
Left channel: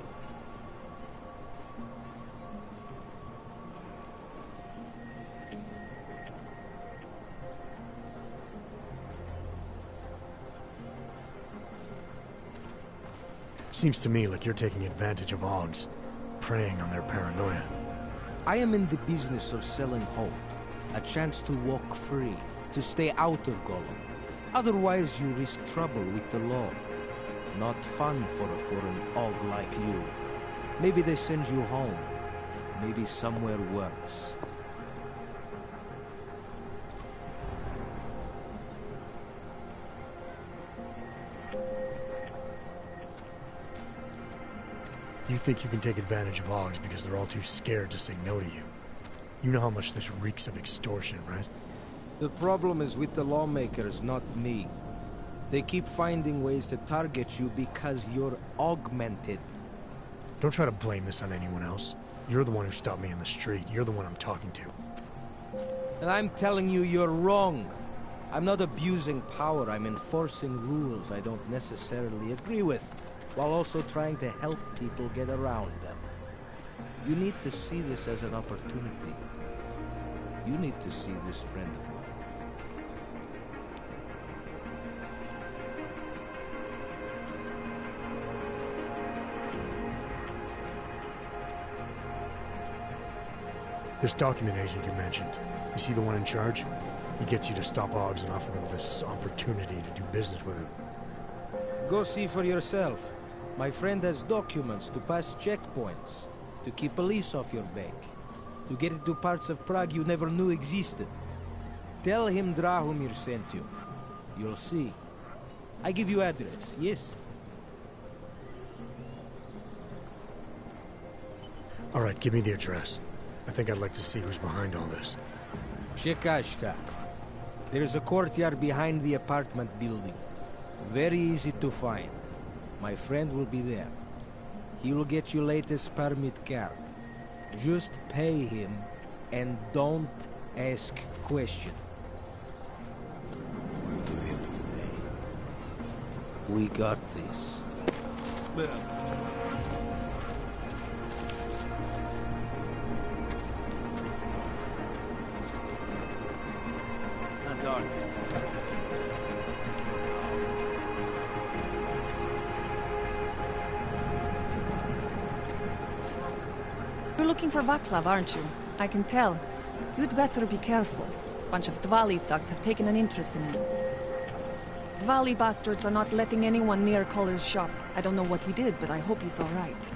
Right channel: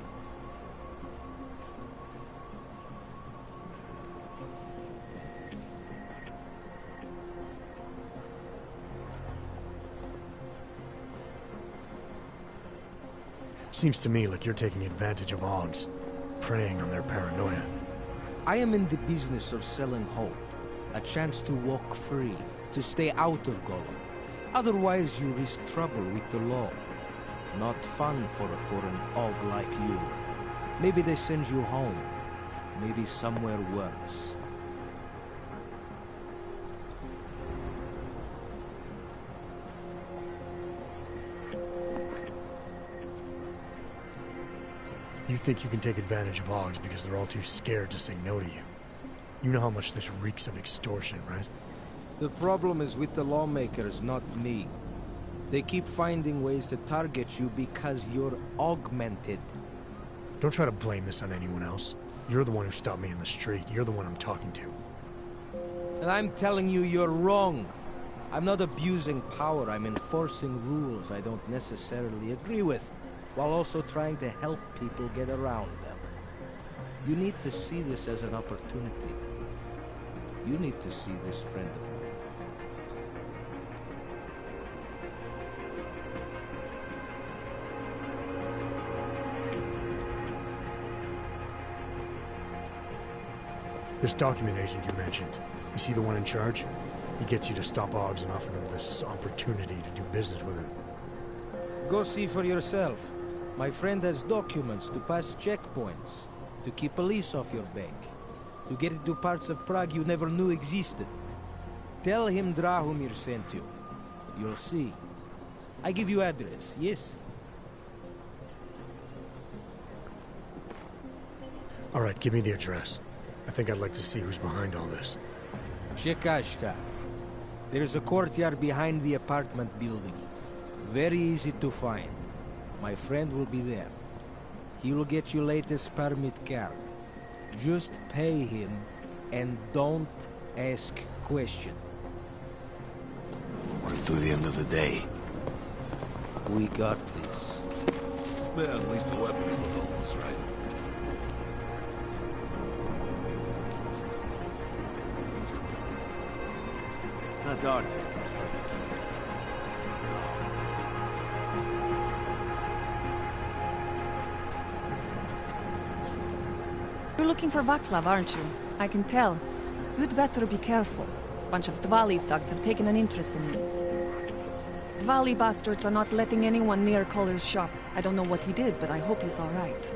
Seems to me like you're taking advantage of OGs, preying on their paranoia. I am in the business of selling hope. A chance to walk free, to stay out of Gollum. Otherwise you risk trouble with the law. Not fun for a foreign OG like you. Maybe they send you home. Maybe somewhere worse. You think you can take advantage of OGs because they're all too scared to say no to you. You know how much this reeks of extortion, right? The problem is with the lawmakers, not me. They keep finding ways to target you because you're augmented. Don't try to blame this on anyone else. You're the one who stopped me in the street. You're the one I'm talking to. And I'm telling you, you're wrong. I'm not abusing power. I'm enforcing rules I don't necessarily agree with, while also trying to help people get around them. You need to see this as an opportunity. You need to see this friend of mine. This document agent you mentioned, is he the one in charge? He gets you to stop OGs and offer them this opportunity to do business with him. Go see for yourself. My friend has documents to pass checkpoints, to keep police off your back, to get into parts of Prague you never knew existed. Tell him Drahomir sent you. You'll see. I give you address, yes? All right, give me the address. I think I'd like to see who's behind all this. Shekashka. There's a courtyard behind the apartment building. Very easy to find. My friend will be there. He will get you latest permit card. Just pay him and don't ask questions. To the end of the day. We got this. Well, at least the weapons will hold us, right? Not dark. You're looking for Vaclav, aren't you? I can tell. You'd better be careful. Bunch of Dvali thugs have taken an interest in him. Dvali bastards are not letting anyone near Culler's shop. I don't know what he did, but I hope he's all right.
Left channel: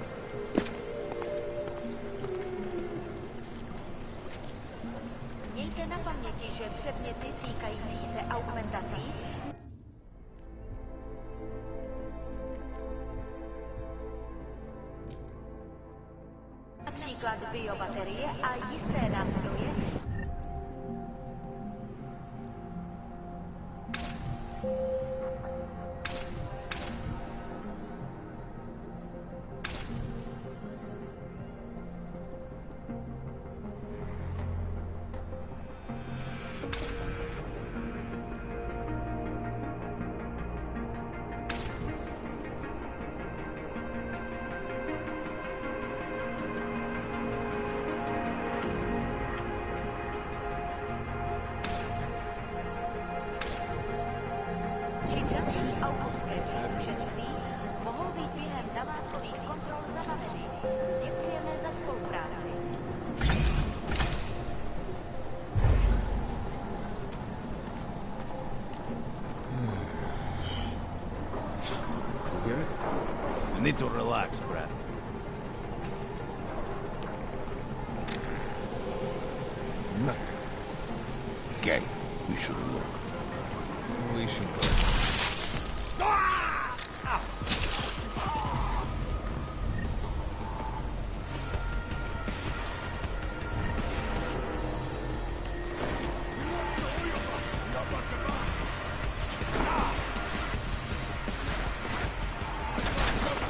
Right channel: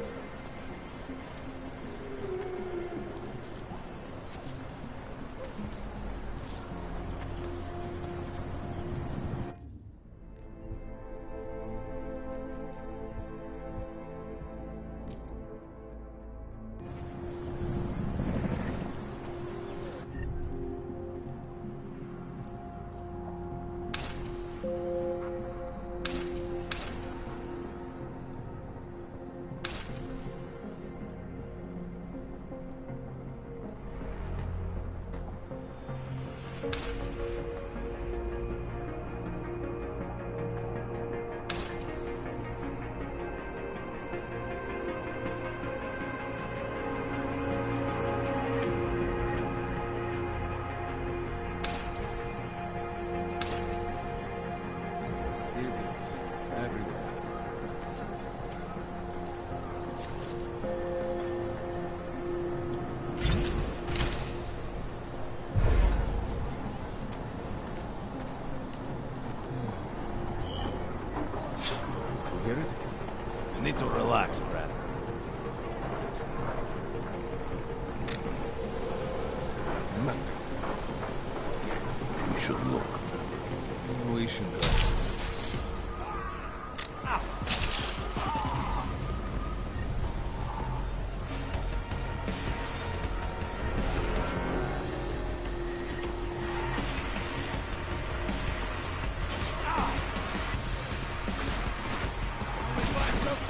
You need to relax, Brad. Nothing. Okay, we should look. We should go.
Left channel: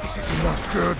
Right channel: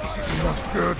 This is not good.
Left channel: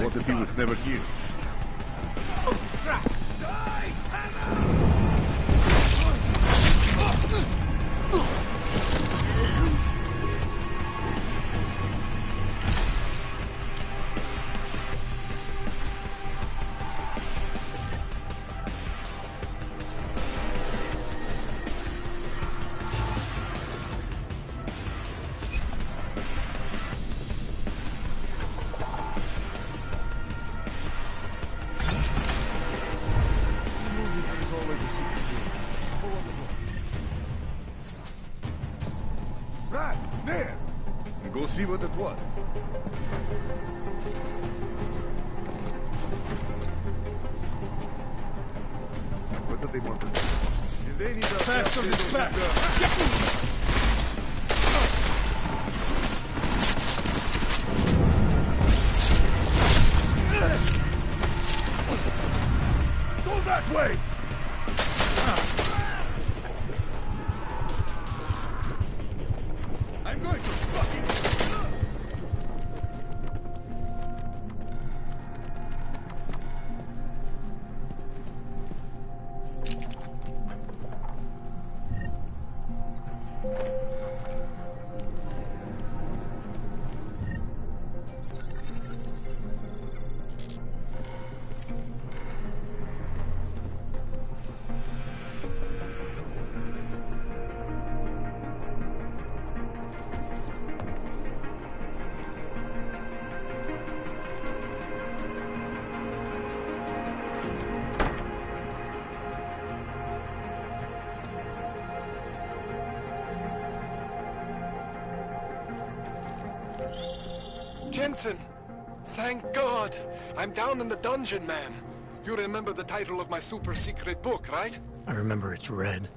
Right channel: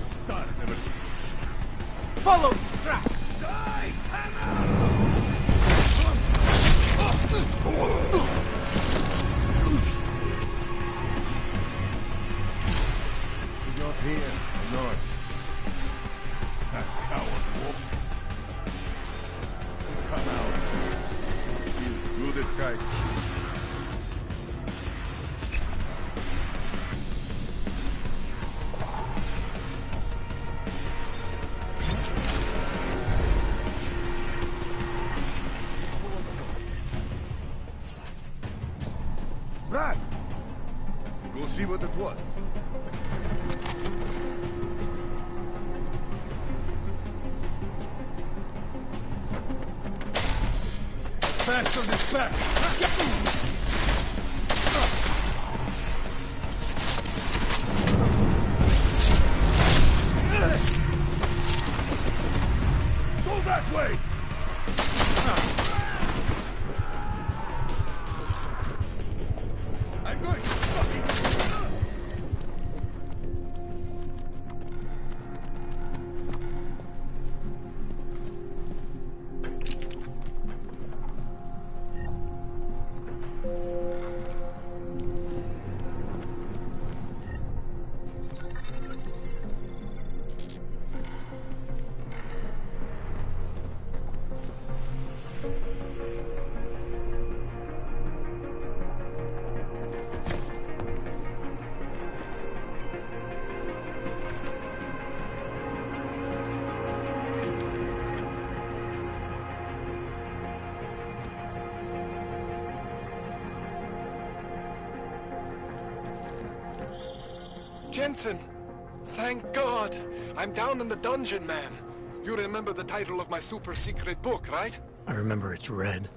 What if he was never here? Follow his tracks! Brad, there! You go see what it was. bastard is back! Go that way! I'm going to fucking... Jenson! Thank God! I'm down in the dungeon, man. You remember the title of my super secret book, right? I remember it's red.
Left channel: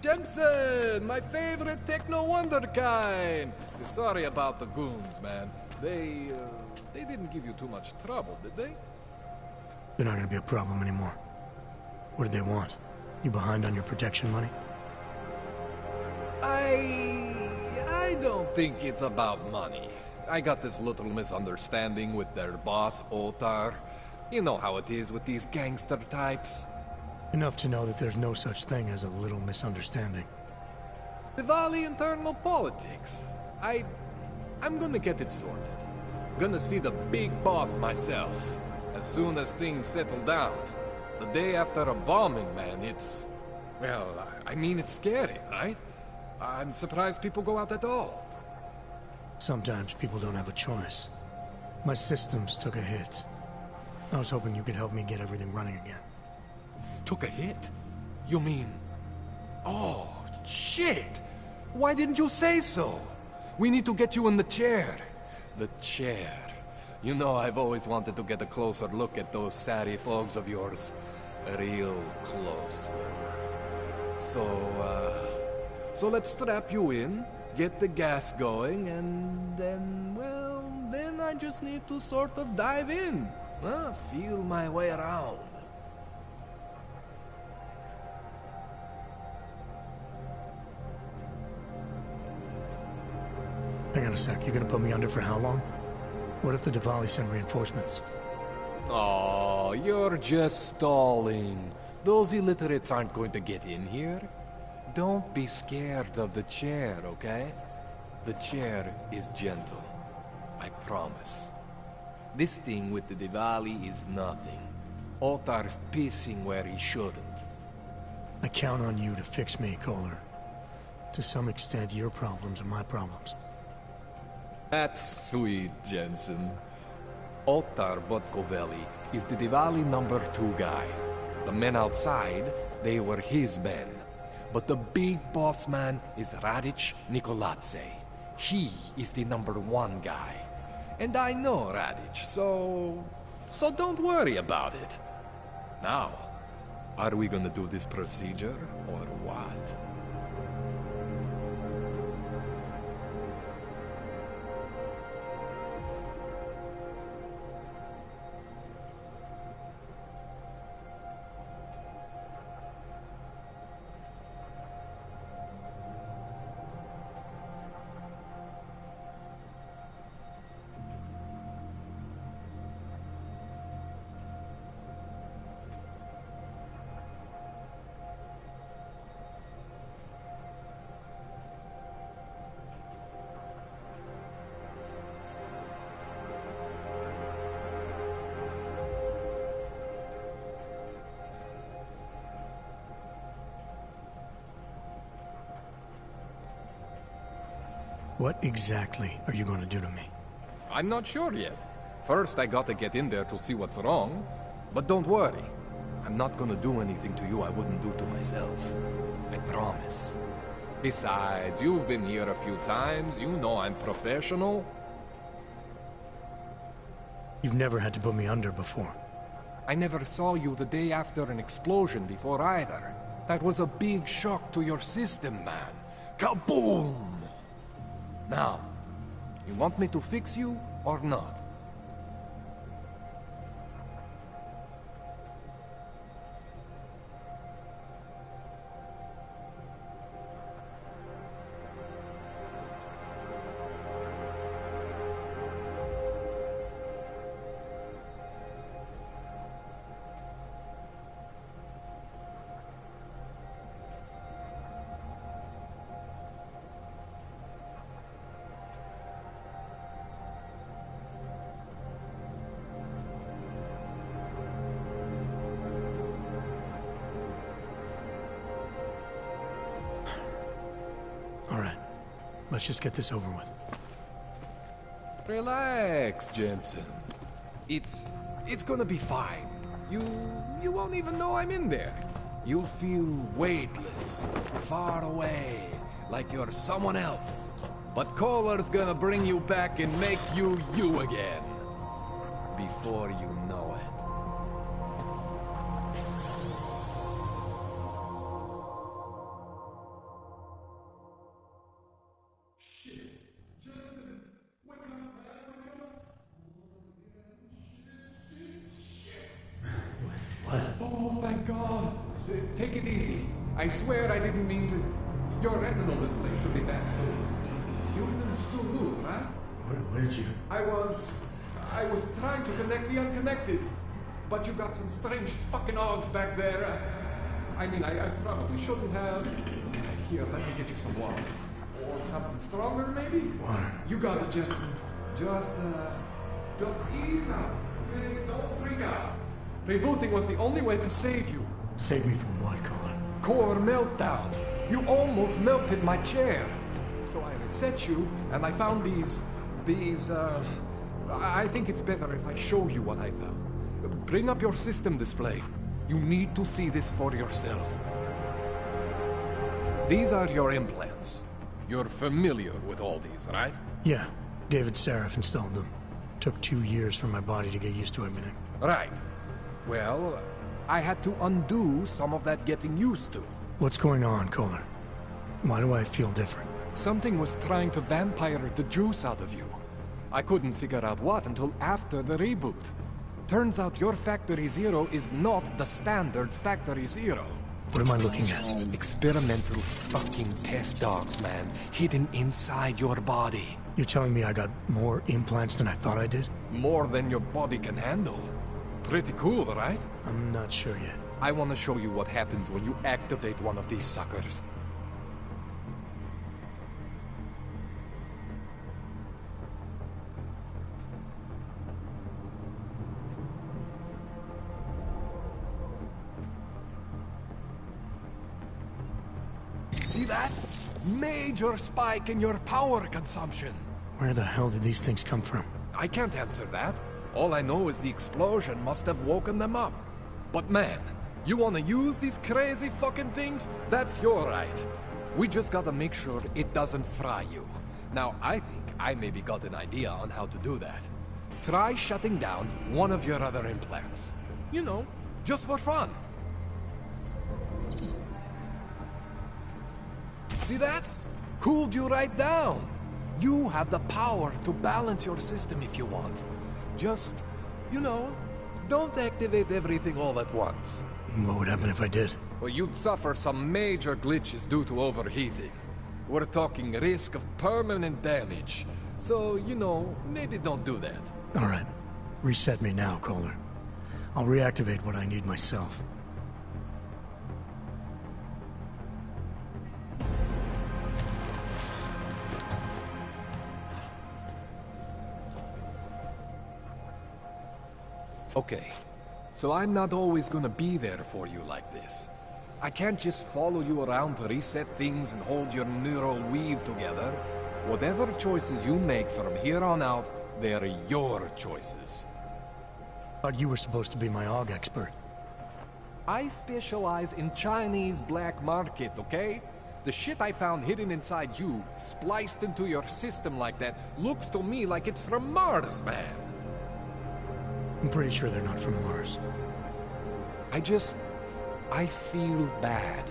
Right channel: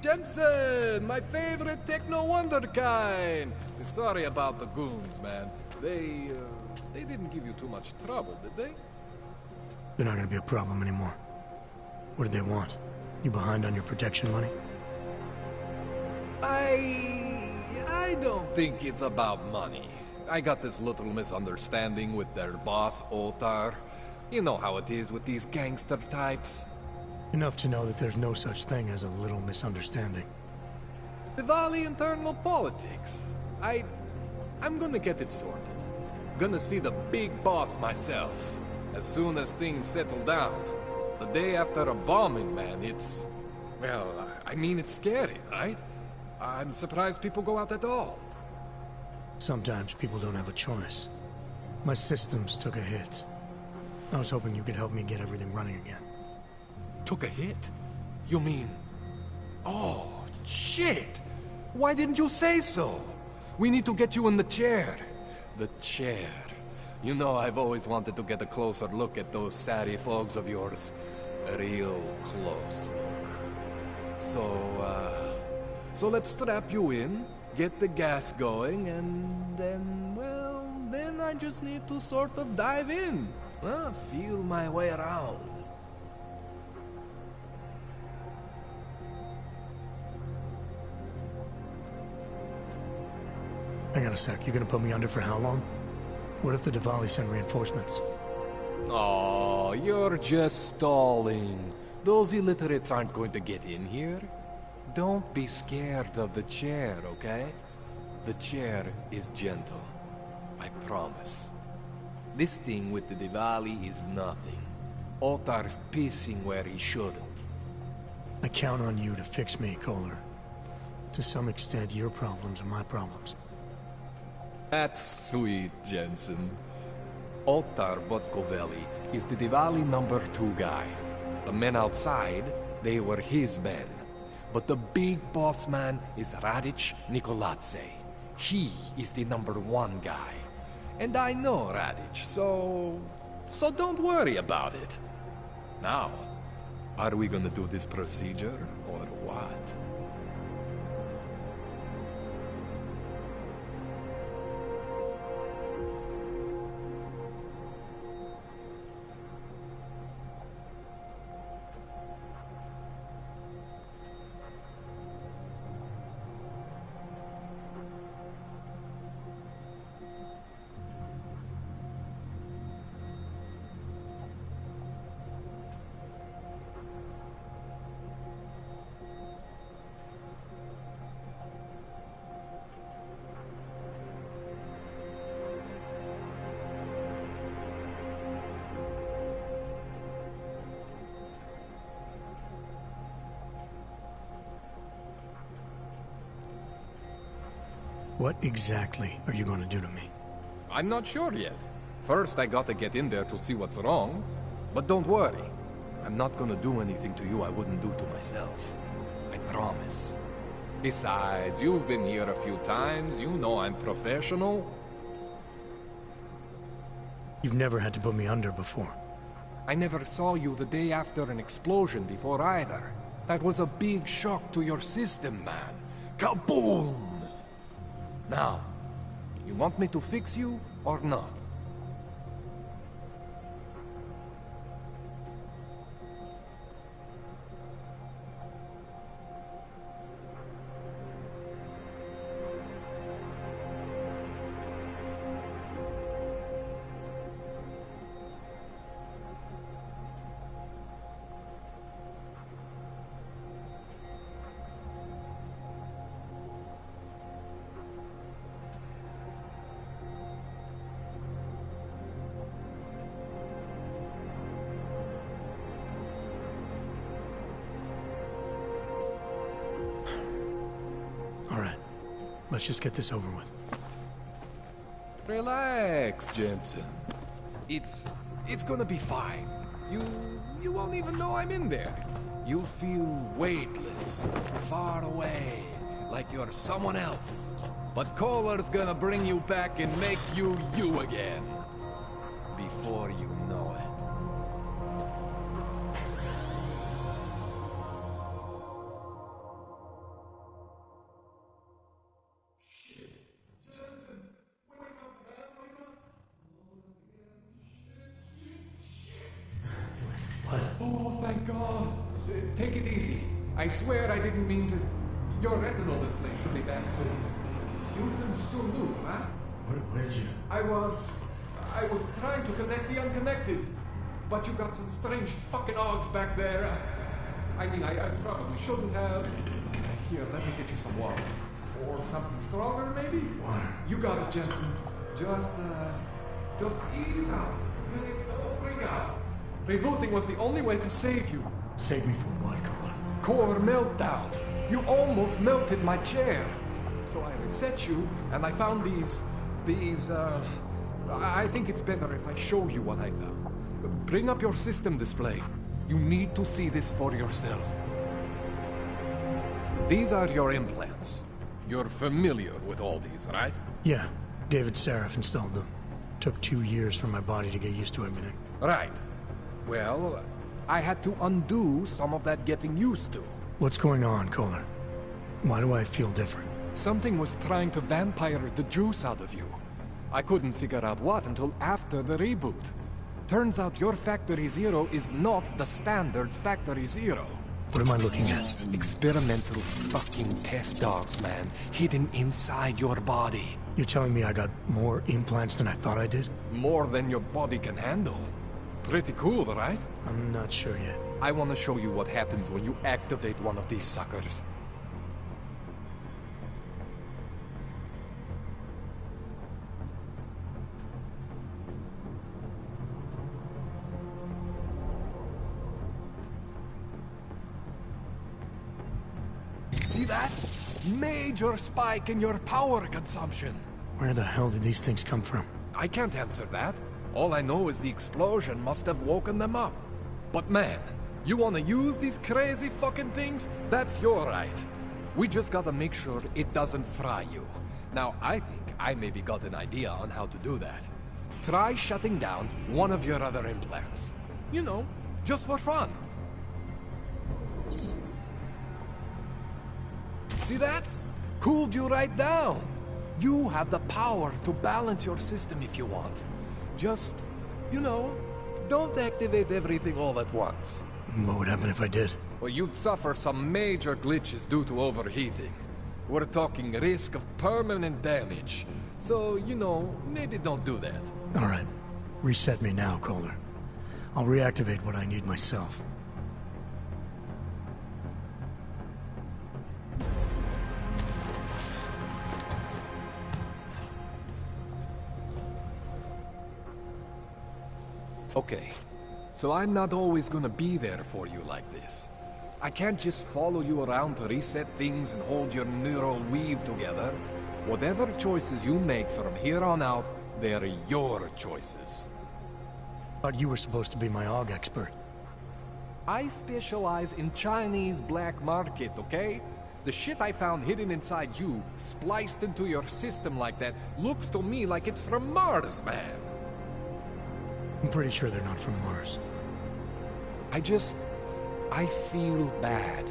Jenson, my favorite techno wonderkind. Sorry about the goons, man. They didn't give you too much trouble, did they? They're not gonna be a problem anymore. What do they want? You behind on your protection money? I don't think it's about money. I got this little misunderstanding with their boss, Otar. You know how it is with these gangster types. Enough to know that there's no such thing as a little misunderstanding. Diwali internal politics. I'm gonna get it sorted. Gonna see the big boss myself. As soon as things settle down. The day after a bombing, man, it's... Well, I mean, it's scary, right? I'm surprised people go out at all. Sometimes people don't have a choice. My systems took a hit. I was hoping you could help me get everything running again. Took a hit? You mean... Oh, shit! Why didn't you say so? We need to get you in the chair. The chair. You know I've always wanted to get a closer look at those Sari folks of yours. A real close look. So let's strap you in, get the gas going, and then, well, then I just need to sort of dive in. Feel my way around. Hang on a sec, you gonna put me under for how long? What if the Diwali send reinforcements? Oh, you're just stalling. Those illiterates aren't going to get in here. Don't be scared of the chair, okay? The chair is gentle. I promise. This thing with the Diwali is nothing. Otar's pissing where he shouldn't. I count on you to fix me, Kohler. To some extent, your problems are my problems. That's sweet, Jenson. Otar Botkovelli is the Diwali #2 guy. The men outside, they were his men. But the big boss man is Radic Nikoladze. He is the #1 guy. And I know Radic, so don't worry about it. Now, are we gonna do this procedure, or what? What exactly are you going to do to me? I'm not sure yet. First, I gotta get in there to see what's wrong. But don't worry. I'm not gonna do anything to you I wouldn't do to myself. I promise. Besides, you've been here a few times. You know I'm professional. You've never had to put me under before. I never saw you the day after an explosion before either. That was a big shock to your system, man. Kaboom! Now, you want me to fix you or not? Let's just get this over with. Relax, Jenson. It's gonna be fine. You won't even know I'm in there. You'll feel weightless, far away, like you're someone else. But Kohler's gonna bring you back and make you you again. Before you know it. Oh, thank God. Take it easy. I swear I didn't mean to... Your retinal display should be back soon. You can still move, right? Where did you... I was trying to connect the unconnected. But you got some strange fucking ogs back there. I mean, I probably shouldn't have. Here, let me get you some water. Or something stronger, maybe? Water. You got it, Jenson. Just ease out. Don't freak out. Rebooting was the only way to save you. Save me from what, Kohler? Core meltdown. You almost melted my chair. So I reset you, and I found these... I think it's better if I show you what I found. Bring up your system display. You need to see this for yourself. These are your implants. You're familiar with all these, right? Yeah. David Seraph installed them. Took 2 years for my body to get used to everything. Right. Well, I had to undo some of that getting used to. What's going on, Kohler? Why do I feel different? Something was trying to vampire the juice out of you. I couldn't figure out what until after the reboot. Turns out your Factory Zero is not the standard Factory Zero. What am I looking at? Experimental fucking test dogs, man. Hidden inside your body. You're telling me I got more implants than I thought I did? More than your body can handle. Pretty cool, right? I'm not sure yet. I want to show you what happens when you activate one of these suckers. See that? Major spike in your power consumption. Where the hell did these things come from? I can't answer that. All I know is the explosion must have woken them up. But man, you wanna use these crazy fucking things? That's your right. We just gotta make sure it doesn't fry you. Now, I think I maybe got an idea on how to do that. Try shutting down one of your other implants. You know, just for fun. See that? Cooled you right down. You have the power to balance your system if you want. Just, you know, don't activate everything all at once. What would happen if I did? Well, you'd suffer some major glitches due to overheating. We're talking risk of permanent damage. So, you know, maybe don't do that. All right. Reset me now, Kohler. I'll reactivate what I need myself. Okay, so I'm not always gonna be there for you like this. I can't just follow you around to reset things and hold your neural weave together. Whatever choices you make from here on out, they're your choices. Thought you were supposed to be my AUG expert. I specialize in Chinese black market, okay? The shit I found hidden inside you, spliced into your system like that, looks to me like it's from Mars, man. I'm pretty sure they're not from Mars. I feel bad.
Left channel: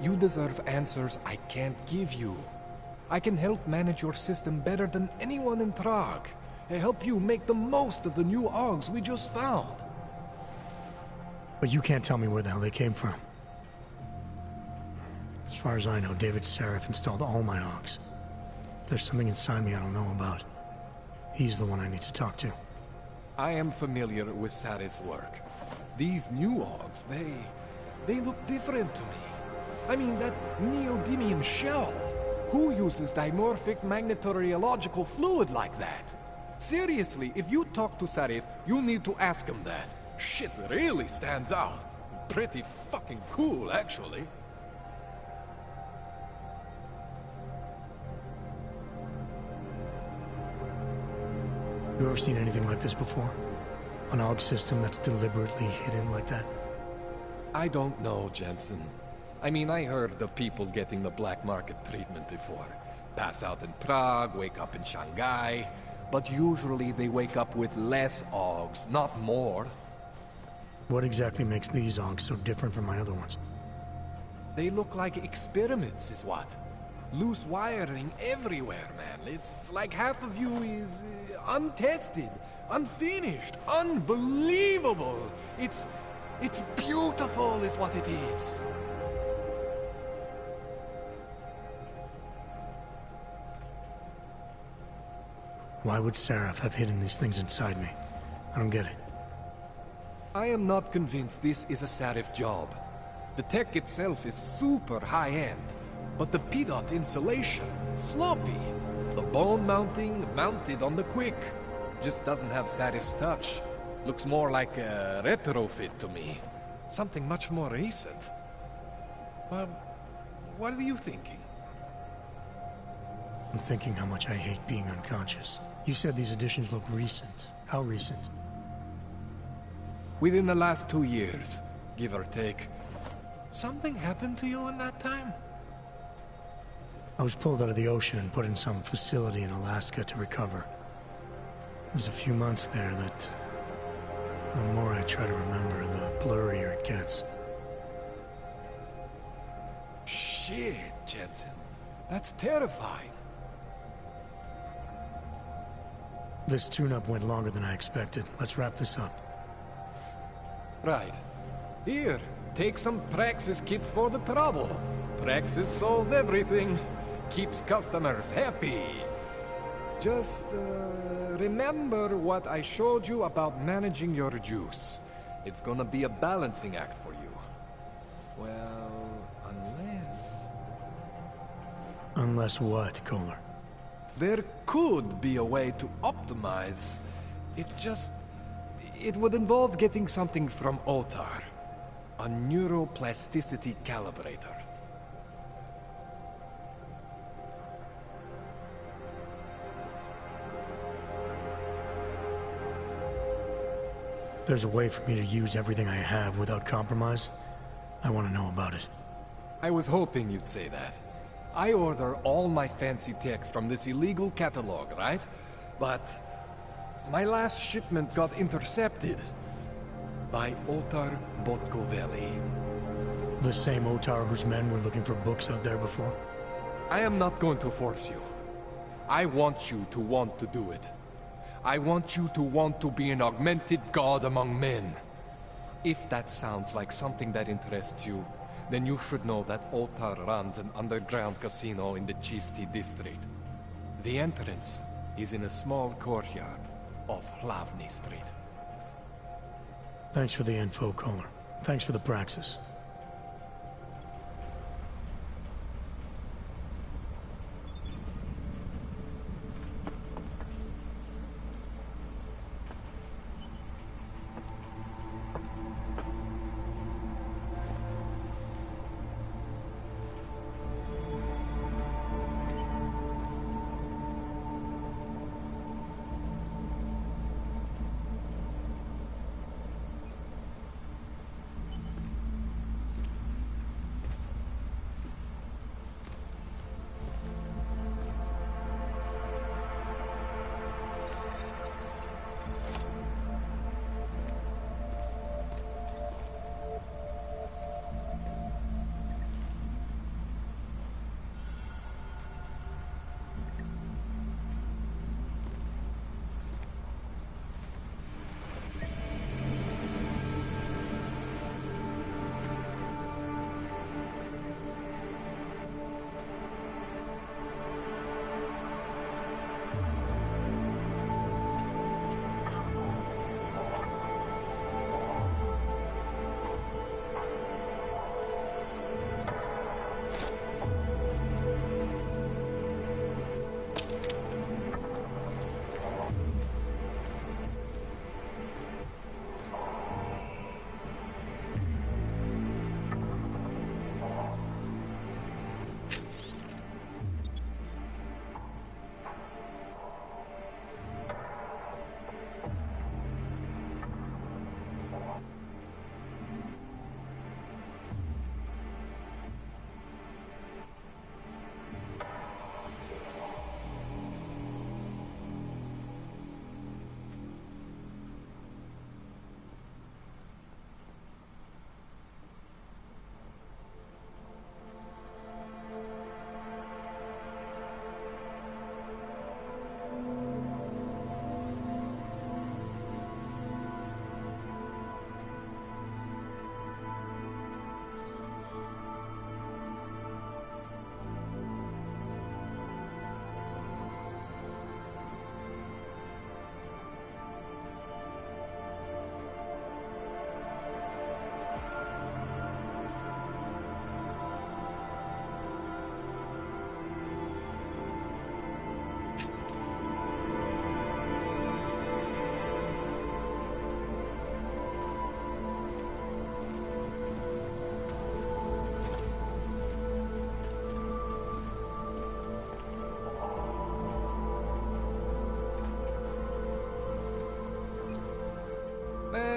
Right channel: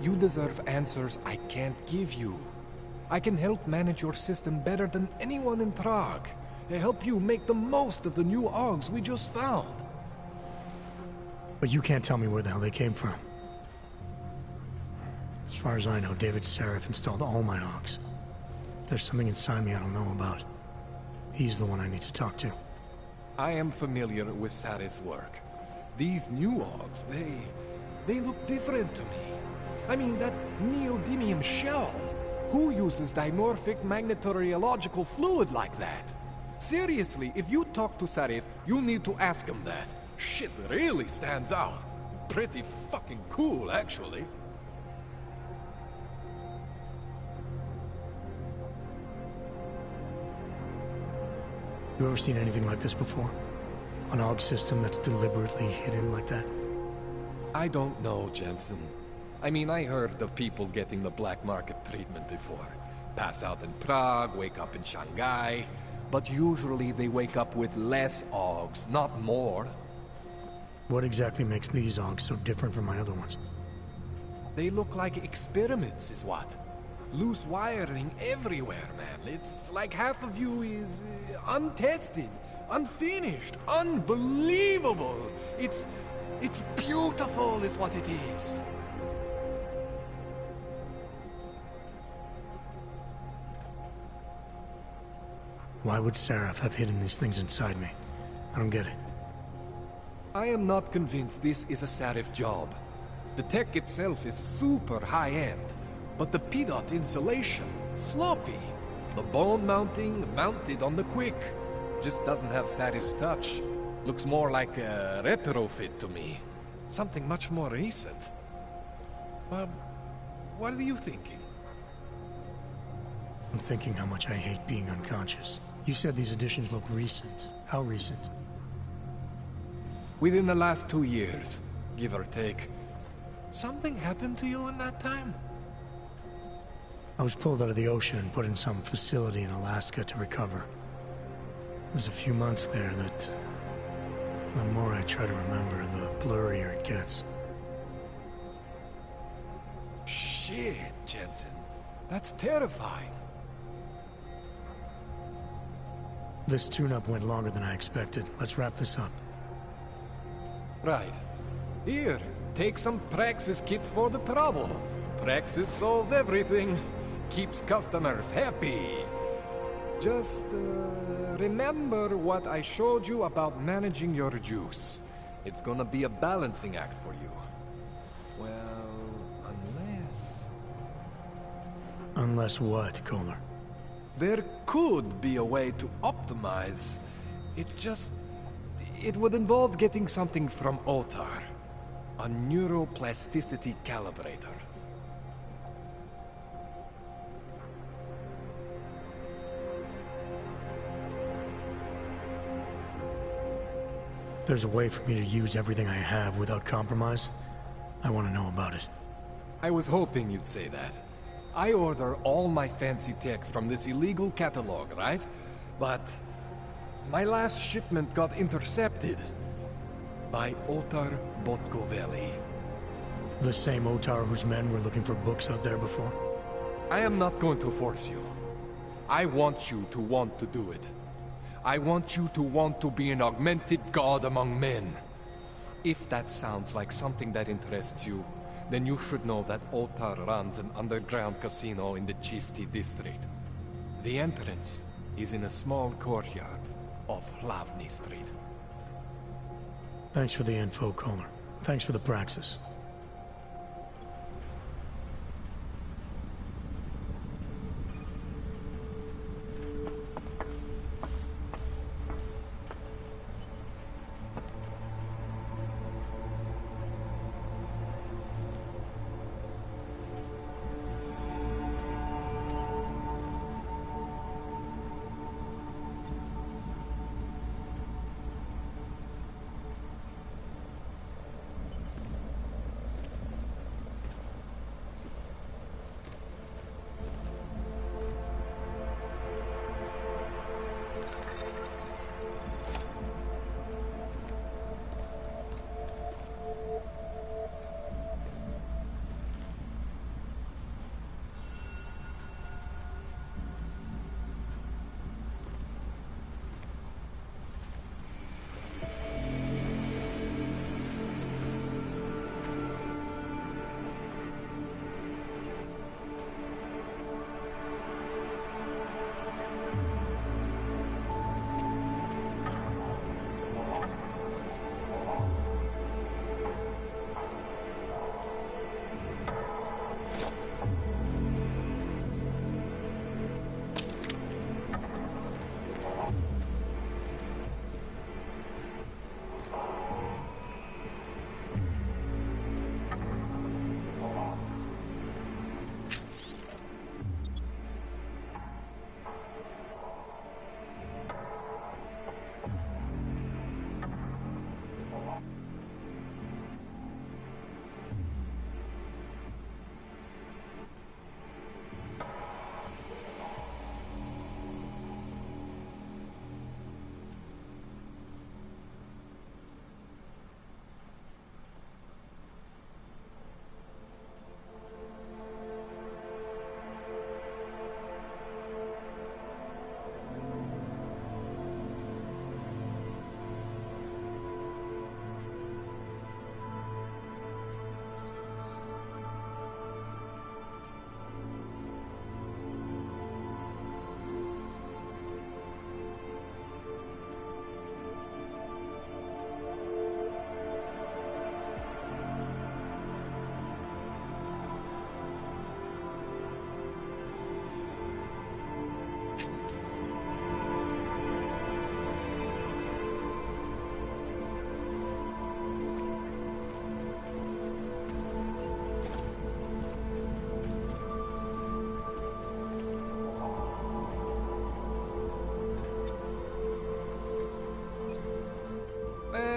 You deserve answers I can't give you. I can help manage your system better than anyone in Prague. I help you make the most of the new AUGs we just found. But you can't tell me where the hell they came from. As far as I know, David Seraph installed all my AUGs. If there's something inside me I don't know about, he's the one I need to talk to. I am familiar with Sarah's work. These new AUGs, they look different to me. I mean, that neodymium shell. Who uses dimorphic magnetorheological fluid like that? Seriously, if you talk to Sarif, you need to ask him that. Shit really stands out. Pretty fucking cool, actually. You ever seen anything like this before? An AUG system that's deliberately hidden like that? I don't know, Jenson. I mean, I heard of people getting the black market treatment before. Pass out in Prague, wake up in Shanghai. But usually they wake up with less AUGs, not more. What exactly makes these AUGs so different from my other ones? They look like experiments, is what? Loose wiring everywhere, man. It's like half of you is untested, unfinished, unbelievable. It's beautiful is what it is. Why would Seraph have hidden these things inside me? I don't get it. I am not convinced this is a Sarif job. The tech itself is super high-end, but the PDOT insulation, sloppy. The bone mounting, mounted on the quick. Just doesn't have Sarif's touch. Looks more like a retrofit to me. Something much more recent. What are you thinking? I'm thinking how much I hate being unconscious. You said these additions look recent. How recent? Within the last 2 years, give or take. Something happened to you in that time? I was pulled out of the ocean and put in some facility in Alaska to recover. It was a few months there that... the more I try to remember, the blurrier it gets. Shit, Jenson. That's terrifying. This tune-up went longer than I expected. Let's wrap this up. Right. Here, take some Praxis kits for the trouble. Praxis solves everything. Keeps customers happy. Just, remember what I showed you about managing your juice. It's gonna be a balancing act for you. Well, unless... Unless what, Kohler? There could be a way to optimize. It's just... it would involve getting something from Otar. A neuroplasticity calibrator. There's a way for me to use everything I have without compromise. I want to know about it. I was hoping you'd say that. I order all my fancy tech from this illegal catalog, right? But my last shipment got intercepted by Otar Botkoveli. The same Otar whose men were looking for books out there before? I am not going to force you. I want you to want to do it. I want you to want to be an augmented god among men. If that sounds like something that interests you, then you should know that Otar runs an underground casino in the Chisti district. The entrance is in a small courtyard off Hlavny Street. Thanks for the info, Kohler. Thanks for the praxis.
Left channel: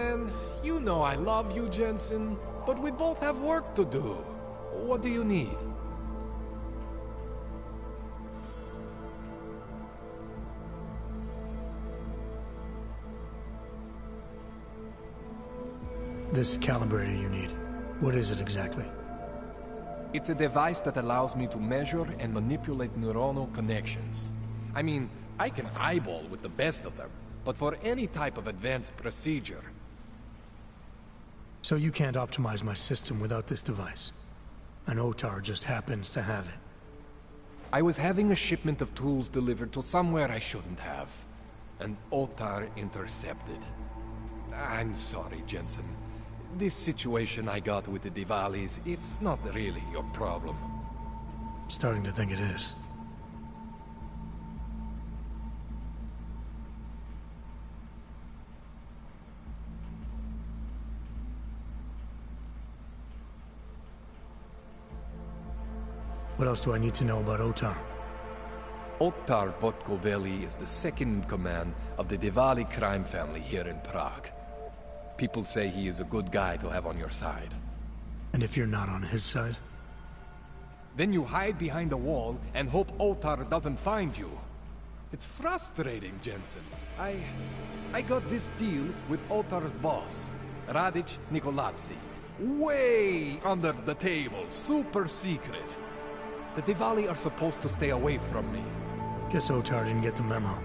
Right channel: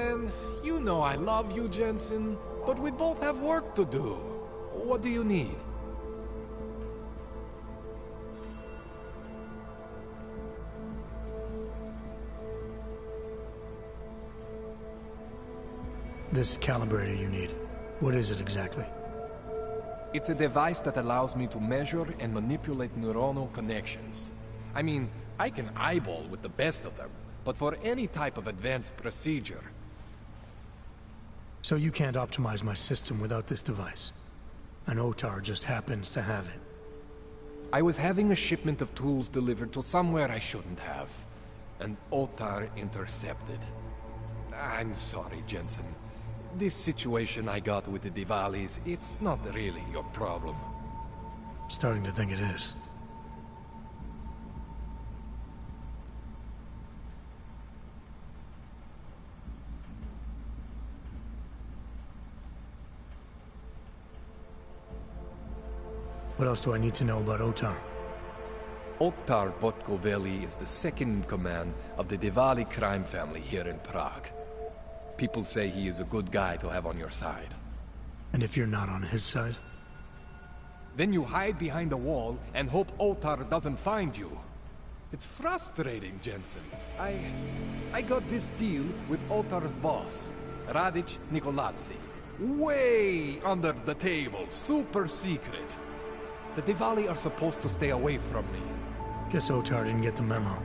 Man, you know I love you, Jenson, but we both have work to do. What do you need? This calibrator you need, what is it exactly? It's a device that allows me to measure and manipulate neuronal connections. I mean, I can eyeball with the best of them, but for any type of advanced procedure... So you can't optimize my system without this device? And Otar just happens to have it? I was having a shipment of tools delivered to somewhere I shouldn't have, and Otar intercepted. I'm sorry, Jenson. This situation I got with the Diwalis, it's not really your problem. Starting to think it is. What else do I need to know about Otar? Otar Botkoveli is the second in command of the Diwali crime family here in Prague. People say he is a good guy to have on your side. And if you're not on his side? Then you hide behind a wall and hope Otar doesn't find you. It's frustrating, Jenson. I got this deal with Otar's boss, Radic Nikoladze. Way under the table, super secret. The Diwali are supposed to stay away from me. Guess Otar didn't get the memo.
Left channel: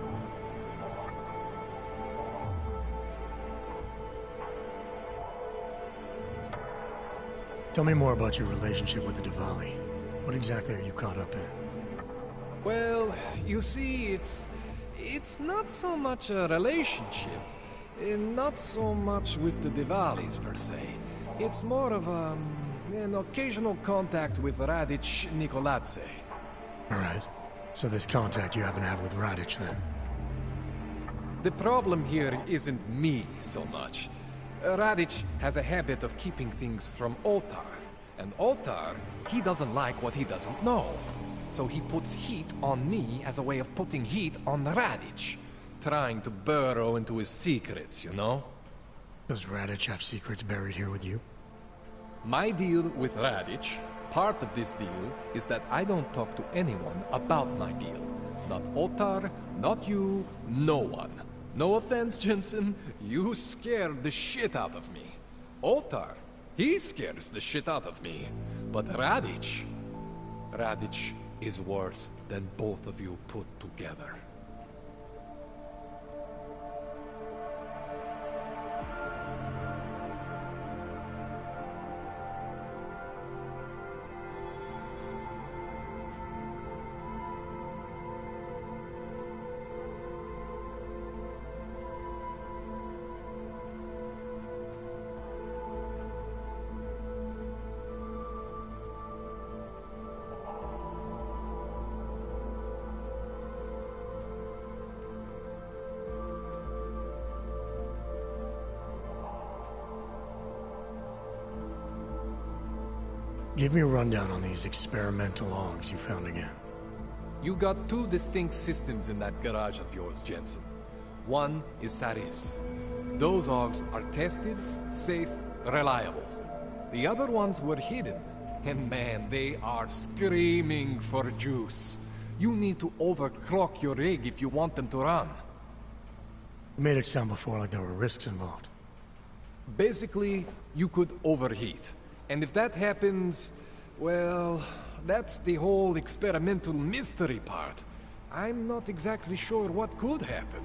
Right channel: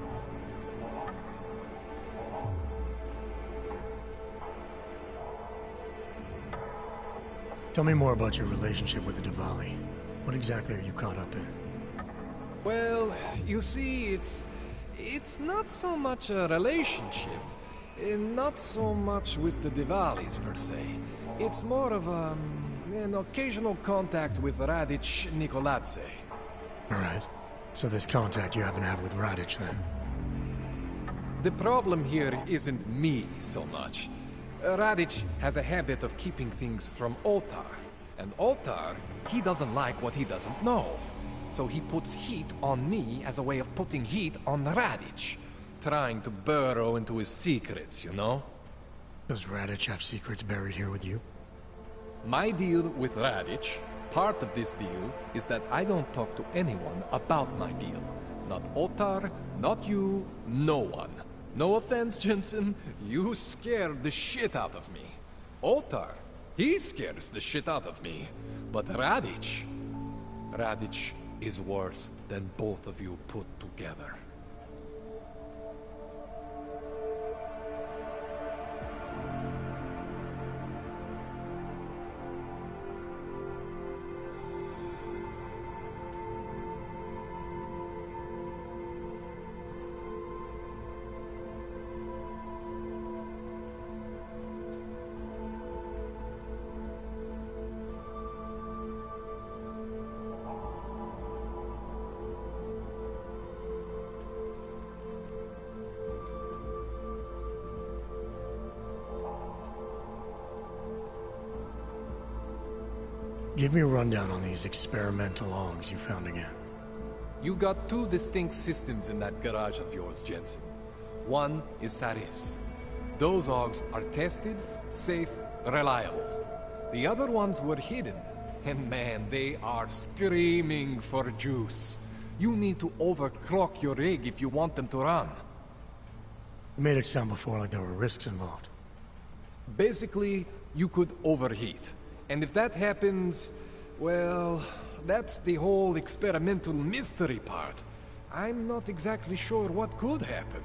Tell me more about your relationship with the Diwali. What exactly are you caught up in? Well, you see, it's not so much a relationship. Not so much with the Diwalis, per se. It's more of an occasional contact with Radic Nikoladze. Alright. So this contact you happen to have with Radic, then? The problem here isn't me so much. Radic has a habit of keeping things from Otar. And Otar, he doesn't like what he doesn't know. So he puts heat on me as a way of putting heat on Radic. Trying to burrow into his secrets, you know? Does Radic have secrets buried here with you? My deal with Radic, part of this deal, is that I don't talk to anyone about my deal. Not Otar, not you, no one. No offense, Jenson, you scared the shit out of me. Otar, he scares the shit out of me. But Radic is worse than both of you put together. Give me a rundown on these experimental logs you found again. You got two distinct systems in that garage of yours, Jenson. One is Saris. Those logs are tested, safe, reliable. The other ones were hidden, and man, they are screaming for juice. You need to overclock your rig if you want them to run. You made it sound before like there were risks involved. Basically, you could overheat. And if that happens, well, that's the whole experimental mystery part. I'm not exactly sure what could happen.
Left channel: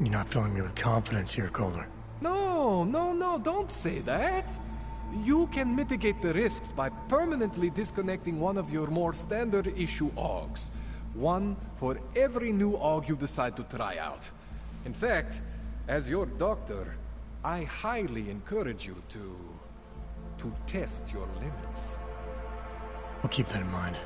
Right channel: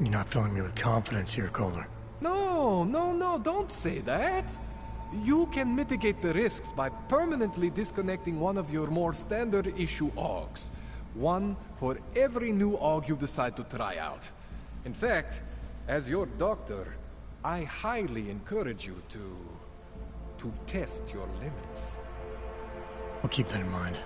You're not filling me with confidence here, Kohler. No, don't say that. You can mitigate the risks by permanently disconnecting one of your more standard issue AUGs. One for every new AUG you decide to try out. In fact, as your doctor, I highly encourage you to test your limits. I'll keep that in mind.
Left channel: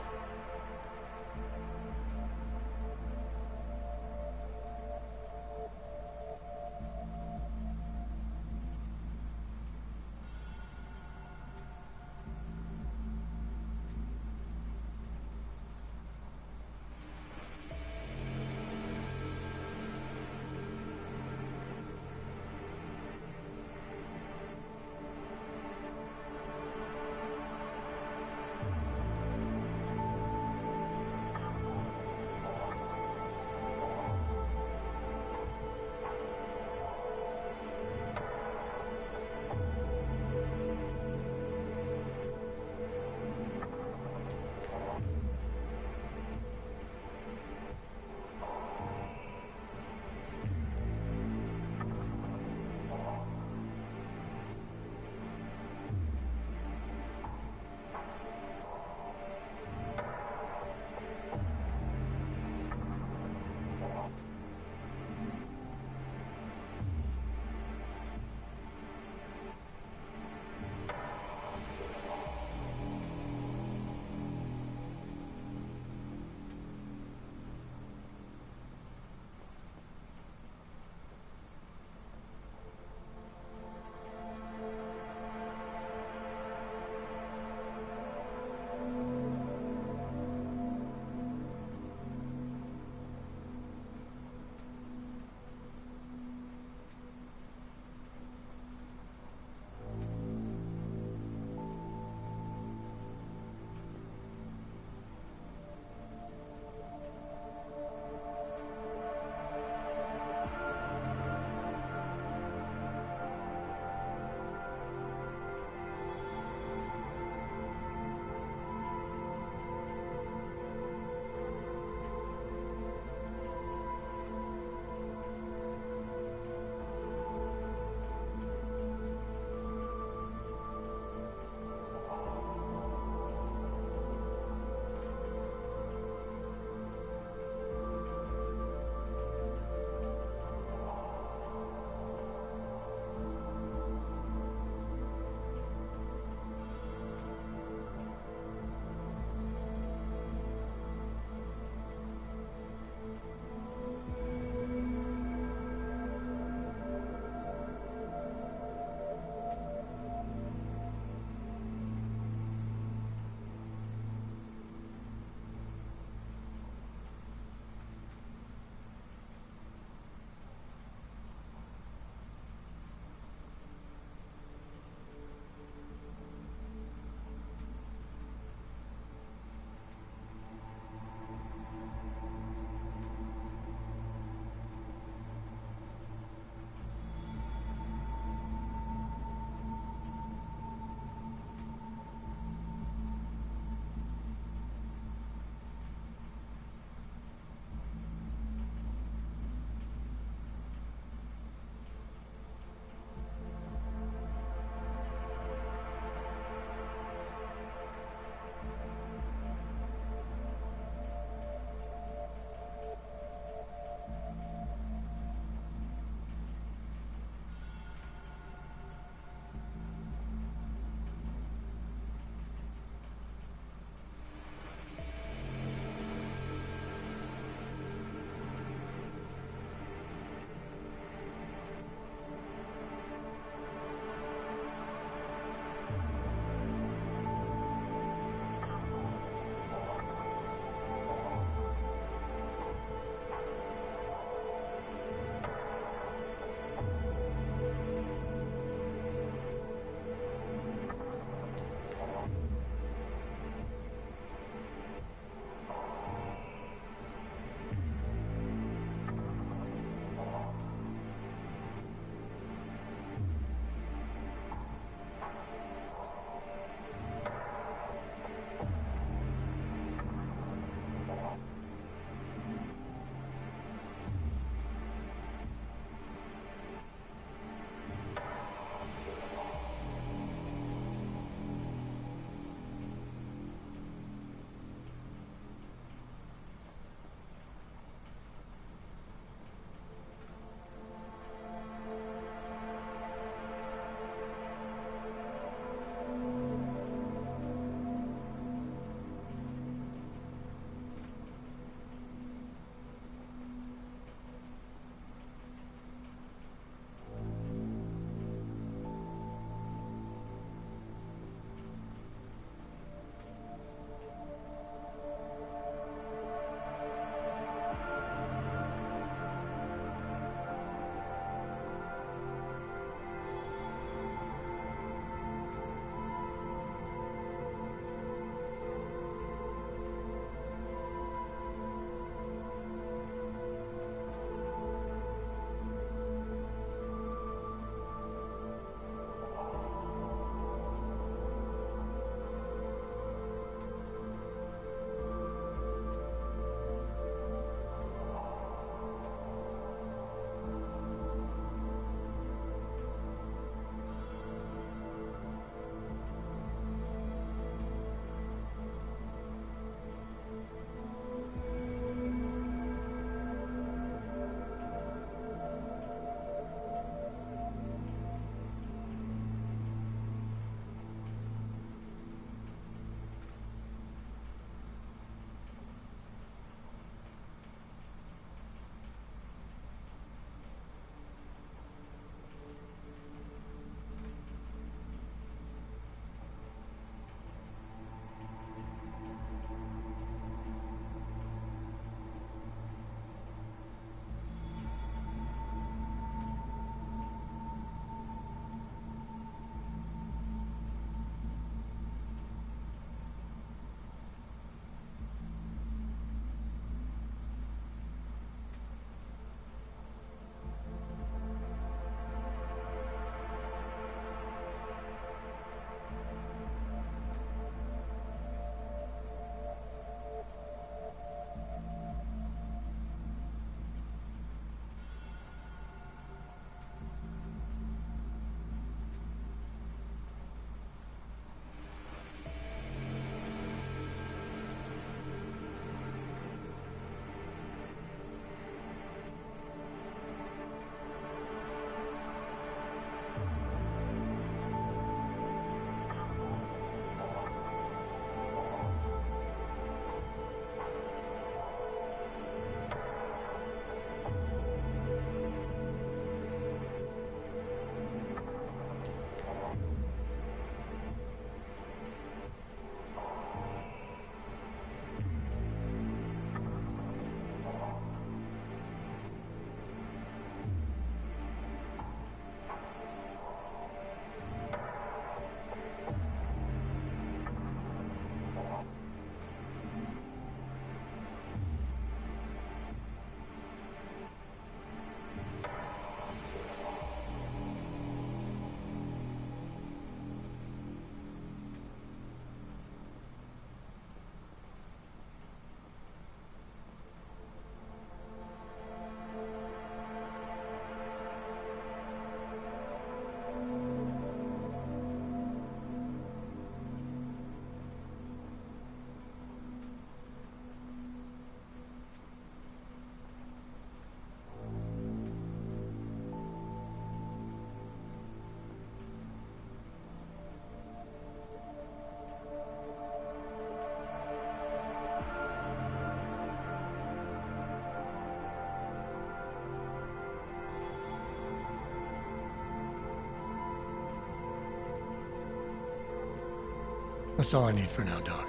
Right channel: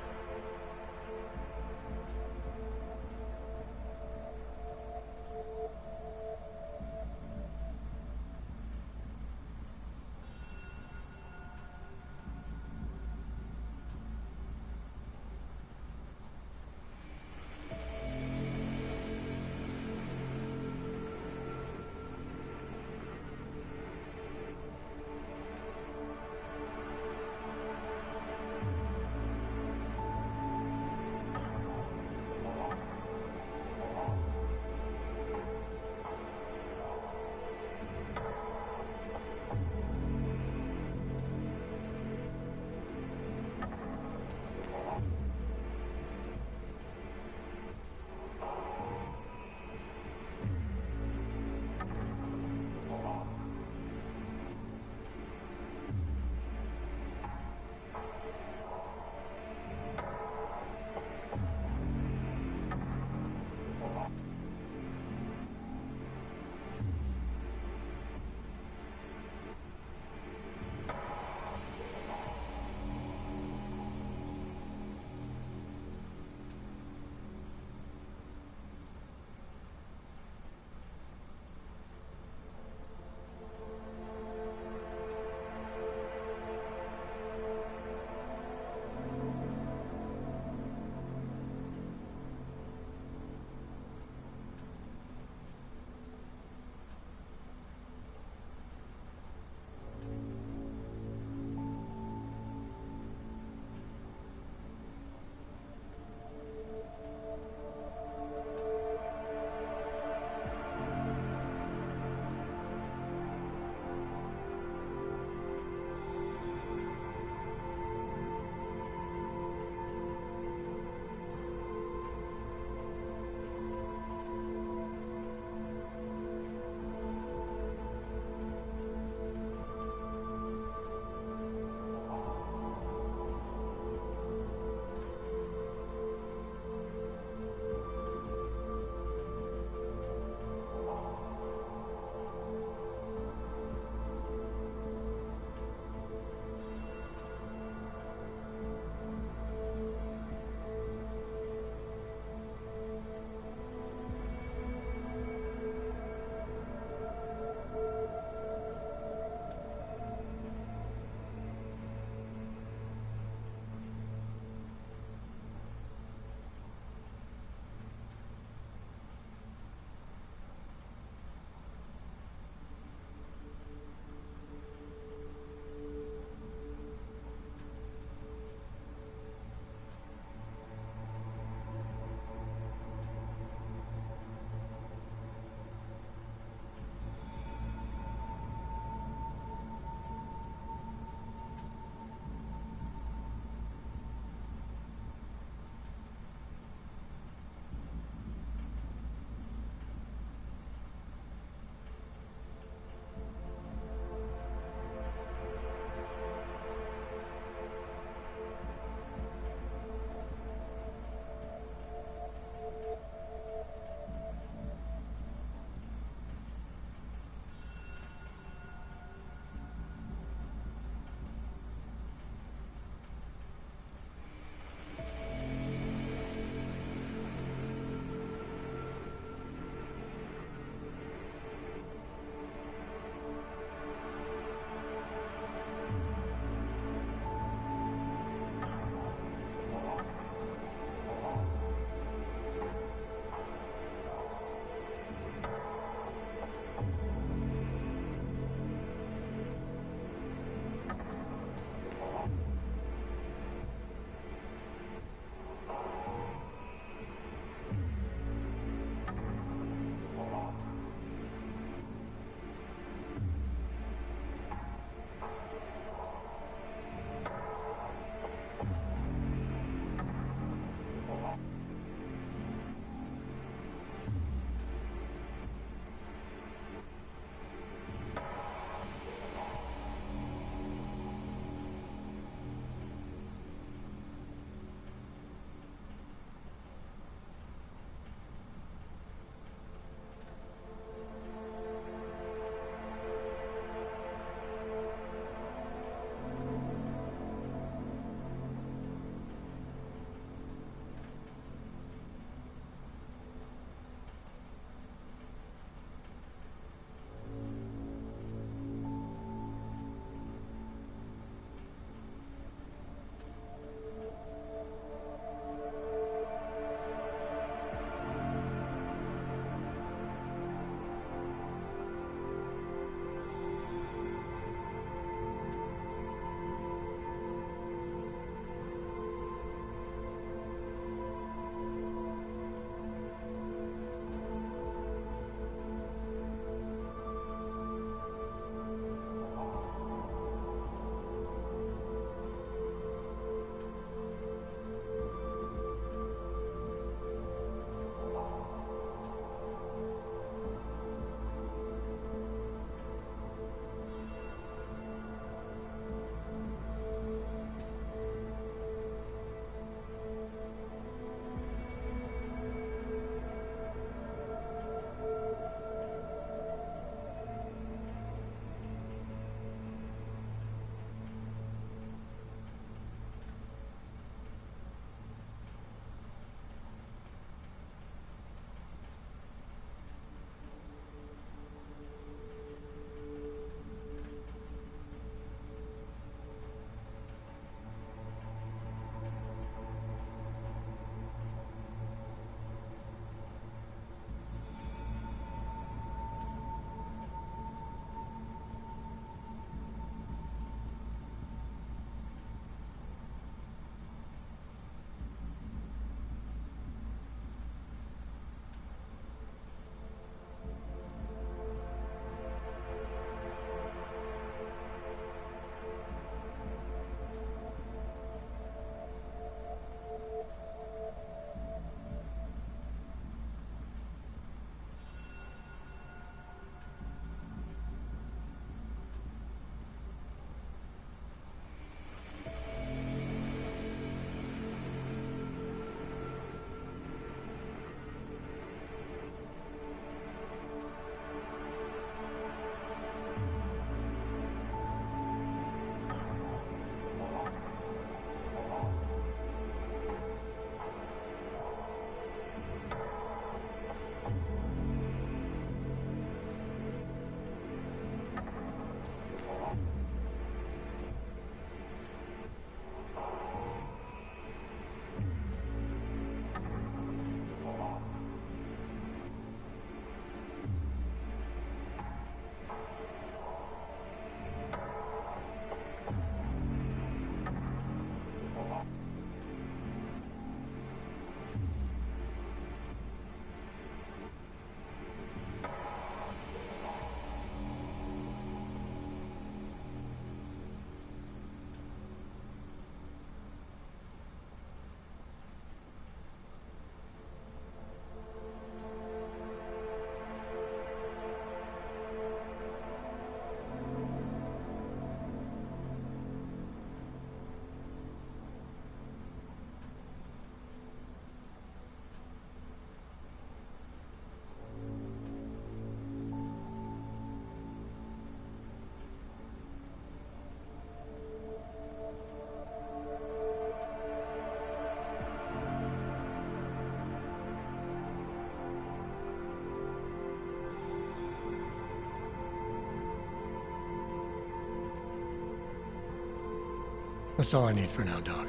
That's all I need for now, Doc.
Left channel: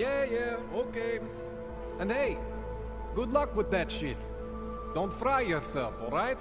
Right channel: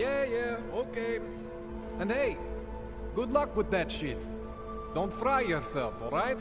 Yeah, okay. And hey, good luck with that shit. Don't fry yourself, alright?